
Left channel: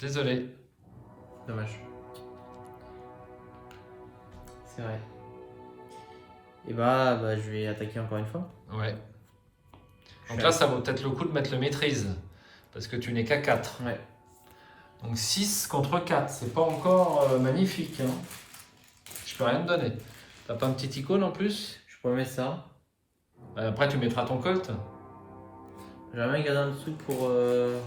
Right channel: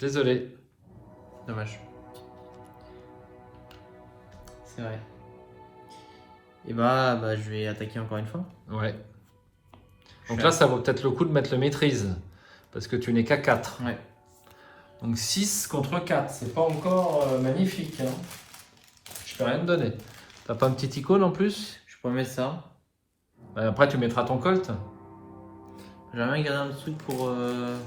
Désolé. Dommage. C'est vrai. Et bah, je vais attaquer encore une fois. Ouais. Donc là, ça vaut peut-être le coup de mettre le maîtrise. Parce que tu n'es qu'à 4. Ouais. Donc 6 contre 4. C'est pas encore magnifique. Hein. Je peux rien te donner. T'as pas une petite icône en plus? Je peux mettre ça. Après, tu mettras ton colt. J'aimerais garder un truc pour le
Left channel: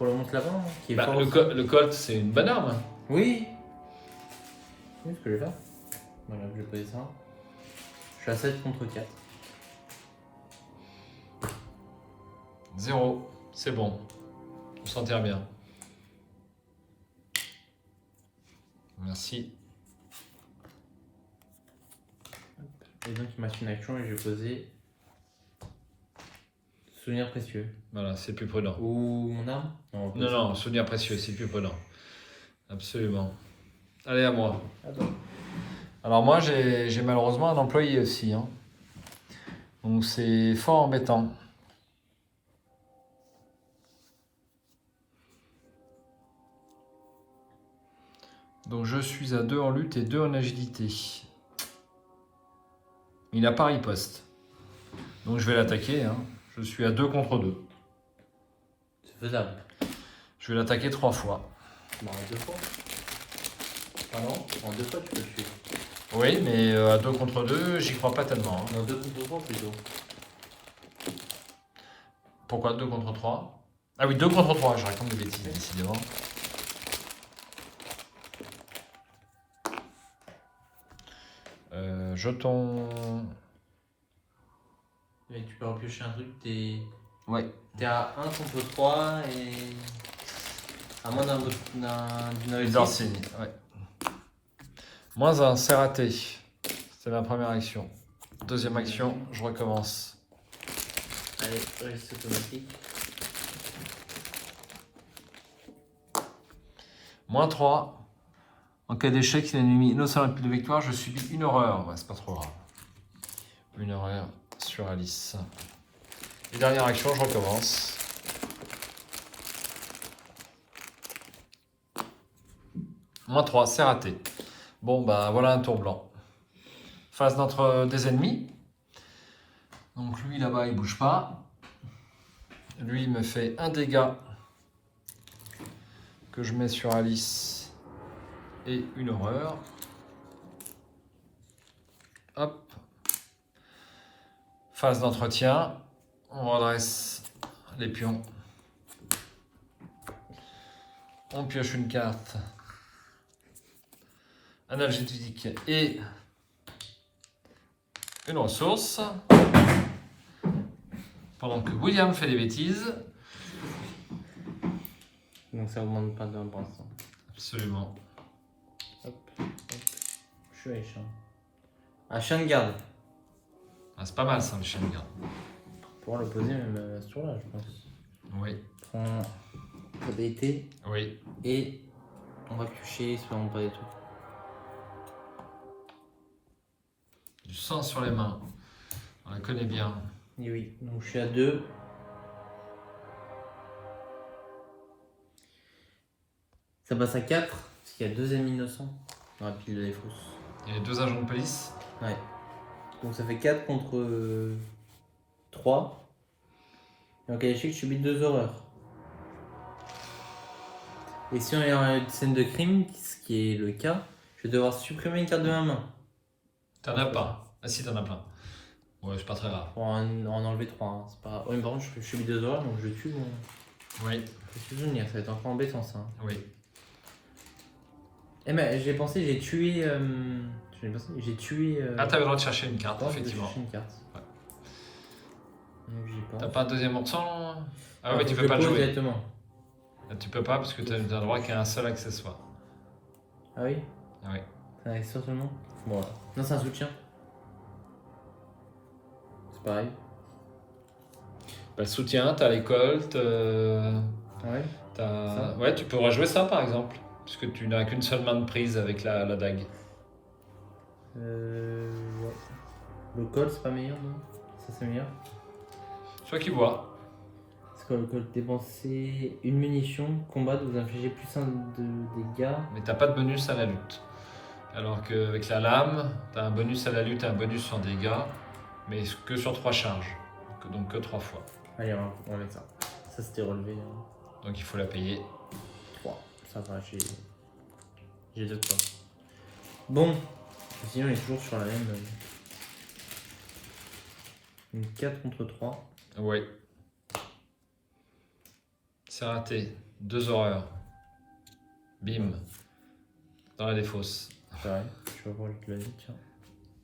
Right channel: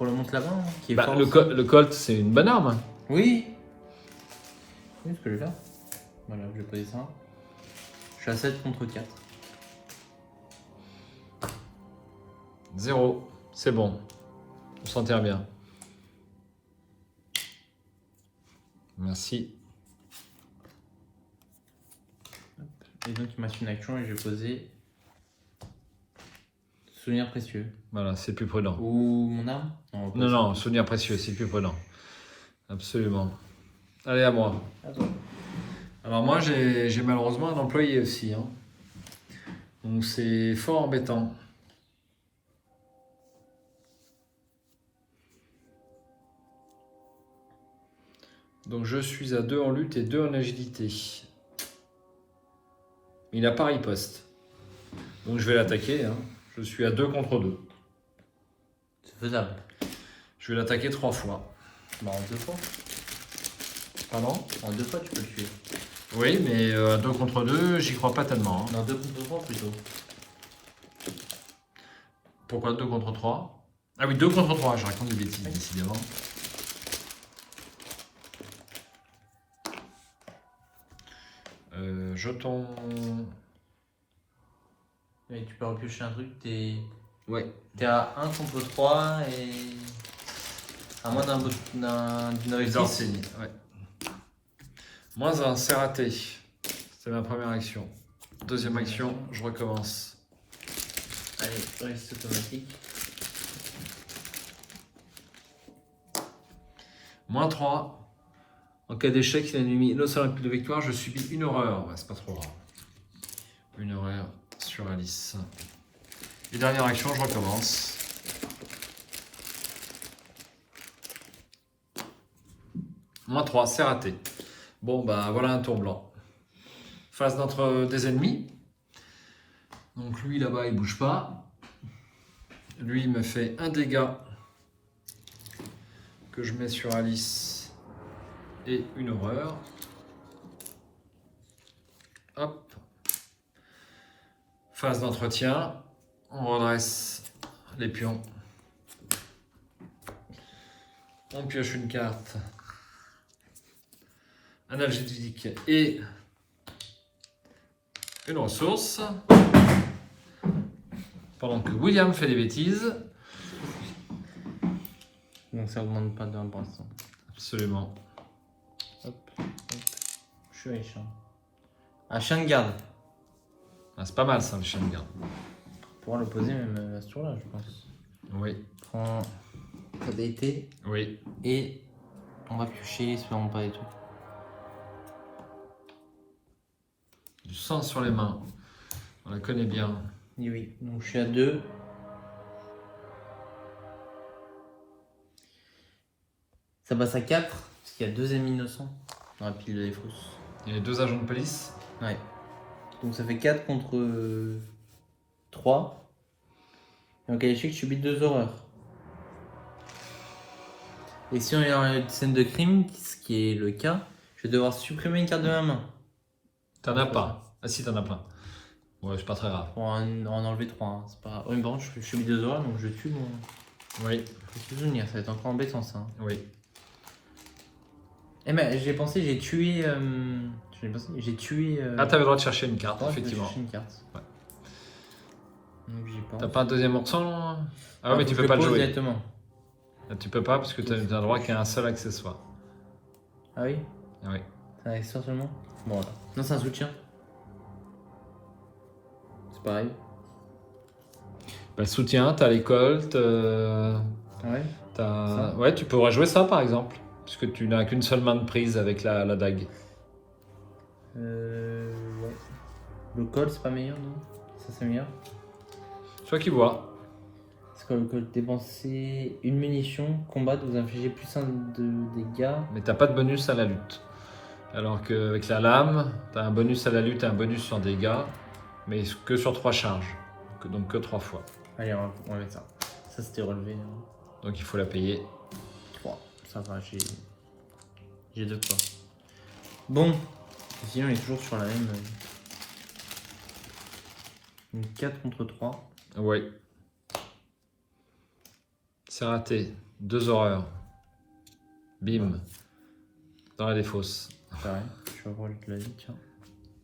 monstre là-bas. Hein, qui est fort aussi. Le colt, c'est une bonne arme. Oui. Oui, ce que je vais faire. Voilà, je vais poser ça. Je suis à 7 contre 4. 0. C'est bon. On s'enterre bien. Merci. Et donc il m'a fait une action et je vais poser souvenir précieux. Voilà, c'est plus prudent. Ou mon arme? Non, souvenir précieux, c'est plus prudent. Absolument. Allez, à moi. Attends. Alors moi, j'ai malheureusement un employé aussi. Hein. Donc c'est fort embêtant. Donc je suis à 2 en lutte et 2 en agilité. Il a pas riposte. Donc je vais l'attaquer. Hein. Je suis à 2 contre 2. C'est faisable. Je vais l'attaquer 3 fois. Bah en 2 fois. Pardon? En 2 fois tu peux le tuer. Oui, mais à 2 contre 2, j'y crois pas tellement. Hein. En 2 contre 3 plutôt. Pourquoi 2 contre 3? Ah oui, 2 contre 3, je raconte des bêtises, décidément. Jeton. Et tu peux repiocher un truc, t'es à 1 contre 3 et. À moins d'un Les Orsini, ouais. Moins 1, c'est raté. C'est ma première action. Deuxième action, je recommence. Allez, reste automatique. Moins 3. En cas d'échec, il y a une ennemi innocent de victoire, je subis une horreur. Ouais, c'est pas trop grave. Une horreur sur Alice. Et dernière action, je recommence. Moins 3, c'est raté. Bon, bah voilà un tour blanc. Face des ennemis. Donc lui là-bas, il bouge pas. Lui, il me fait un dégât que je mets sur Alice. Et une horreur. Hop. Phase d'entretien. On redresse les pions. On pioche une carte analgésique et une ressource. Pendant que William fait des bêtises. Bon, ça augmente pas d'un point. Absolument. Hop, hop. Je suis allé chien. Un chien de garde. Ah, c'est pas mal ça, le chien de garde. Pour le poser même à ce tour-là, je pense. Oui, Prends ta DT oui. et on va piocher, espérons pas des trucs. Du sang sur les mains. On la connaît bien. Et oui, donc je suis à 2. Ça passe à 4, parce qu'il y a 2 ennemis innocents dans la pile de défausse. Il y a les 2 agents de police. Ouais. Donc ça fait 4 contre 3. Donc à l'échec, je subis 2 horreurs. Et si on est en une scène de crime, ce qui est le cas, je vais devoir supprimer une carte de ma main. T'en as pas. Ah si, t'en as plein. Ouais, c'est pas très grave. Pour en enlever 3. Hein. C'est pas... Oui, bon, je subis 2 horreurs, donc je tue mon... Oui, Je suis souvenir, ça va être encore embêtant ça. Hein. oui. Eh ben, j'ai pensé, j'ai tué... J'ai tué... Ah, t'avais le droit de chercher une carte, 3, effectivement. Une carte. Ouais. J'ai T'as pas un deuxième morceau? Ah, mais faut tu que peux je pas le pose jouer. directement. Ah, tu peux pas parce que t'as le droit qu'à un seul accessoire. Ah oui? Oui. C'est un accessoire seulement? Bon, voilà. Non, c'est un soutien. C'est pareil. Le soutien, t'as les colts, Ah ouais? Ça ouais, tu pourrais jouer ça par exemple. Puisque tu n'as qu'une seule main de prise avec la dague. Ouais. Le col, c'est pas meilleur, non? Ça, c'est meilleur? Toi qui vois. Parce que le col, dépenser une munition, combattre, vous infligez plus 1 de dégâts. Mais t'as pas de bonus à la lutte. Alors qu'avec la lame, t'as un bonus à la lutte et un bonus sur dégâts, mais que sur 3 charges. Donc que 3 fois. Allez, on va mettre ça. Ça, c'était relevé. Donc il faut la payer. 3. Ça va, j'ai 2 points. Bon. Sinon, on est toujours sur la même. Une 4 contre 3. Oui. C'est raté. 2 horreurs. Bim. Dans la défausse. Pareil, je vais voir le vie, tiens.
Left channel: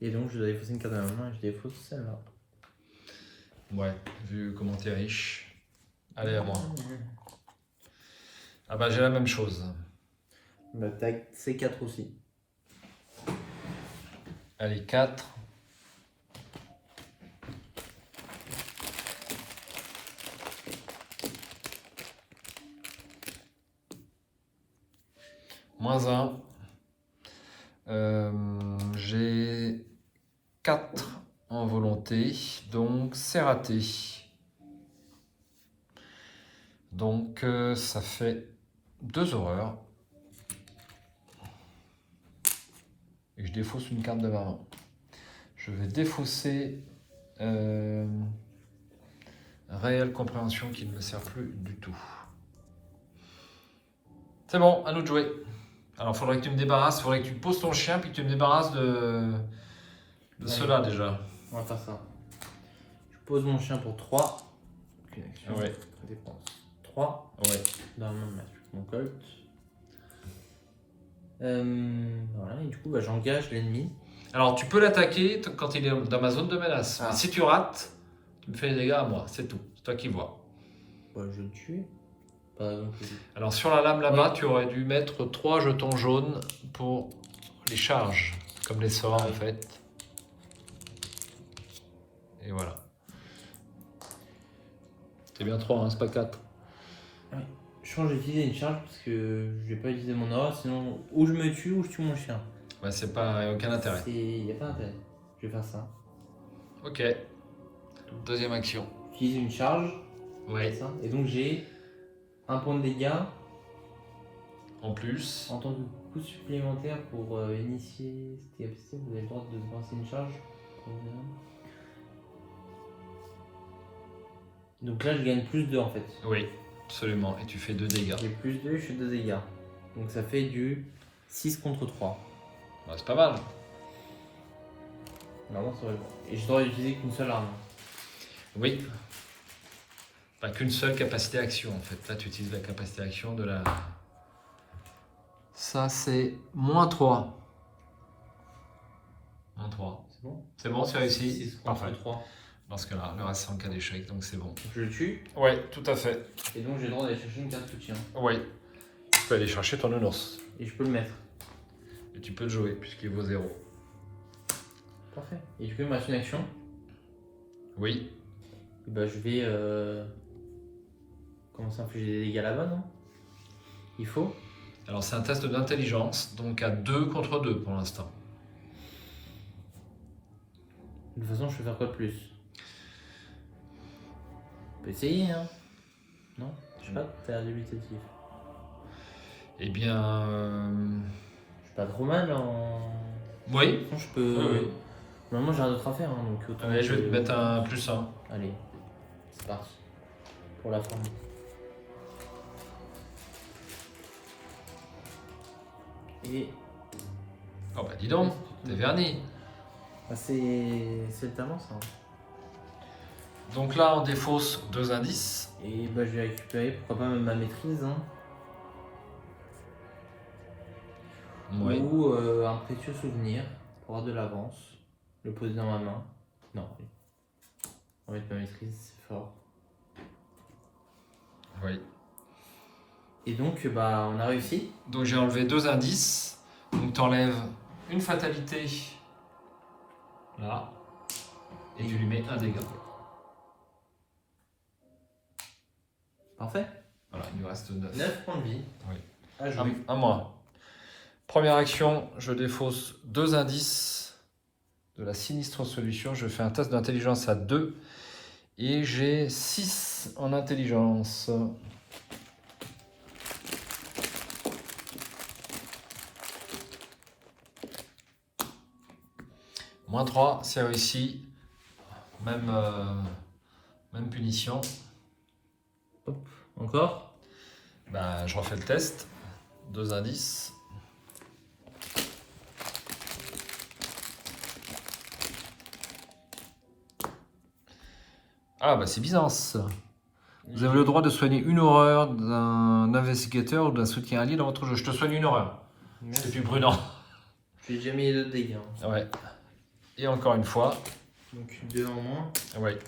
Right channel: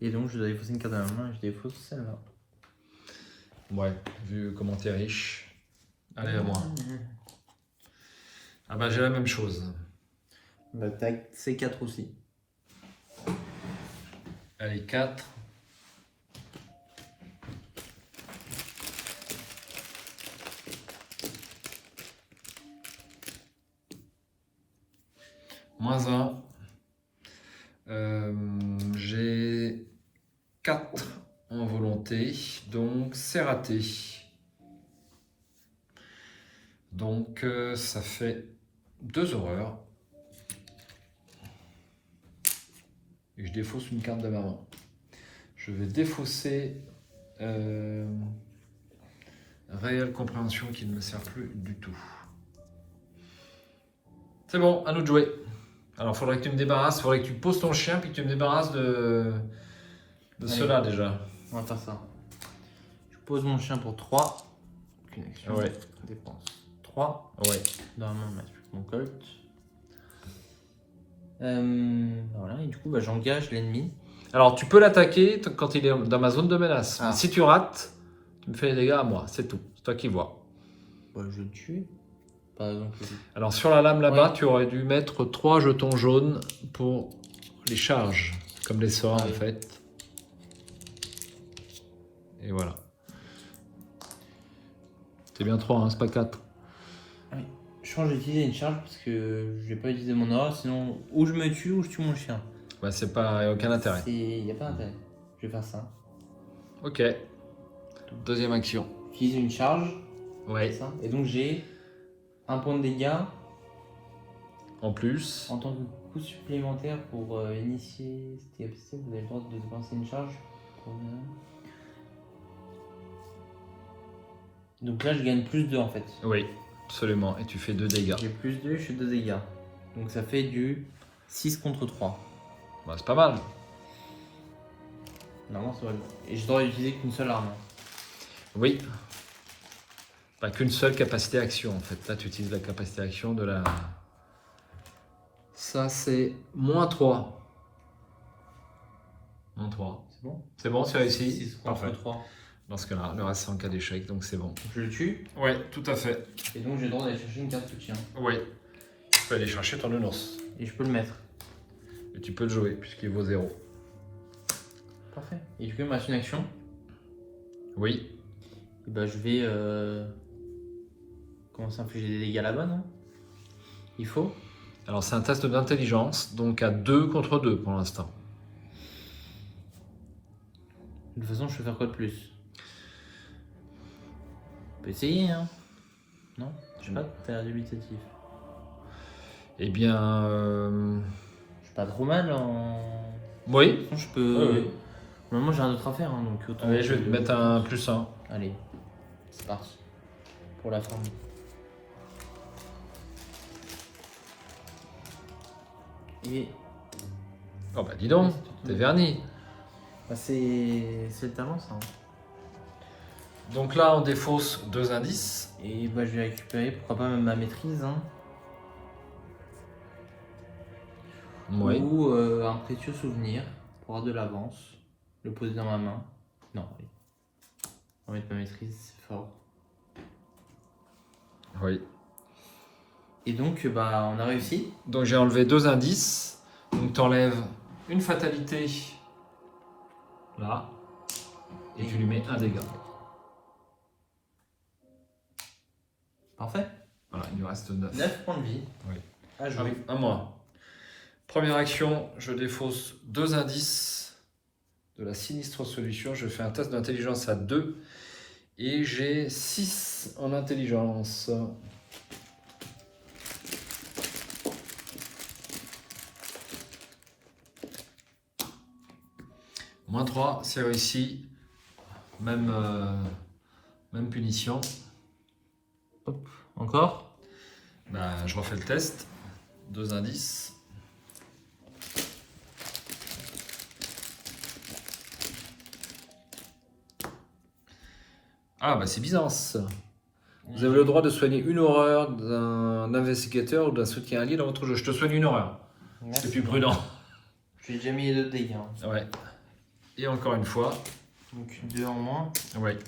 Et donc, je dois défausser une carte dans la main et je défausse celle-là. Ouais, vu comment t'es riche. Allez, à moi. Ah bah j'ai la même chose. Bah, t'as C4 aussi. Allez, 4. Moins 1. J'ai 4 en volonté, donc c'est raté. Donc ça fait 2 horreurs. Et je défausse une carte de ma main. Je vais défausser réelle compréhension qui ne me sert plus du tout. C'est bon, à nous de jouer. Alors, il faudrait que tu me débarrasses, il faudrait que tu poses ton chien puis que tu me débarrasses de cela déjà. On va faire ça. Je pose mon chien pour 3. Aucune action. Ouais. Dépense 3. Ouais. Normalement, mettre mon colt. Voilà, et du coup, bah, j'engage l'ennemi. Alors, tu peux l'attaquer quand il est dans ma zone de menace. Ah. Si tu rates, tu me fais les dégâts à moi, c'est tout. C'est toi qui vois. Bah, je vais le tuer. Pas non plus. Alors, sur la lame là-bas, Ouais. tu aurais dû mettre 3 jetons jaunes pour les charges, comme les sorts en oui. fait. Et voilà. C'est bien trop, hein, c'est pas 4. Je change d'utiliser une charge parce que je vais pas utiliser mon aura, sinon ou je me tue ou je tue mon chien. Ouais, c'est pas, y a aucun intérêt. Il n'y a pas d'intérêt. Je vais faire ça. Ok. Deuxième action. J'utilise une charge. Ouais. Ça. Et donc j'ai un point de dégâts En plus. en tant que coup supplémentaire pour initier cette capacité. Vous avez le droit de lancer une charge. Donc là je gagne plus 2 en fait. Oui, absolument. Et tu fais 2 dégâts. J'ai plus 2, je fais 2 dégâts. Donc ça fait du 6 contre 3. Bah, c'est pas mal. Normalement ça va. Et je dois utiliser qu'une seule arme. Oui. Pas qu'une seule capacité action en fait. Là, tu utilises la capacité action de la Ça, c'est -3. -3. C'est bon? C'est bon, c'est réussi? Six contre Parfait. 3. Dans ce cas-là, le reste c'est en cas d'échec, donc c'est bon. Je le tue. Oui, tout à fait. Et donc j'ai le droit d'aller chercher une carte soutien. Oui. Tu peux aller chercher ton Unos. Et je peux le mettre. Et tu peux le jouer, puisqu'il vaut 0. Parfait. Et je fais ma action. Oui. Et bah je vais commencer à infliger des dégâts là-bas, non? Il faut. Alors c'est un test d'intelligence, donc à 2 contre 2 pour l'instant. De toute façon, je peux faire quoi de plus? On peut essayer, hein? Non? Je sais pas, t'as l'air dubitatif. Eh bien... Je suis pas trop mal en. Oui. Je peux. Oui, oui. Normalement, j'ai rien d'autre à faire, hein, donc. Allez, je vais te mettre un +1. Allez, c'est parti. Pour la forme. Et. Oh bah dis donc, t'es verni. Ah, c'est le talent, ça. Donc là, on défausse 2 indices. Et bah, je vais récupérer, pourquoi pas, même ma maîtrise. Hein. Oui. Ou un précieux souvenir pour avoir de l'avance. Le poser dans ma main. Non, oui. On va mettre ma maîtrise, c'est fort. Oui. Et donc, bah, on a réussi. Donc j'ai enlevé 2 indices. Donc t'enlèves une fatalité là. Et tu lui mets un dégât. Parfait. Voilà, il nous reste 9. 9 points de vie. Oui. À jouer. À moi. Première action, je défausse 2 indices de la sinistre solution. Je fais un test d'intelligence à 2. Et j'ai 6 en intelligence. -3, c'est réussi. Même punition. Encore. Ben, je refais le test. 2 indices. Ah bah c'est bizarre ça. Vous avez le droit de soigner une horreur d'un investigateur ou d'un soutien allié dans votre jeu. Je te soigne une horreur. C'est plus prudent. J'ai déjà mis les 2 dégâts. Ouais. Et encore une fois. Donc 2 en moins. Ouais.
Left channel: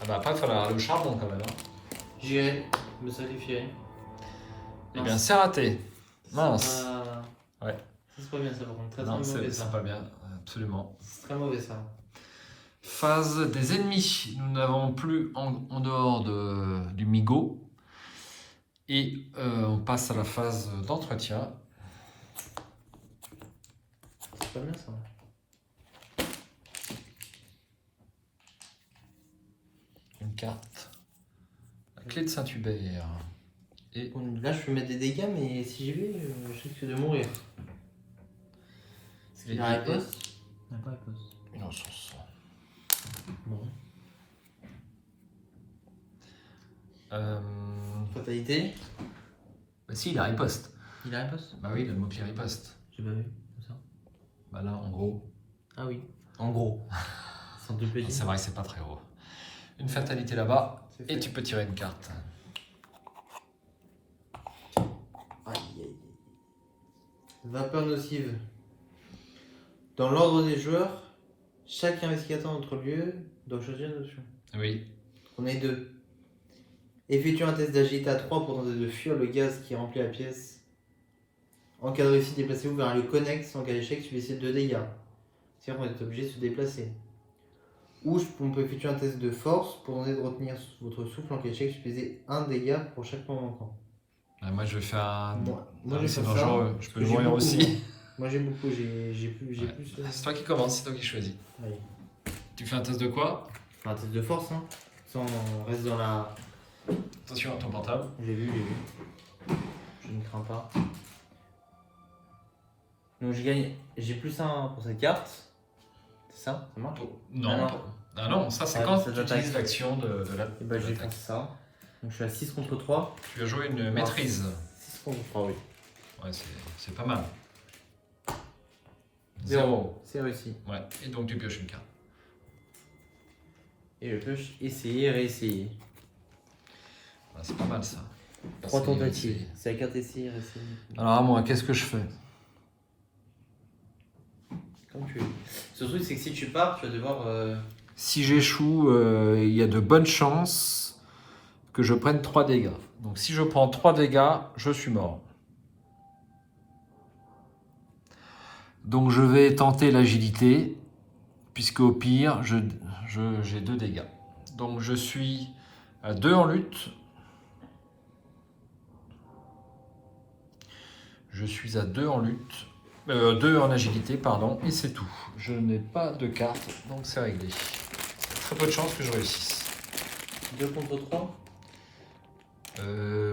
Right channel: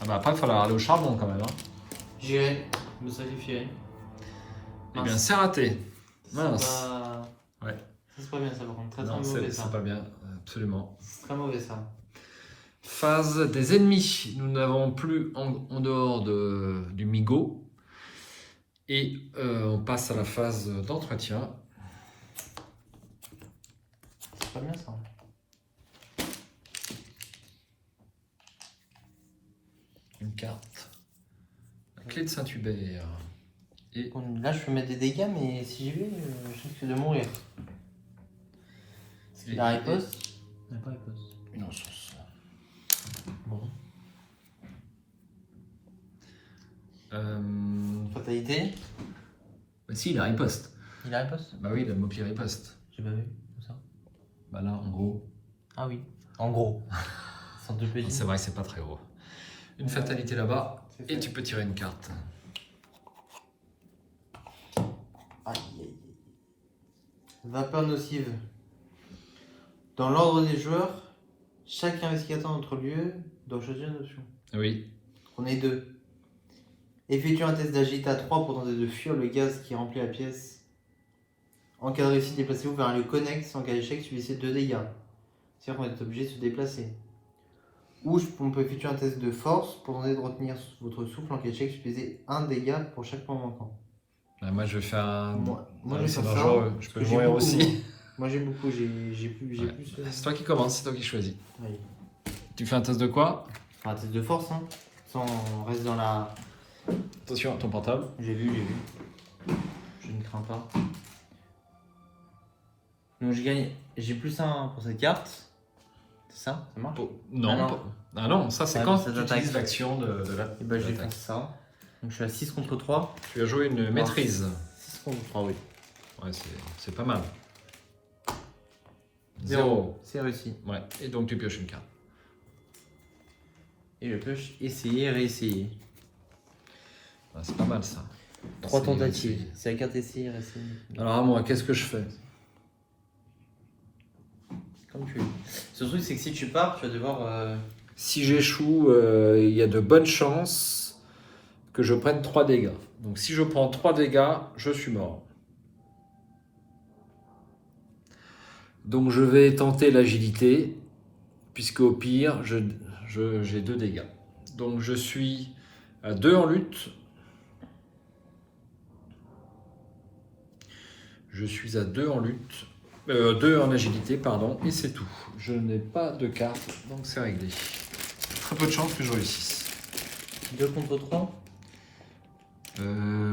Ah bah après il falloir aller au charbon quand même. Hein. J'irai me sacrifier. Eh bien c'est raté. Mince. Ouais. Ça, c'est pas bien ça par contre. Très Non, mauvais ça. c'est pas bien. Absolument. C'est très mauvais ça. Phase des ennemis. Nous n'avons plus en dehors du Migo. Et on passe à la phase d'entretien. C'est pas bien ça. Une carte. La clé de Saint-Hubert. Et Bon, là je peux mettre des dégâts, mais si j'y vais, je risque de mourir. Et- La riposte? Il n'y a pas riposte. Non, Bon. Euh... Fatalité? Bah si, il a riposte. Il a riposte? Bah oui, il a le mot qui riposte. J'ai pas vu, comme ça. Bah là, en gros. Ah oui. En gros. Sans deux petits. C'est vrai que c'est pas très gros. Une fatalité là-bas. C'est Et fait. tu peux tirer une carte. Aïe, aïe, aïe. Vapeur nocive. Dans l'ordre des joueurs, chaque investigateur dans notre lieu doit choisir une option. Oui. On est 2. Effectue un test d'agilité à 3 pour tenter de fuir le gaz qui remplit la pièce. En cas de réussite, déplacez-vous vers un lieu connexe. En cas d'échec, subissez 2 dégâts. C'est-à-dire qu'on est obligé de se déplacer. Ou on peut effectuer un test de force pour tenter de retenir votre souffle. En cas d'échec, subissez 1 dégât pour chaque point manquant. Bah, moi, je vais faire un. Moi je vais c'est faire dangereux. ça. Je peux le J'ai mourir beaucoup. aussi. Moi j'ai beaucoup, j'ai plus. Ouais. C'est toi qui commence, c'est toi qui choisis. Allez. Tu fais un test de quoi? Un test de force, hein. Ça, on reste dans la. Attention à ton portable. J'ai vu. Je ne crains pas. Donc j'ai gagné. J'ai plus 1 pour cette carte. C'est ça? Ça marche? Non. Ah non. Ah non, ça c'est Ouais, quand ça tu doit utilises être- l'action de la. Et bah de j'ai l'attaque. fait ça. Donc je suis à 6 contre 3. Tu as joué une maîtrise. 6 contre 3, oui. Ouais, c'est pas mal. 0. C'est réussi. Ouais. Et donc tu pioches une carte. Et je peux essayer et réessayer. Ah, c'est pas mal ça. 3 Essayer, tentatives. essayer. C'est la carte essayer, essayer. Alors moi, qu'est-ce que je fais? Comme tu veux. Ce truc, c'est que si tu pars, tu vas devoir. Si j'échoue, il y a de bonnes chances que je prenne 3 dégâts. Donc si je prends 3 dégâts, je suis mort. Donc je vais tenter l'agilité, puisque au pire, j'ai 2 dégâts. Donc je suis à 2 en lutte. Je suis à 2 en lutte. 2 en agilité, pardon, et c'est tout. Je n'ai pas de carte, donc c'est réglé. Très peu de chance que je réussisse. 2 contre 3.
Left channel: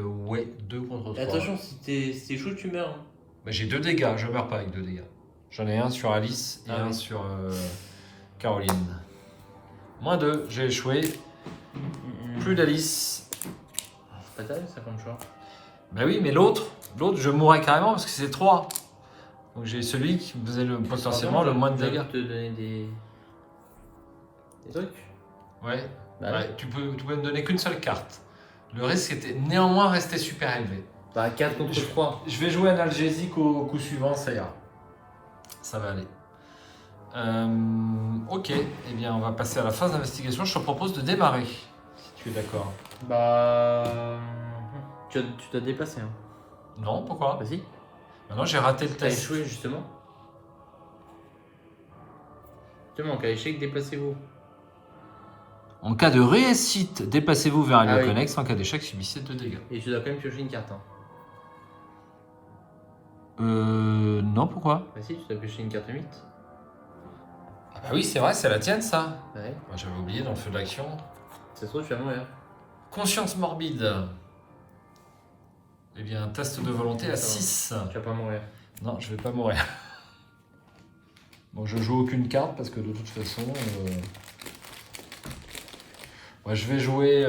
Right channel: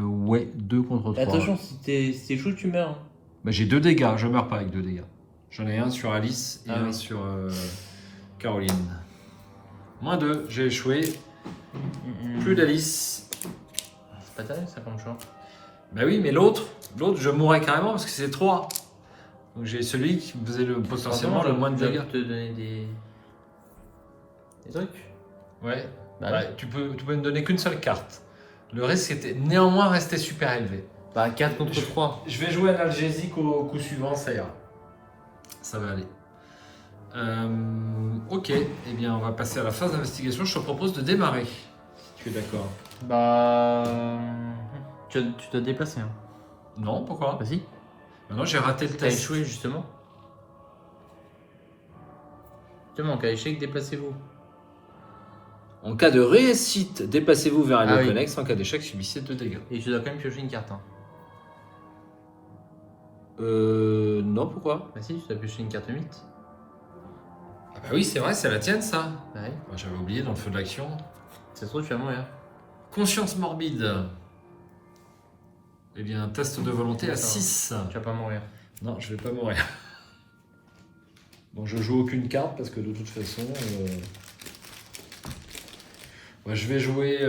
Ouais, 2 contre 3. Attention, si t'es chaud, tu meurs. Bah, j'ai 2 dégâts, je meurs pas avec 2 dégâts. J'en ai un sur Alice et un sur Caroline. Moins 2, j'ai échoué. Plus d'Alice. C'est pas terrible ça comme choix. Bah oui, mais l'autre, je mourrais carrément parce que c'est 3. Donc j'ai celui qui me faisait potentiellement le moins de dégâts. Je te donner des trucs. Ouais. Bah, Ouais, tu peux me donner qu'une seule carte. Le risque était néanmoins resté super élevé. Bah 4 contre 3. Je vais jouer un analgésique au coup suivant, ça ira. Ça va aller. Ok, eh bien on va passer à la phase d'investigation. Je te propose de démarrer. Si tu es d'accord. Bah. Tu dois te déplacer. Hein. Non, pourquoi? Vas-y. Maintenant j'ai raté le T'as test. échoué justement. Justement, qu'à échec, déplacez-vous. En cas de réussite, déplacez-vous vers un lieu Ah oui. connexe. En cas d'échec, subissez 2 dégâts. Et tu dois quand même piocher une carte. Hein. Non, pourquoi? Vas-y, tu dois piocher une carte 8. Ah bah oui, c'est vrai, c'est la tienne ça. Ouais. Moi, j'avais oublié dans le feu de l'action. Ça se trouve, tu vas mourir. Conscience morbide. Eh bien, test de volonté à 6. Tu vas pas mourir. Non, je vais pas mourir. Donc je joue aucune carte parce que de toute façon... ouais, je vais jouer...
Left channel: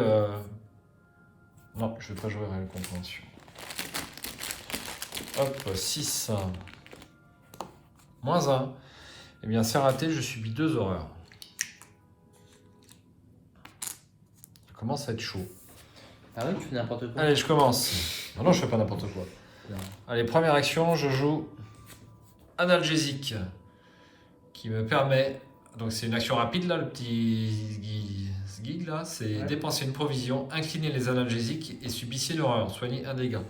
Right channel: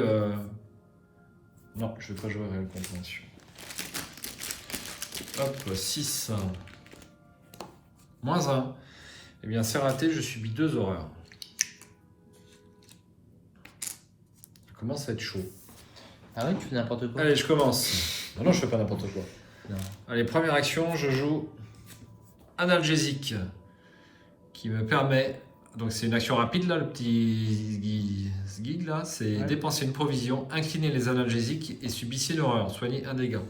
Non, je vais pas jouer réelle contention. Hop, 6. Moins 1. Eh bien, c'est raté, je subis 2 horreurs. Ça commence à être chaud. Ah ouais, tu fais n'importe quoi. Allez, je commence. Non, je fais pas n'importe quoi. Non. Allez, première action, je joue analgésique qui me permet, donc c'est une action rapide là, le petit gig là, c'est dépenser une provision, incliner les analgésiques et subissez une horreur, soigner un dégât.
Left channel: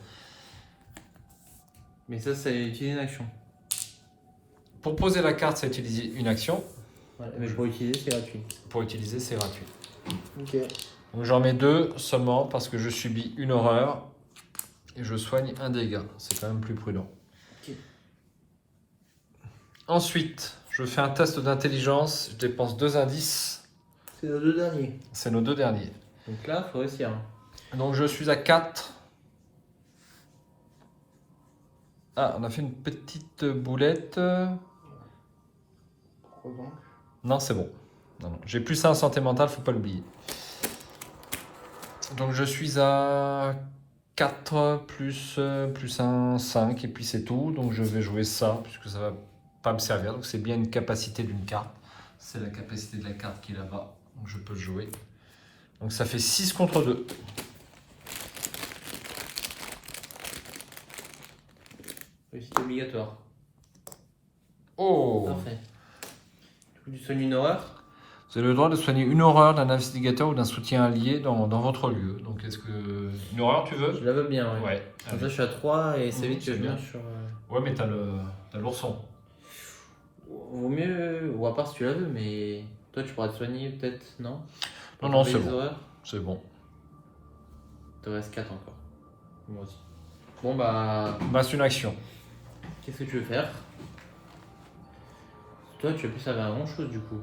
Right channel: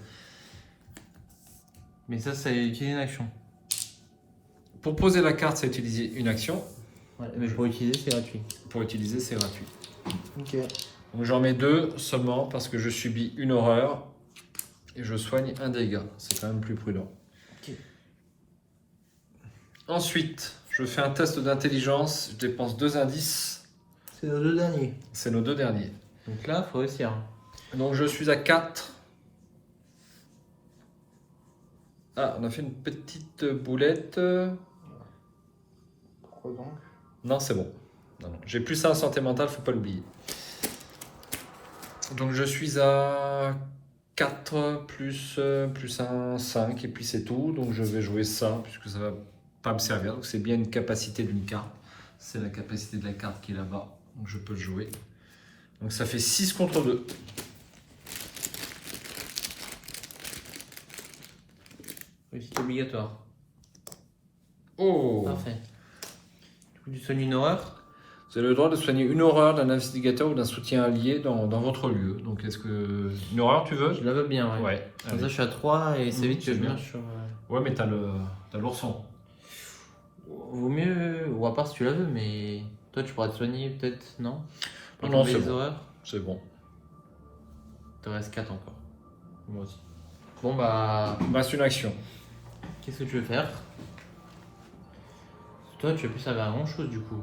Mais ça, c'est utiliser une action. Pour poser la carte, c'est utiliser une action. Ouais, mais pour utiliser, c'est gratuit. Pour utiliser, c'est gratuit. Ok. Donc j'en mets 2 seulement parce que je subis une horreur et je soigne un dégât. C'est quand même plus prudent. Ok. Ensuite, je fais un test d'intelligence. Je dépense 2 indices. C'est nos 2 derniers. C'est nos 2 derniers. Donc là, faut réussir. Hein. Donc je suis à 4. Ah, on a fait une petite boulette. Non, c'est bon. J'ai plus 1 en santé mentale, faut pas l'oublier. Donc je suis à 4 plus 1, 5 et puis c'est tout. Donc je vais jouer ça puisque ça va pas me servir. Donc c'est bien une capacité d'une carte. C'est la capacité de la carte qui est là-bas. Donc je peux le jouer. Donc ça fait 6 contre 2. Réussite obligatoire. Oh! Parfait. Du coup, tu soignes une horreur. Vous avez le droit de soigner une horreur d'un investigateur ou d'un soutien allié dans votre lieu. Donc est-ce que... Une horreur tu veux? Je la veux bien, ouais. Ouais. Comme allez. ça, je suis à 3 et c'est vite que c'est je bien. viens sur. Ouais, mais t'as l'ourson. Vaut mieux, ou à part si tu la veux, mais toi tu pourras te soigner peut-être, non? Non, non, Pour c'est les bon. horreurs. C'est bon. T'en restes 4 encore. Moi aussi. Bon bah, Il me reste une action. qu'est-ce que tu veux faire? Toi tu vas plus servir à grand chose du coup.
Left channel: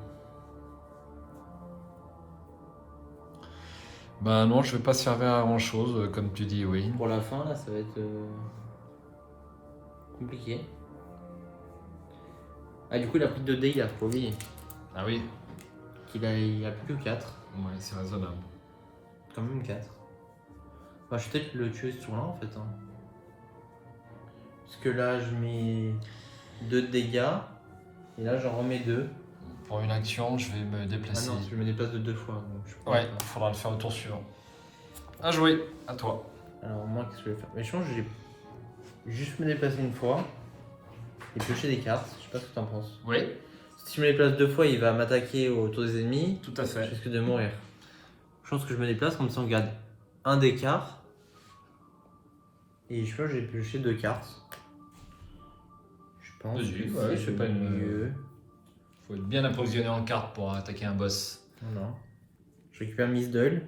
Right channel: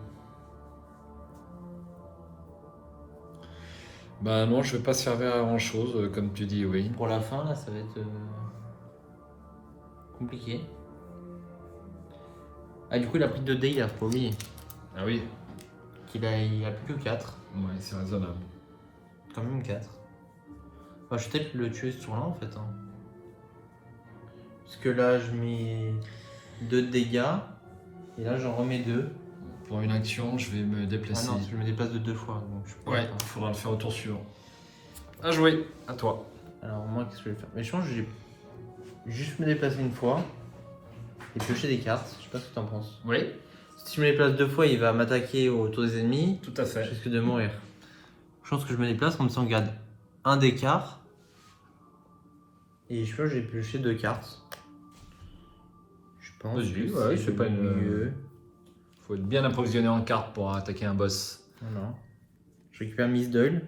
Bah non, je vais pas servir à grand chose, comme tu dis, oui. Pour la fin là, ça va être compliqué. Ah du coup il a pris 2 dégâts, faut oublier. Ah oui? Il a plus que 4. Ouais, c'est raisonnable. Quand même 4. Bah, je vais peut-être le tuer sur là en fait. Hein. Parce que là je mets 2 dégâts. Et là j'en remets 2. Pour une action, je vais me Ah déplacer. non, je me déplace de 2 fois. Donc je peux Ouais, pas. il faudra le faire au tour suivant. À jouer, à toi. Alors moi, qu'est-ce que je vais faire? Mais je pense que je vais juste me déplacer une fois et piocher des cartes. Je sais pas ce que tu en penses. Oui, Si je me déplace 2 fois, il va m'attaquer autour des ennemis. tout à Je fait. risque de mourir. Je pense que je me déplace comme ça on gagne un des quart. Et je pense que je vais piocher 2 cartes. Je pense Vas-y, que ouais, c'est pas le une- mieux. Faut être bien approvisionné en cartes pour attaquer un boss. Voilà. Je récupère Miss Doyle.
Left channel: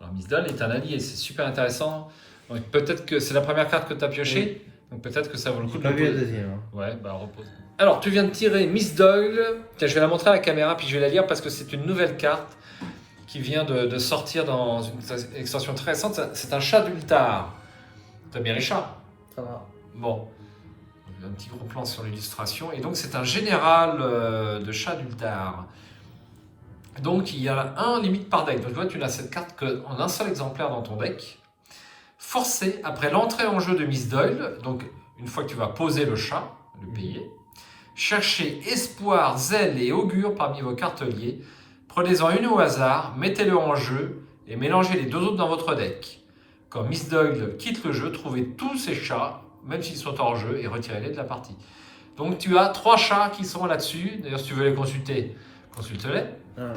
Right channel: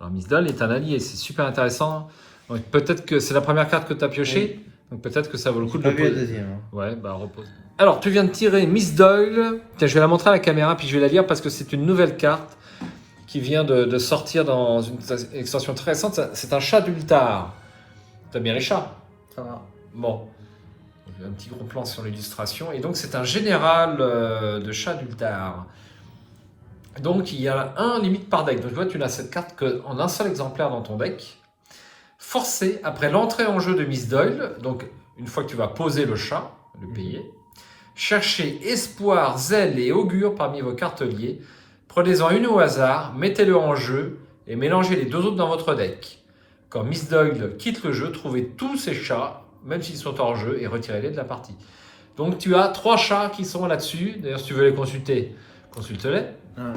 Alors Miss Dahl est un allié, c'est super intéressant. Donc peut-être que c'est la première carte que tu as piochée, donc peut-être que ça vaut le coup J'ai de pas vu la reposer. deuxième. Hein. Ouais, bah repose. Alors tu viens de tirer Miss Doyle. Tiens, je vais la montrer à la caméra puis je vais la lire parce que c'est une nouvelle carte qui vient de sortir dans une extension très récente. C'est un chat d'Ultar. T'aimes bien les chats? Ça va. Bon. Un petit gros plan sur l'illustration. Et donc c'est un général de chat d'Ultar. Donc il y a un limite par deck. Donc tu vois, tu n'as cette carte qu'en un seul exemplaire dans ton deck. Forcé, après l'entrée en jeu de Miss Doyle, donc une fois que tu vas poser le chat, le payer, cherchez espoir, zèle et augure parmi vos cartes liées. Prenez-en une au hasard, mettez-le en jeu et mélangez les deux autres dans votre deck. Quand Miss Doyle quitte le jeu, trouvez tous ces chats, même s'ils sont hors jeu, et retirez-les de la partie. Donc tu as 3 chats qui sont là-dessus. D'ailleurs, si tu veux les consulter, consulte-les. Alors.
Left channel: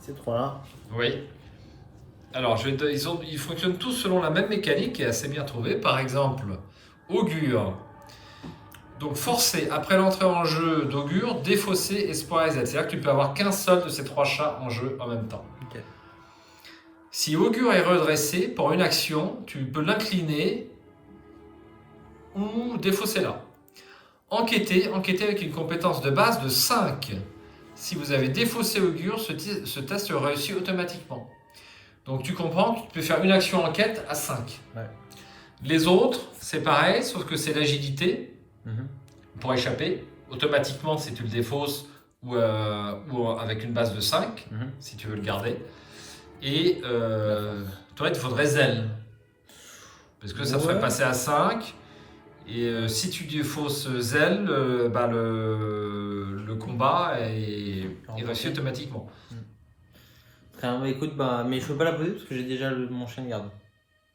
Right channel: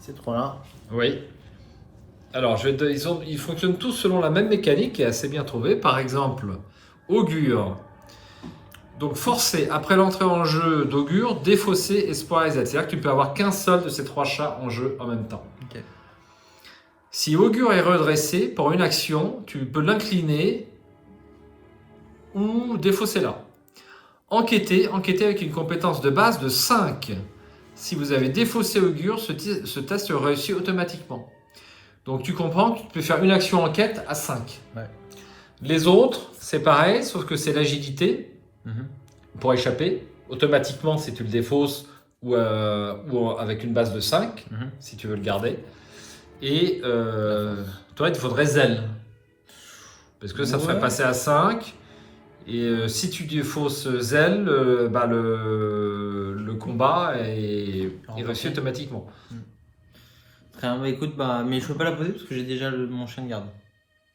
Ces trois-là. Oui. Alors, ils fonctionnent tous selon la même mécanique qui est assez bien trouvée. Par exemple, Augure. Donc, forcé, après l'entrée en jeu d'Augure, défausser Espoir et Z. C'est-à-dire que tu peux avoir qu'un seul de ces 3 chats en jeu en même temps. Ok. Si Augure est redressé, pour une action, tu peux l'incliner ou défausser là. Enquêter avec une compétence de base de 5. Si vous avez défaussé Augure, ce test réussit automatiquement. Donc tu comprends que tu peux faire une action enquête à 5. Ouais. Les autres, c'est pareil, sauf que c'est l'agilité pour échapper. Automatiquement, si tu le défausses ou avec une base de 5, si tu veux le garder. Et toi, il te faudrait zèle. Parce que ça te ferait passer à 5. Et si tu défausses zèle, le combat est réussi automatiquement. Enfin, bah, écoute, mais je peux pas la poser parce que j'ai déjà mon chien de garde.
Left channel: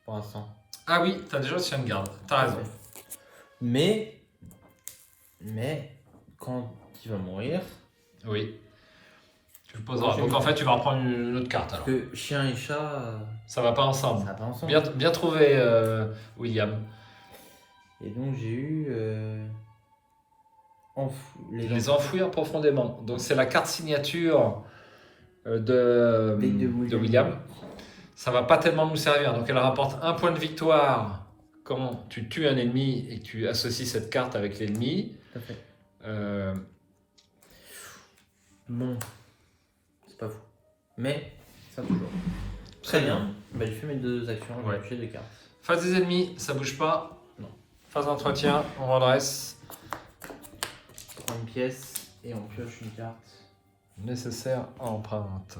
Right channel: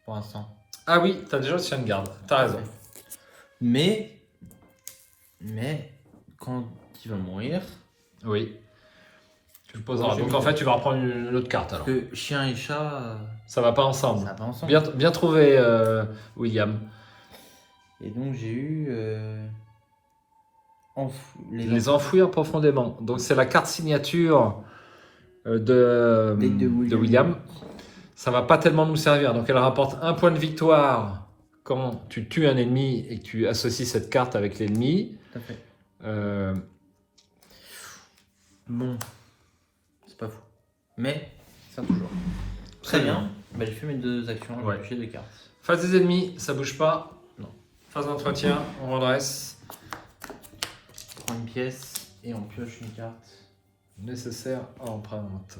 Pour l'instant. Ah oui, t'as déjà le chien de garde, t'as raison. Mais quand il va mourir. Oui. Tu le poseras. Donc en fait, tu vas reprendre une autre carte alors. Que chien et chat. Ça va pas ensemble. Ça va pas ensemble. Bien trouvé, William. Et donc j'ai eu. Les enfouir profondément. Donc c'est la carte signature de William. Ça va pas tellement nous servir. Donc elle rapporte 1 point de victoire quand tu tues un ennemi et que tu associes cette carte avec l'ennemi. Tout à fait. Bon, c'est pas fou. Mais ça toujours. Très bien. Bah, j'ai fait mes 2 actions. Ouais. J'ai 2 cartes. Face des ennemis, ça bouge pas. Non. Phase d'entretien, on redresse. Une pièce et on pioche une carte. Nécessaire en empreinte.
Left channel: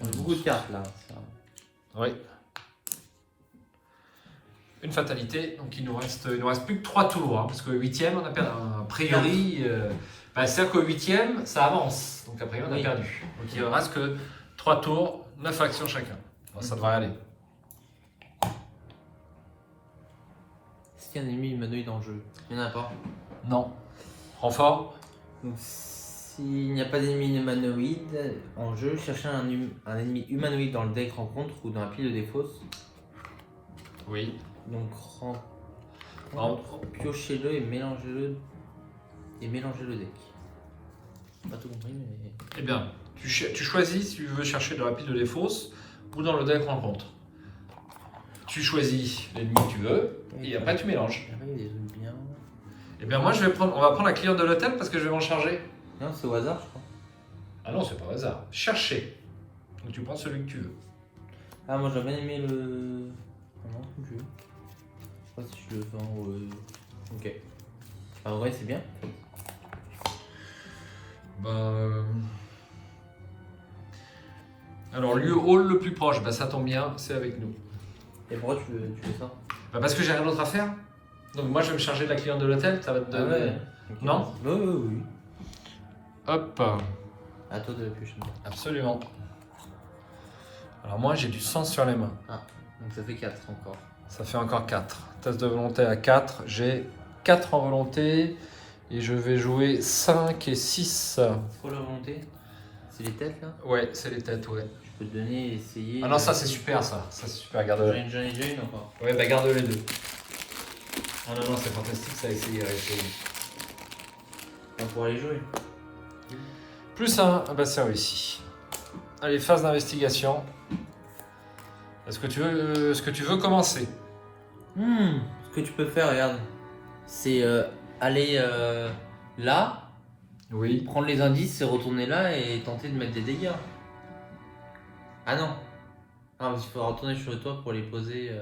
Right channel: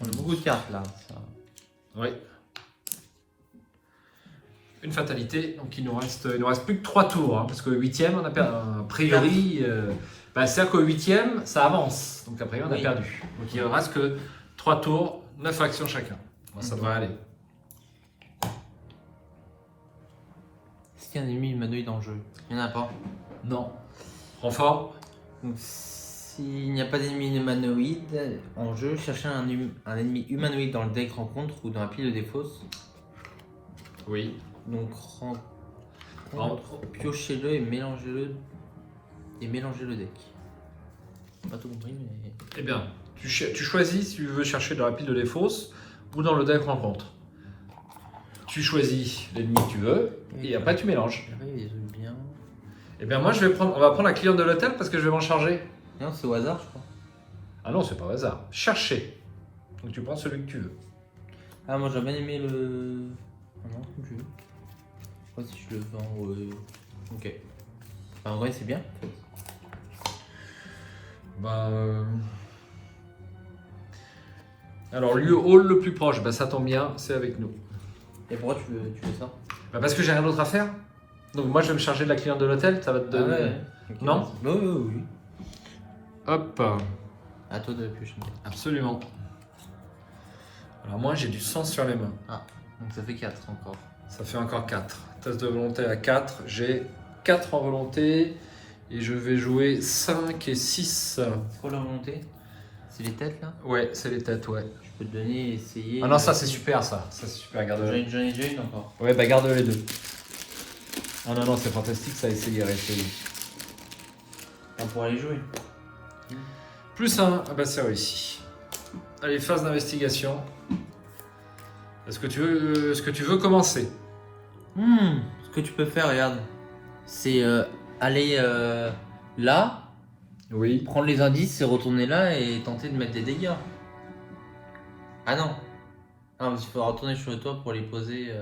On a beaucoup de cartes là. Oui. Une fatalité, donc il nous reste plus que 3 tours, hein, parce que le 8e, on a perdu. A priori, c'est-à-dire qu'au 8e, ça avance. Donc a priori, on a perdu. Donc il ne reste que 3 tours, 9 actions chacun. Bon, ça devrait aller. Est-ce qu'il y a un ennemi humanoïde dans le jeu? Il n'y en a pas. Non. Renfort. Donc s'il n'y a pas d'ennemi humanoïde en jeu, cherchez un ennemi humanoïde dans le deck rencontre ou dans la pile de défausse. Oui. Donc piochez-le et mélangez-le deck. Pas tout compris, mais. Eh bien, tu choisis si tu veux chercher dans la pile de défausse ou dans le deck rencontre. Tu choisis l'ennemi que tu veux et après tu mélanges. Oui, j'aime bien. Eh bien moi on va prendre la cliente de l'hôtel parce que je vais m'en charger. Non, c'est au hasard, je crois. Ah non, c'est pas au hasard. Chercher. Donc tu prends celui que tu veux. Ah, moi j'ai bien aimé le. Non, je sais pas si je le vends. Ok. En vrai, c'est bien. Alors, lieu hall le plus proche, ça tombe bien, c'est avec nous. Et pourquoi tu fais ça? Parce que j'ai rien d'autre à faire. Donc moi je vais me charger de la cliente de l'hôtel, ça va te donner. Okay. Non? Oui. Hop. À toi de piocher. Absolument. Alors moi j'ai du sang sur les mains. Ah, donc ça fait 4 encore. Ça fait encore 4. Test de volonté à 4. J'ai 4 en volonté. Et je vais jouer 5 et 6. Pour la volonté, c'est les têtes là. Ouais, c'est les têtes, ouais. Je peux te donner, essayer. Ah non, ça c'est super ça. Ça c'est super, garde-le. J'en ai déjà une encore. Ouais, bah garde les deux. Ah non, non, c'est fantastique ça, essayer, essayer. On va pouvoir les jouer. Plus 1, ah bah c'est réussi. Allez, phase d'investigation. Est-ce que tu veux commencer? Ce que tu peux faire, regarde, c'est aller là, Oui. prendre les indices et retourner là et tenter de mettre des dégâts. Ah non. Non, parce qu'il faut retourner sur toi pour les poser.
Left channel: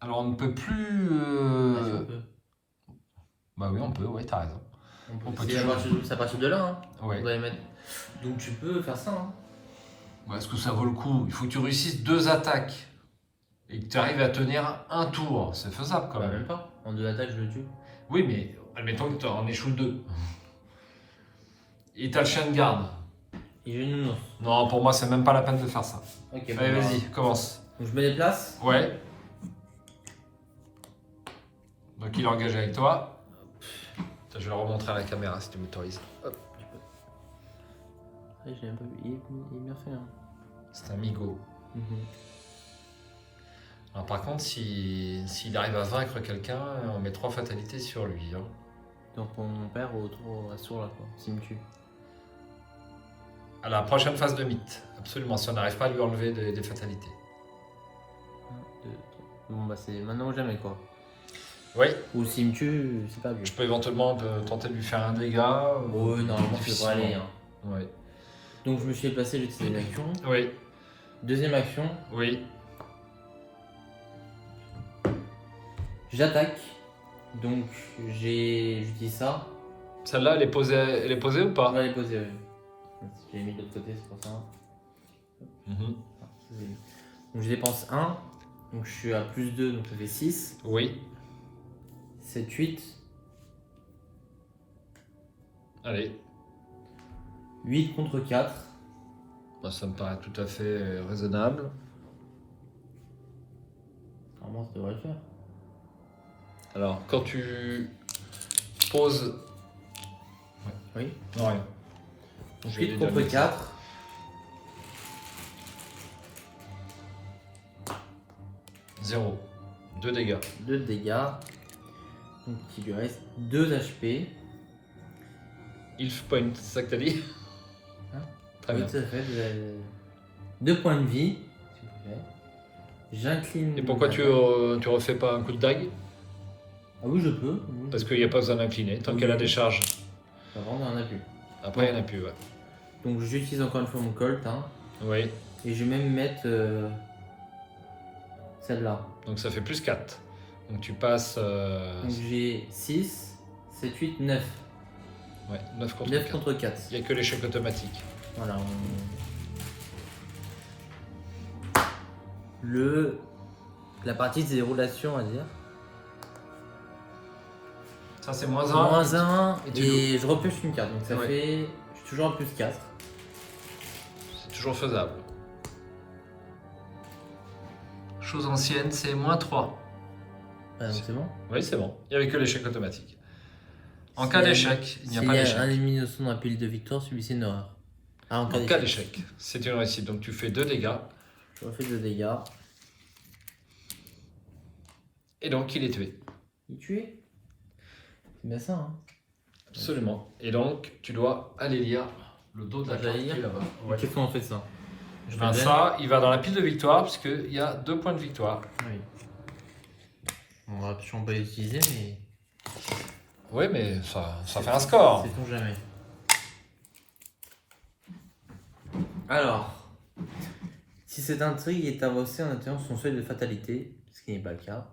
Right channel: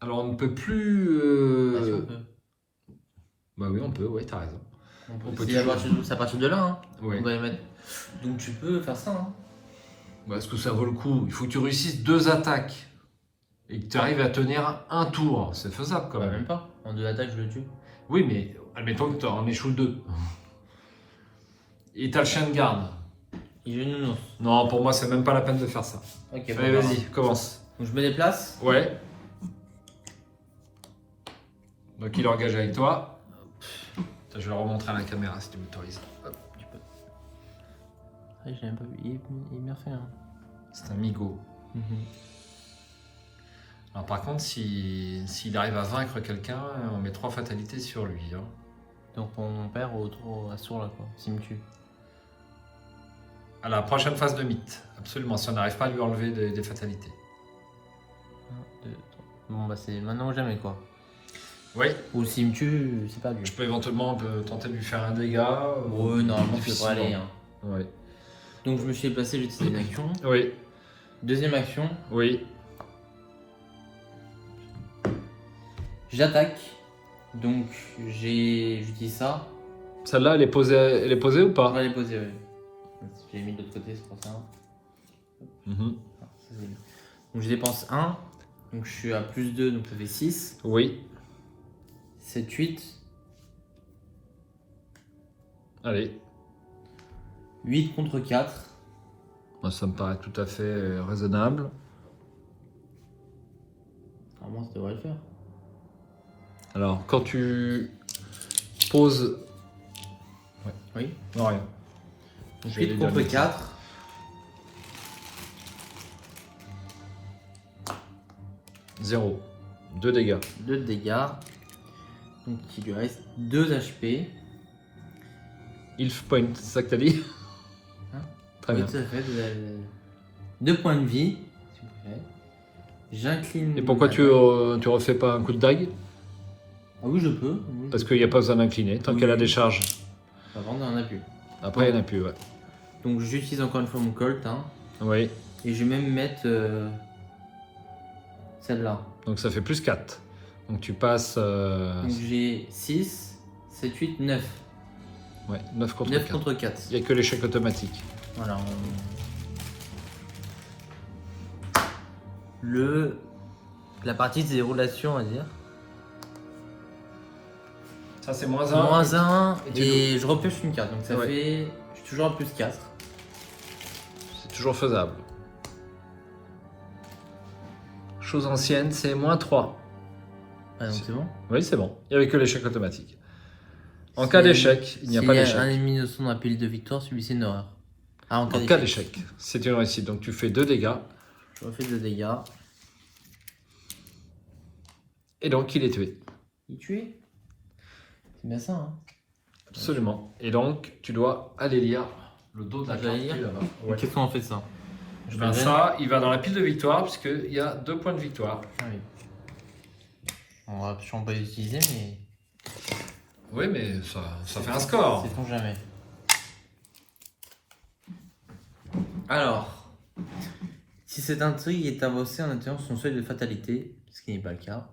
Alors on ne peut plus... Ah, si, on peut. Bah oui, on peut, ouais, t'as raison. On peut C'est toujours- à partir de là, hein. Ouais. On doit les mettre. Donc tu peux faire ça. Hein. Bah, est-ce que ça vaut le coup? Il faut que tu réussisses 2 attaques. Et que tu arrives à tenir un tour. C'est faisable quand Bah, même. même pas. En 2 attaques, je le tue. Oui, mais admettons que tu en échoues 2. Et t'as le chien de garde. Il joue nounours. Non, pour moi, c'est même pas la peine de faire ça. Ok. Allez, bon, vas-y, commence. Donc je me déplace. Ouais. Donc il est engagé avec toi. Je vais le remontrer à la caméra si tu m'autorises. Hop. J'ai un peu. Il est bien fait. Hein. C'est un migo. Alors par contre, s'il arrive à vaincre quelqu'un, on met 3 fatalités sur lui. Hein. Donc on perd au tour à ce tour là, quoi. S'il me tue. À la prochaine phase de mythe. Absolument, si on n'arrive pas à lui enlever des fatalités. 1, 2, 3. Bon bah c'est maintenant ou jamais quoi. Oui, Ou s'il me tue, c'est pas je dur. peux éventuellement tenter de lui faire un dégât. Ouais, normalement ça difficilement. devrait aller. Hein. Oui. Donc je me suis déplacé, j'ai utilisé une action. Oui, Deuxième action, oui. j'attaque. Donc j'utilise ça. Celle-là, elle est posée ou On pas? va les poser. Je l'ai mis de l'autre côté, c'est pour ça. Mhm. Ah, ça, c'est bien. Donc je dépense 1. Donc je suis à plus 2, donc ça fait 6. Oui. 7, 8. Allez. 8 contre 4. Moi, ça me paraît tout à fait raisonnable. Normalement ça devrait le faire. Alors, quand tu poses... Oui. Non, rien. Donc J'ai 8 déjà contre dit. 4. 0. 2 dégâts. 2 de dégâts. Donc il lui reste 2 HP. Health point, c'est ça que t'as dit? Hein? Très Oui, bien. tout à fait. Vous avez 2 points de vie. S'il vous plaît. J'incline. Et pourquoi la tu tête. refais pas un coup de dague? Ah oui, je peux. Oui, Parce qu'il n'y a pas besoin d'incliner, tant Oui. qu'elle a des charges. Avant, on en a plus. Après, il n'y en a plus, ouais. Donc j'utilise encore une fois mon colt. Hein, Oui, et je vais même mettre celle-là. donc ça fait plus 4. Donc tu passes... Donc j'ai 6, 7, 8, 9. ouais, 9 contre 9 4. contre 4. Il n'y a que l'échec automatique. Voilà. La partie se déroule là-dessus, on va dire. Ça, c'est moins 1. Moins 1 et tu et je repioche une carte. Donc ça Ouais. fait. Je suis toujours à plus 4. C'est toujours faisable. Chose ancienne, c'est moins 3. Ah, donc c'est bon. Oui, c'est bon. Il n'y avait que l'échec automatique. En Si- cas d'échec, il n'y a s'il pas y un d'échec. ennemi de son dans la pile de victoire, celui-ci une horreur. Ah, en En cas d'échec, c'est une réussite. Donc tu fais 2 dégâts. Je refais 2 dégâts. Et donc il est tué. Il est tué. C'est bien ça, hein. Absolument. Et donc tu dois aller lire le dos de la Je vais carte lire. qui est là-bas. Et Ouais. qu'est-ce qu'on en fait de ça? Ben ça, il va dans la pile de victoire puisqu'il y a 2 points de victoire. Ah oui. On va sûrement pas l'utiliser, mais. Oui, mais ça fait un score. Sait-on jamais. Alors, si cette intrigue est avancée en atteignant son seuil de fatalité, ce qui n'est pas le cas,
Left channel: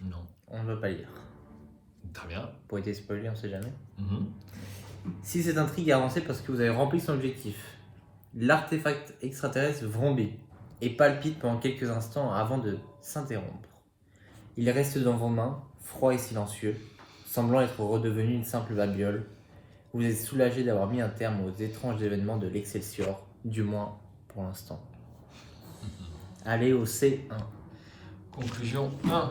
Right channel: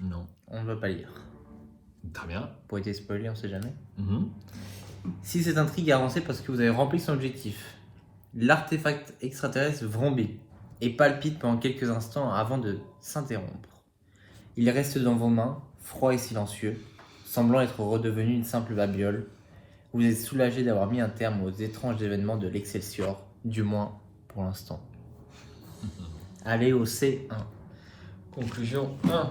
Non. on ne va pas lire. Très bien. Pour être spoilé, on sait jamais. Mhm. Si cette intrigue est avancée parce que vous avez rempli son objectif, l'artefact extraterrestre vrombit et palpite pendant quelques instants avant de s'interrompre. Il reste dans vos mains, froid et silencieux, semblant être redevenu une simple babiole, Vous êtes soulagé d'avoir mis un terme aux étranges événements de l'Excelsior, du moins pour l'instant. Allez au C1. Conclusion 1.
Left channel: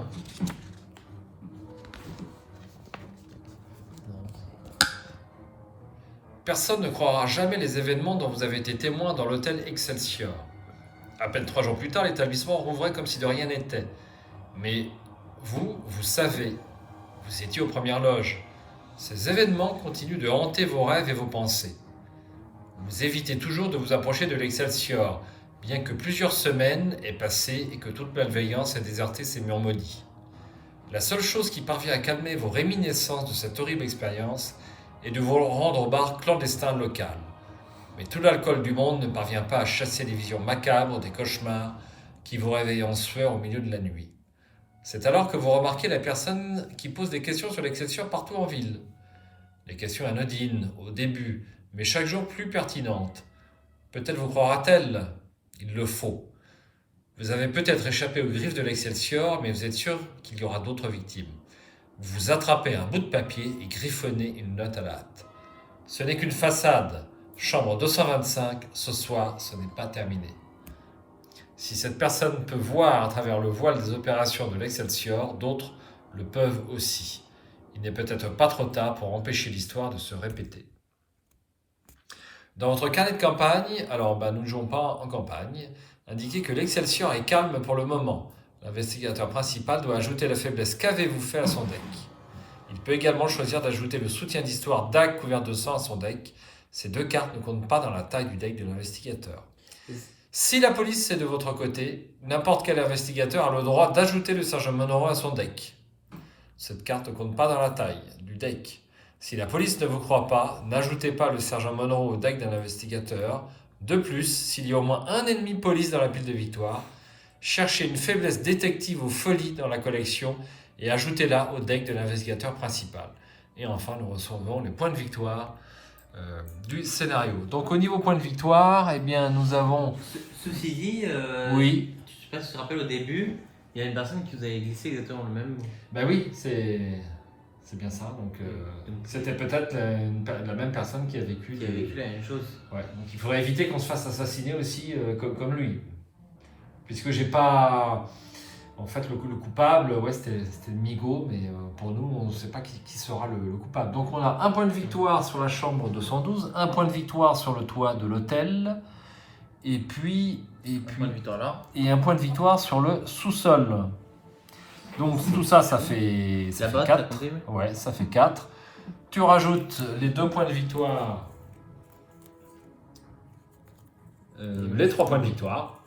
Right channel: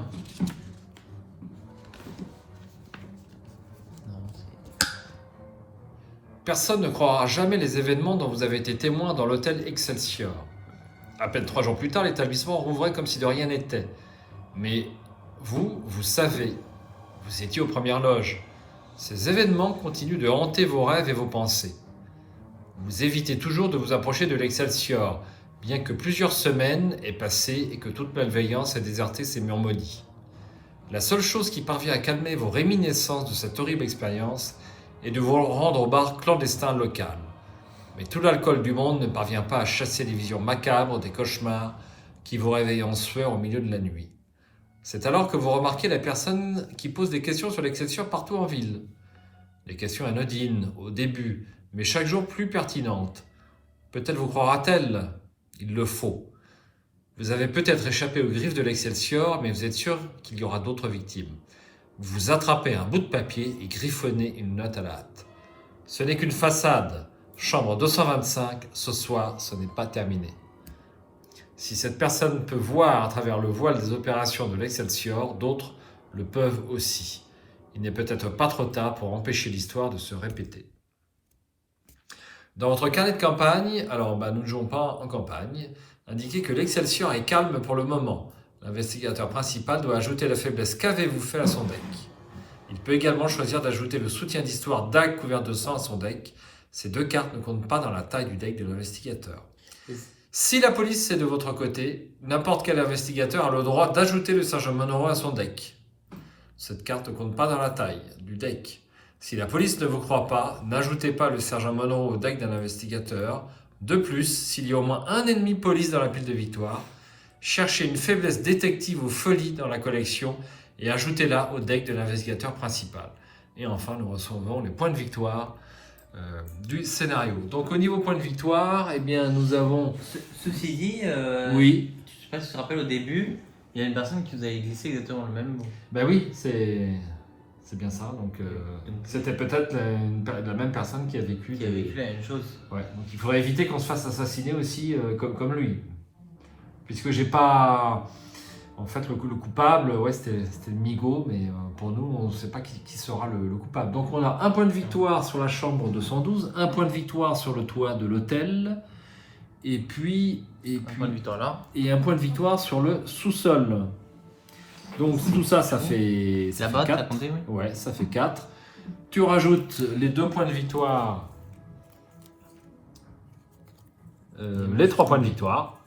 Personne ne croira jamais les événements dont vous avez été témoin dans l'hôtel Excelsior. À peine 3 jours plus tard, l'établissement rouvrait comme si de rien n'était. Mais vous savez, vous étiez aux premières loges. Ces événements continuent de hanter vos rêves et vos pensées. Vous évitez toujours de vous approcher de l'Excelsior, bien que plusieurs semaines aient passé et que toute malveillance ait déserté ces murs maudits. La seule chose qui parvient à calmer vos réminiscences de cette horrible expérience est de vous rendre au bar clandestin local. Mais tout l'alcool du monde ne parvient pas à chasser les visions macabres des cauchemars qui vous réveillent en sueur au milieu de la nuit. C'est alors que vous remarquez la personne qui pose des questions sur l'Excelsior partout en ville. Les questions anodines, au début, mais chaque jour plus pertinentes. Peut-être vous croira-t-elle ? Il le faut. Vous avez peut-être échappé aux griffes de l'Excelsior, mais vous êtes sûr qu'il y aura d'autres victimes. Vous attrapez un bout de papier et griffonnez une note à la hâte. Ce n'est qu'une façade. Chambre 225, ce soir, ce n'est pas terminé. Si cette personne peut voir à travers le voile des opérations de l'Excelsior, d'autres le peuvent aussi. Il n'est peut-être pas trop tard pour empêcher l'histoire de se répéter. Dans votre carnet de campagne, alors nous ne jouons pas en campagne, indiquez que l'Excelsior est calme pour le moment. L'investigateur principal doit ajouter la faiblesse qu'avez-vous fait à son deck. Il peut également choisir d'ajouter le soutien d'histoire dague couvert de sang à son deck. Ces 2 cartes ne comptent pas dans la taille du deck de l'investigateur. Si la police est de votre côté, n'importe quel investigateur a le droit d'ajouter le sergent Monroe à son deck. Cette carte ne compte pas dans la taille du deck. Si la police ne vous croit pas, n'ajoutez pas le sergent Monroe au deck d'un investigateur. De plus, s'il y a au moins un ennemi police dans la pile de victoire, cherchez une faiblesse détective ou folie dans la collection et ajoutez-la au deck de l'investigateur principal. Et enfin, nous recevons les points de victoire du scénario. Donc au niveau points de victoire, eh bien, nous avons... Ceci dit, Oui. je sais pas si tu te rappelles au début, il y a une personne qui vous avait glissé exactement le même. Ben oui, c'est bien ça. Donc c'était peut-être la même personne qui a vécu Qui a vécu la même chose. Ouais, donc il faudrait éviter qu'on se fasse assassiner aussi comme lui. Puisque j'ai pas... En fait, le coupable, ouais, c'était Migo, mais pour nous, on ne sait pas qui sera le coupable. Donc on a un point de victoire sur la chambre 212, un point de victoire sur le toit de l'hôtel, et puis Un point de victoire là. et un point de victoire sur le sous-sol. Donc tout ça, ça fait 4. Ouais, ça fait 4. Tu rajoutes les 2 points de victoire, les 3 points de victoire.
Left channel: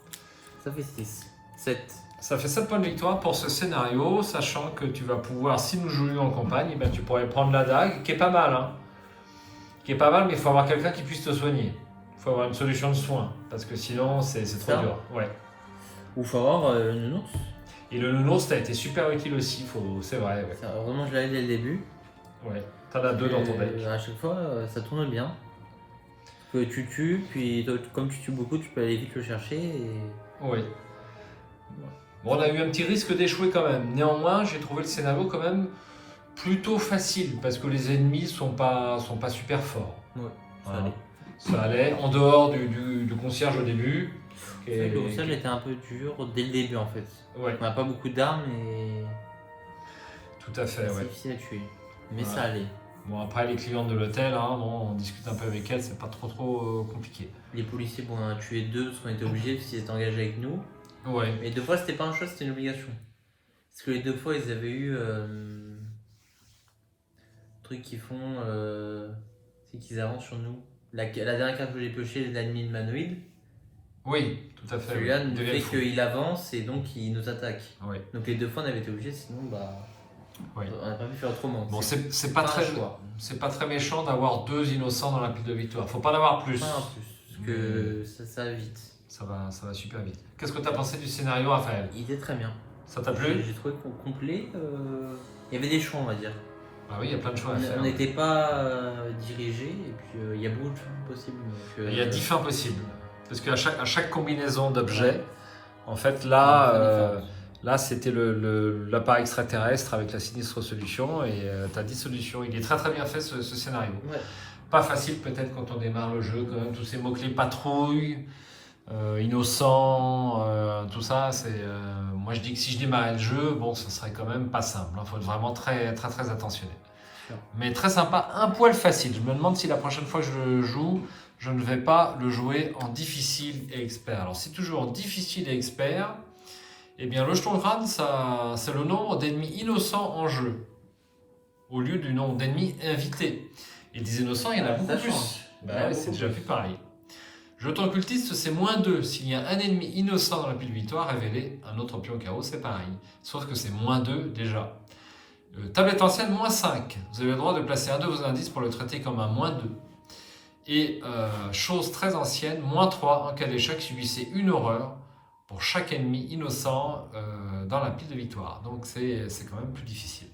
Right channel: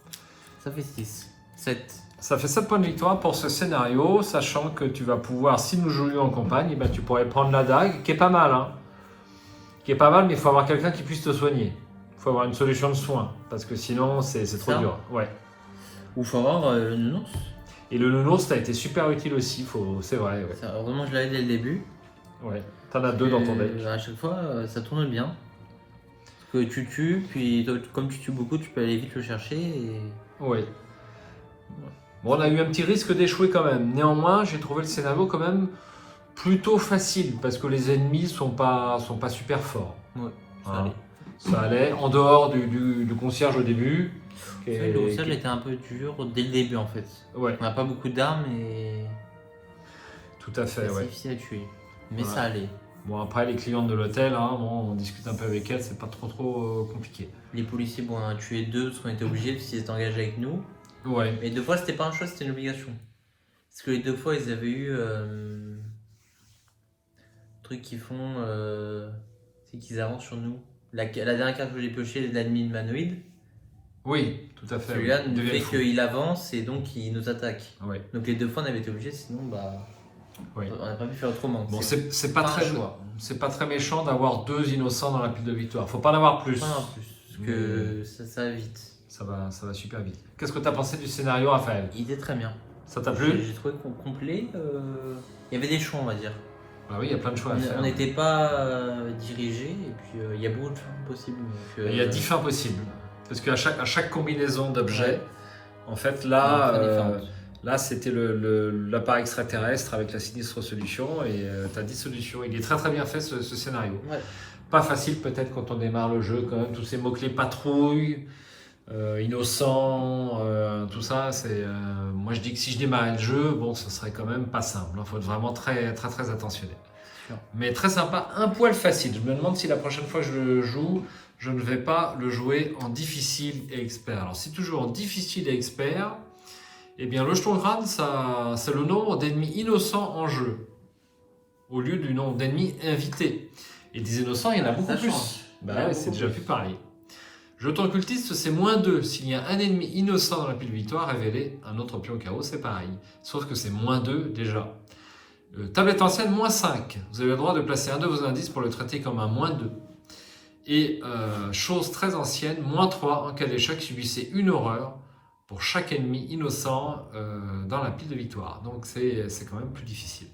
Ça fait 6. 7. Ça fait 7 points de victoire pour ce scénario, sachant que tu vas pouvoir, si nous jouions en campagne, eh ben, tu pourrais prendre la dague, qui est pas mal. Hein. Qui est pas mal, mais il faut avoir quelqu'un qui puisse te soigner. Il faut avoir une solution de soins, parce que sinon, c'est trop dur. Ouais. Ou faut avoir le nounours. Et le nounours, ça a été super utile aussi, c'est vrai. Ouais. Ça, vraiment, je l'avais dès le début. Ouais. T'en as 2 dans ton deck. À chaque fois, ça tourne bien. Parce que tu tues, puis comme tu tues beaucoup, tu peux aller vite le chercher. Et... Ouais. Bon, on a eu un petit risque d'échouer quand même. Néanmoins, j'ai trouvé le scénario quand même plutôt facile parce que les ennemis sont pas super forts. Ouais, ça allait. En dehors du concierge au début. Le concierge était un peu dur dès le début en fait. Ouais. On n'a pas beaucoup d'armes et. Tout à fait, c'est difficile à tuer. Mais ouais. Ça allait. Bon, après, les clientes de l'hôtel, on discute un peu avec elles, c'est pas trop compliqué. Les policiers, bon, on a tué 2 parce qu'on était obligés s'ils étaient engagés avec nous. Ouais. Mais 2 fois, c'était pas un choix, c'était une obligation. Parce que les 2 fois, ils avaient eu. Truc qu'ils font. C'est qu'ils avancent sur nous. La dernière carte que j'ai piochée, c'est l'ennemi humanoïde. Oui, tout à fait. Celui-là nous fait qu'il avance et donc il nous attaque. Ouais. Donc les 2 fois, on avait été obligés, sinon, ouais. On n'a pas pu faire autrement. Bon, c'est pas très méchant d'avoir 2 innocents dans la pile de victoire. Faut pas en avoir plus. Non, parce que ça va vite. Ça va super vite. Qu'est-ce que tu as pensé du scénario, Raphaël? Il était très bien. Ça t'a plu? J'ai trouvé complet. Il y avait des choix, on va dire. Bah oui, il y a plein de choix à faire. On n'était pas dirigé et puis il y a beaucoup de fins possibles. Il y a 10 fins possibles. Parce qu'à chaque combinaison d'objets, en fait, là, c'était l'appareil extraterrestre avec la sinistre solution et tu as 10 solutions. Il est très très bien fait ce scénario. Ouais. Pas facile peut-être quand on démarre le jeu, quand même, tous ces mots-clés patrouille, innocent, tout ça, moi je dis que si je démarrais le jeu, bon, ce serait quand même pas simple. Il faut être vraiment très attentionné. Mais très sympa, un poil facile. Je me demande si la prochaine fois que je le joue, je ne vais pas le jouer en difficile et expert. Alors si tu joues en difficile et expert, eh bien le jeton crâne, c'est le nombre d'ennemis innocents en jeu, au lieu du nombre d'ennemis invités. Et des innocents, il y en a beaucoup plus. Bah ouais, c'est déjà plus pareil. Jeton occultiste, c'est -2. S'il y a un ennemi innocent dans la pile victoire, révéler un autre pion au carreau, c'est pareil. Sauf que c'est -2 déjà. Tablette ancienne, -5. Vous avez le droit de placer un de vos indices pour le traiter comme un -2. Et chose très ancienne, -3. En cas d'échec, subissez une horreur pour chaque ennemi innocent dans la pile de victoire. Donc c'est quand même plus difficile.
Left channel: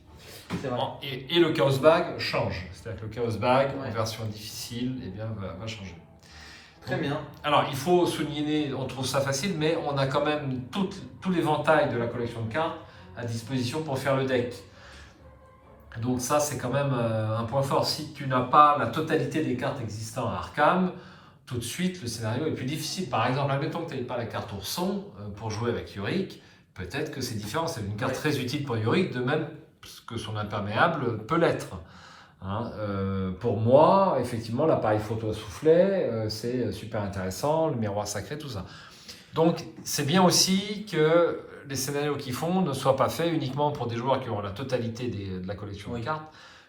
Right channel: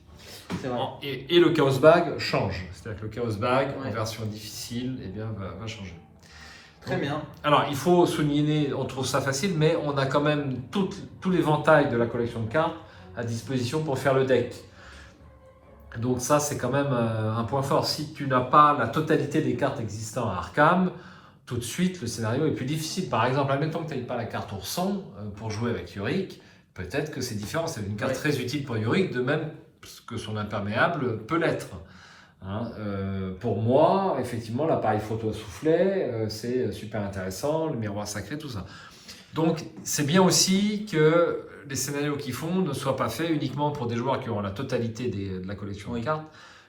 Et le Chaos Bag change. C'est-à-dire que le Chaos Bag, en version difficile, eh bien, va changer. Très bien. Alors, il faut souligner, on trouve ça facile, mais on a quand même tout l'éventail de la collection de cartes à disposition pour faire le deck. Donc ça, c'est quand même un point fort. Si tu n'as pas la totalité des cartes existantes à Arkham, tout de suite, le scénario est plus difficile. Par exemple, admettons que tu n'aies pas la carte ourson pour jouer avec Yorick, peut-être que c'est différent. C'est une carte très utile pour Yorick, de même que son imperméable peut l'être. Hein, pour moi, effectivement, l'appareil photo à soufflet, c'est super intéressant, le miroir sacré, tout ça. Donc, c'est bien aussi que les scénarios qu'ils font ne soient pas faits uniquement pour des joueurs qui ont la totalité de la collection de cartes,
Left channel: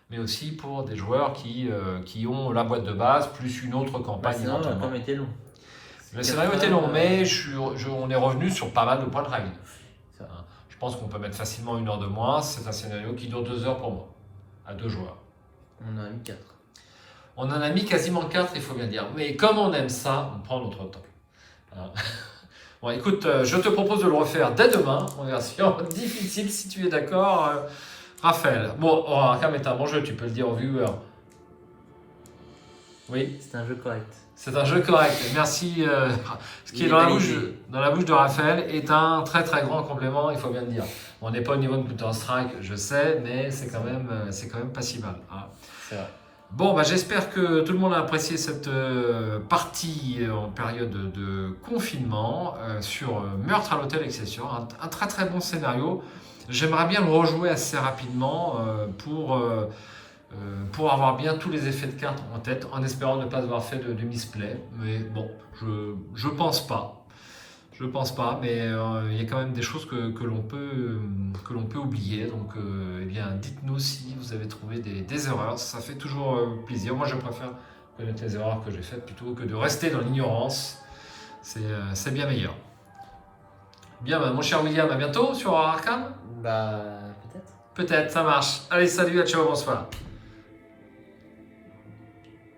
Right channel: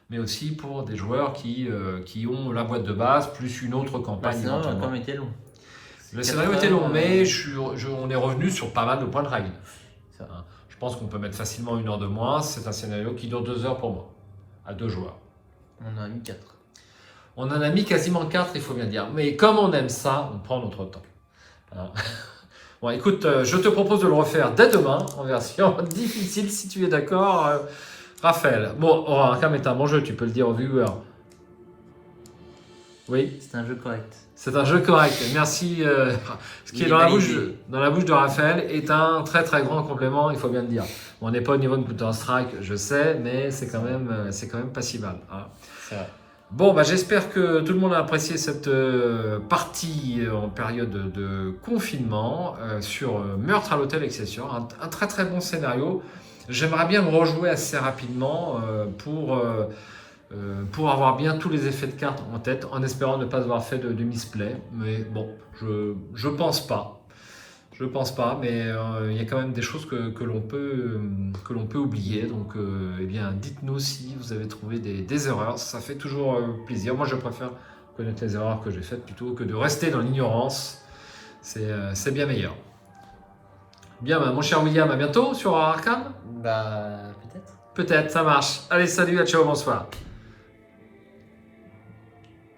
mais aussi pour des joueurs qui ont la boîte de base, plus une autre campagne éventuellement. Le scénario était long, mais on est revenu sur pas mal de points de règle. Hein, je pense qu'on peut mettre facilement 1 heure de moins. C'est un scénario qui dure 2 heures pour moi, à 2 joueurs. On en a mis 4. On en a mis quasiment 4, il faut bien dire. Mais comme on aime ça, on prend notre temps. Hein. Bon, écoute, je te propose de le refaire dès demain, en version difficile, si tu es d'accord, Raphaël. Bon, Arkham est un bon jeu, tu peux le dire aux viewers. Oui. C'est un jeu correct. C'est un jeu correct. Merci. Ce qui est dans la bouche de Raphaël est un très grand complément, il faut bien le dire. Bon, on n'est pas au niveau de Counter-Strike, je sais, mais c'est quand même pas si mal. Hein. Bon, bah, j'espère que tout le monde a apprécié cette partie en période de confinement sur Meurtre à l'hôtel Excelsior. Un très bon scénario. J'aimerais bien le rejouer assez rapidement pour avoir bien tous les effets de cartes en tête, en espérant ne pas avoir fait de misplay. Mais bon, je pense pas. Je pense pas, mais il y a quand même des choses que l'on peut oublier. Donc, eh bien, dites-nous si vous avez trouvé des erreurs. Ça fait toujours plaisir. Moi, je préfère connaître les erreurs que j'ai faites plutôt que de rester dans l'ignorance. C'est bien meilleur. Bien, bah, mon cher William, à bientôt sur Arkham. Bah, peut-être. Peut-être, ça marche. Allez, salut, à ciao, bonsoir.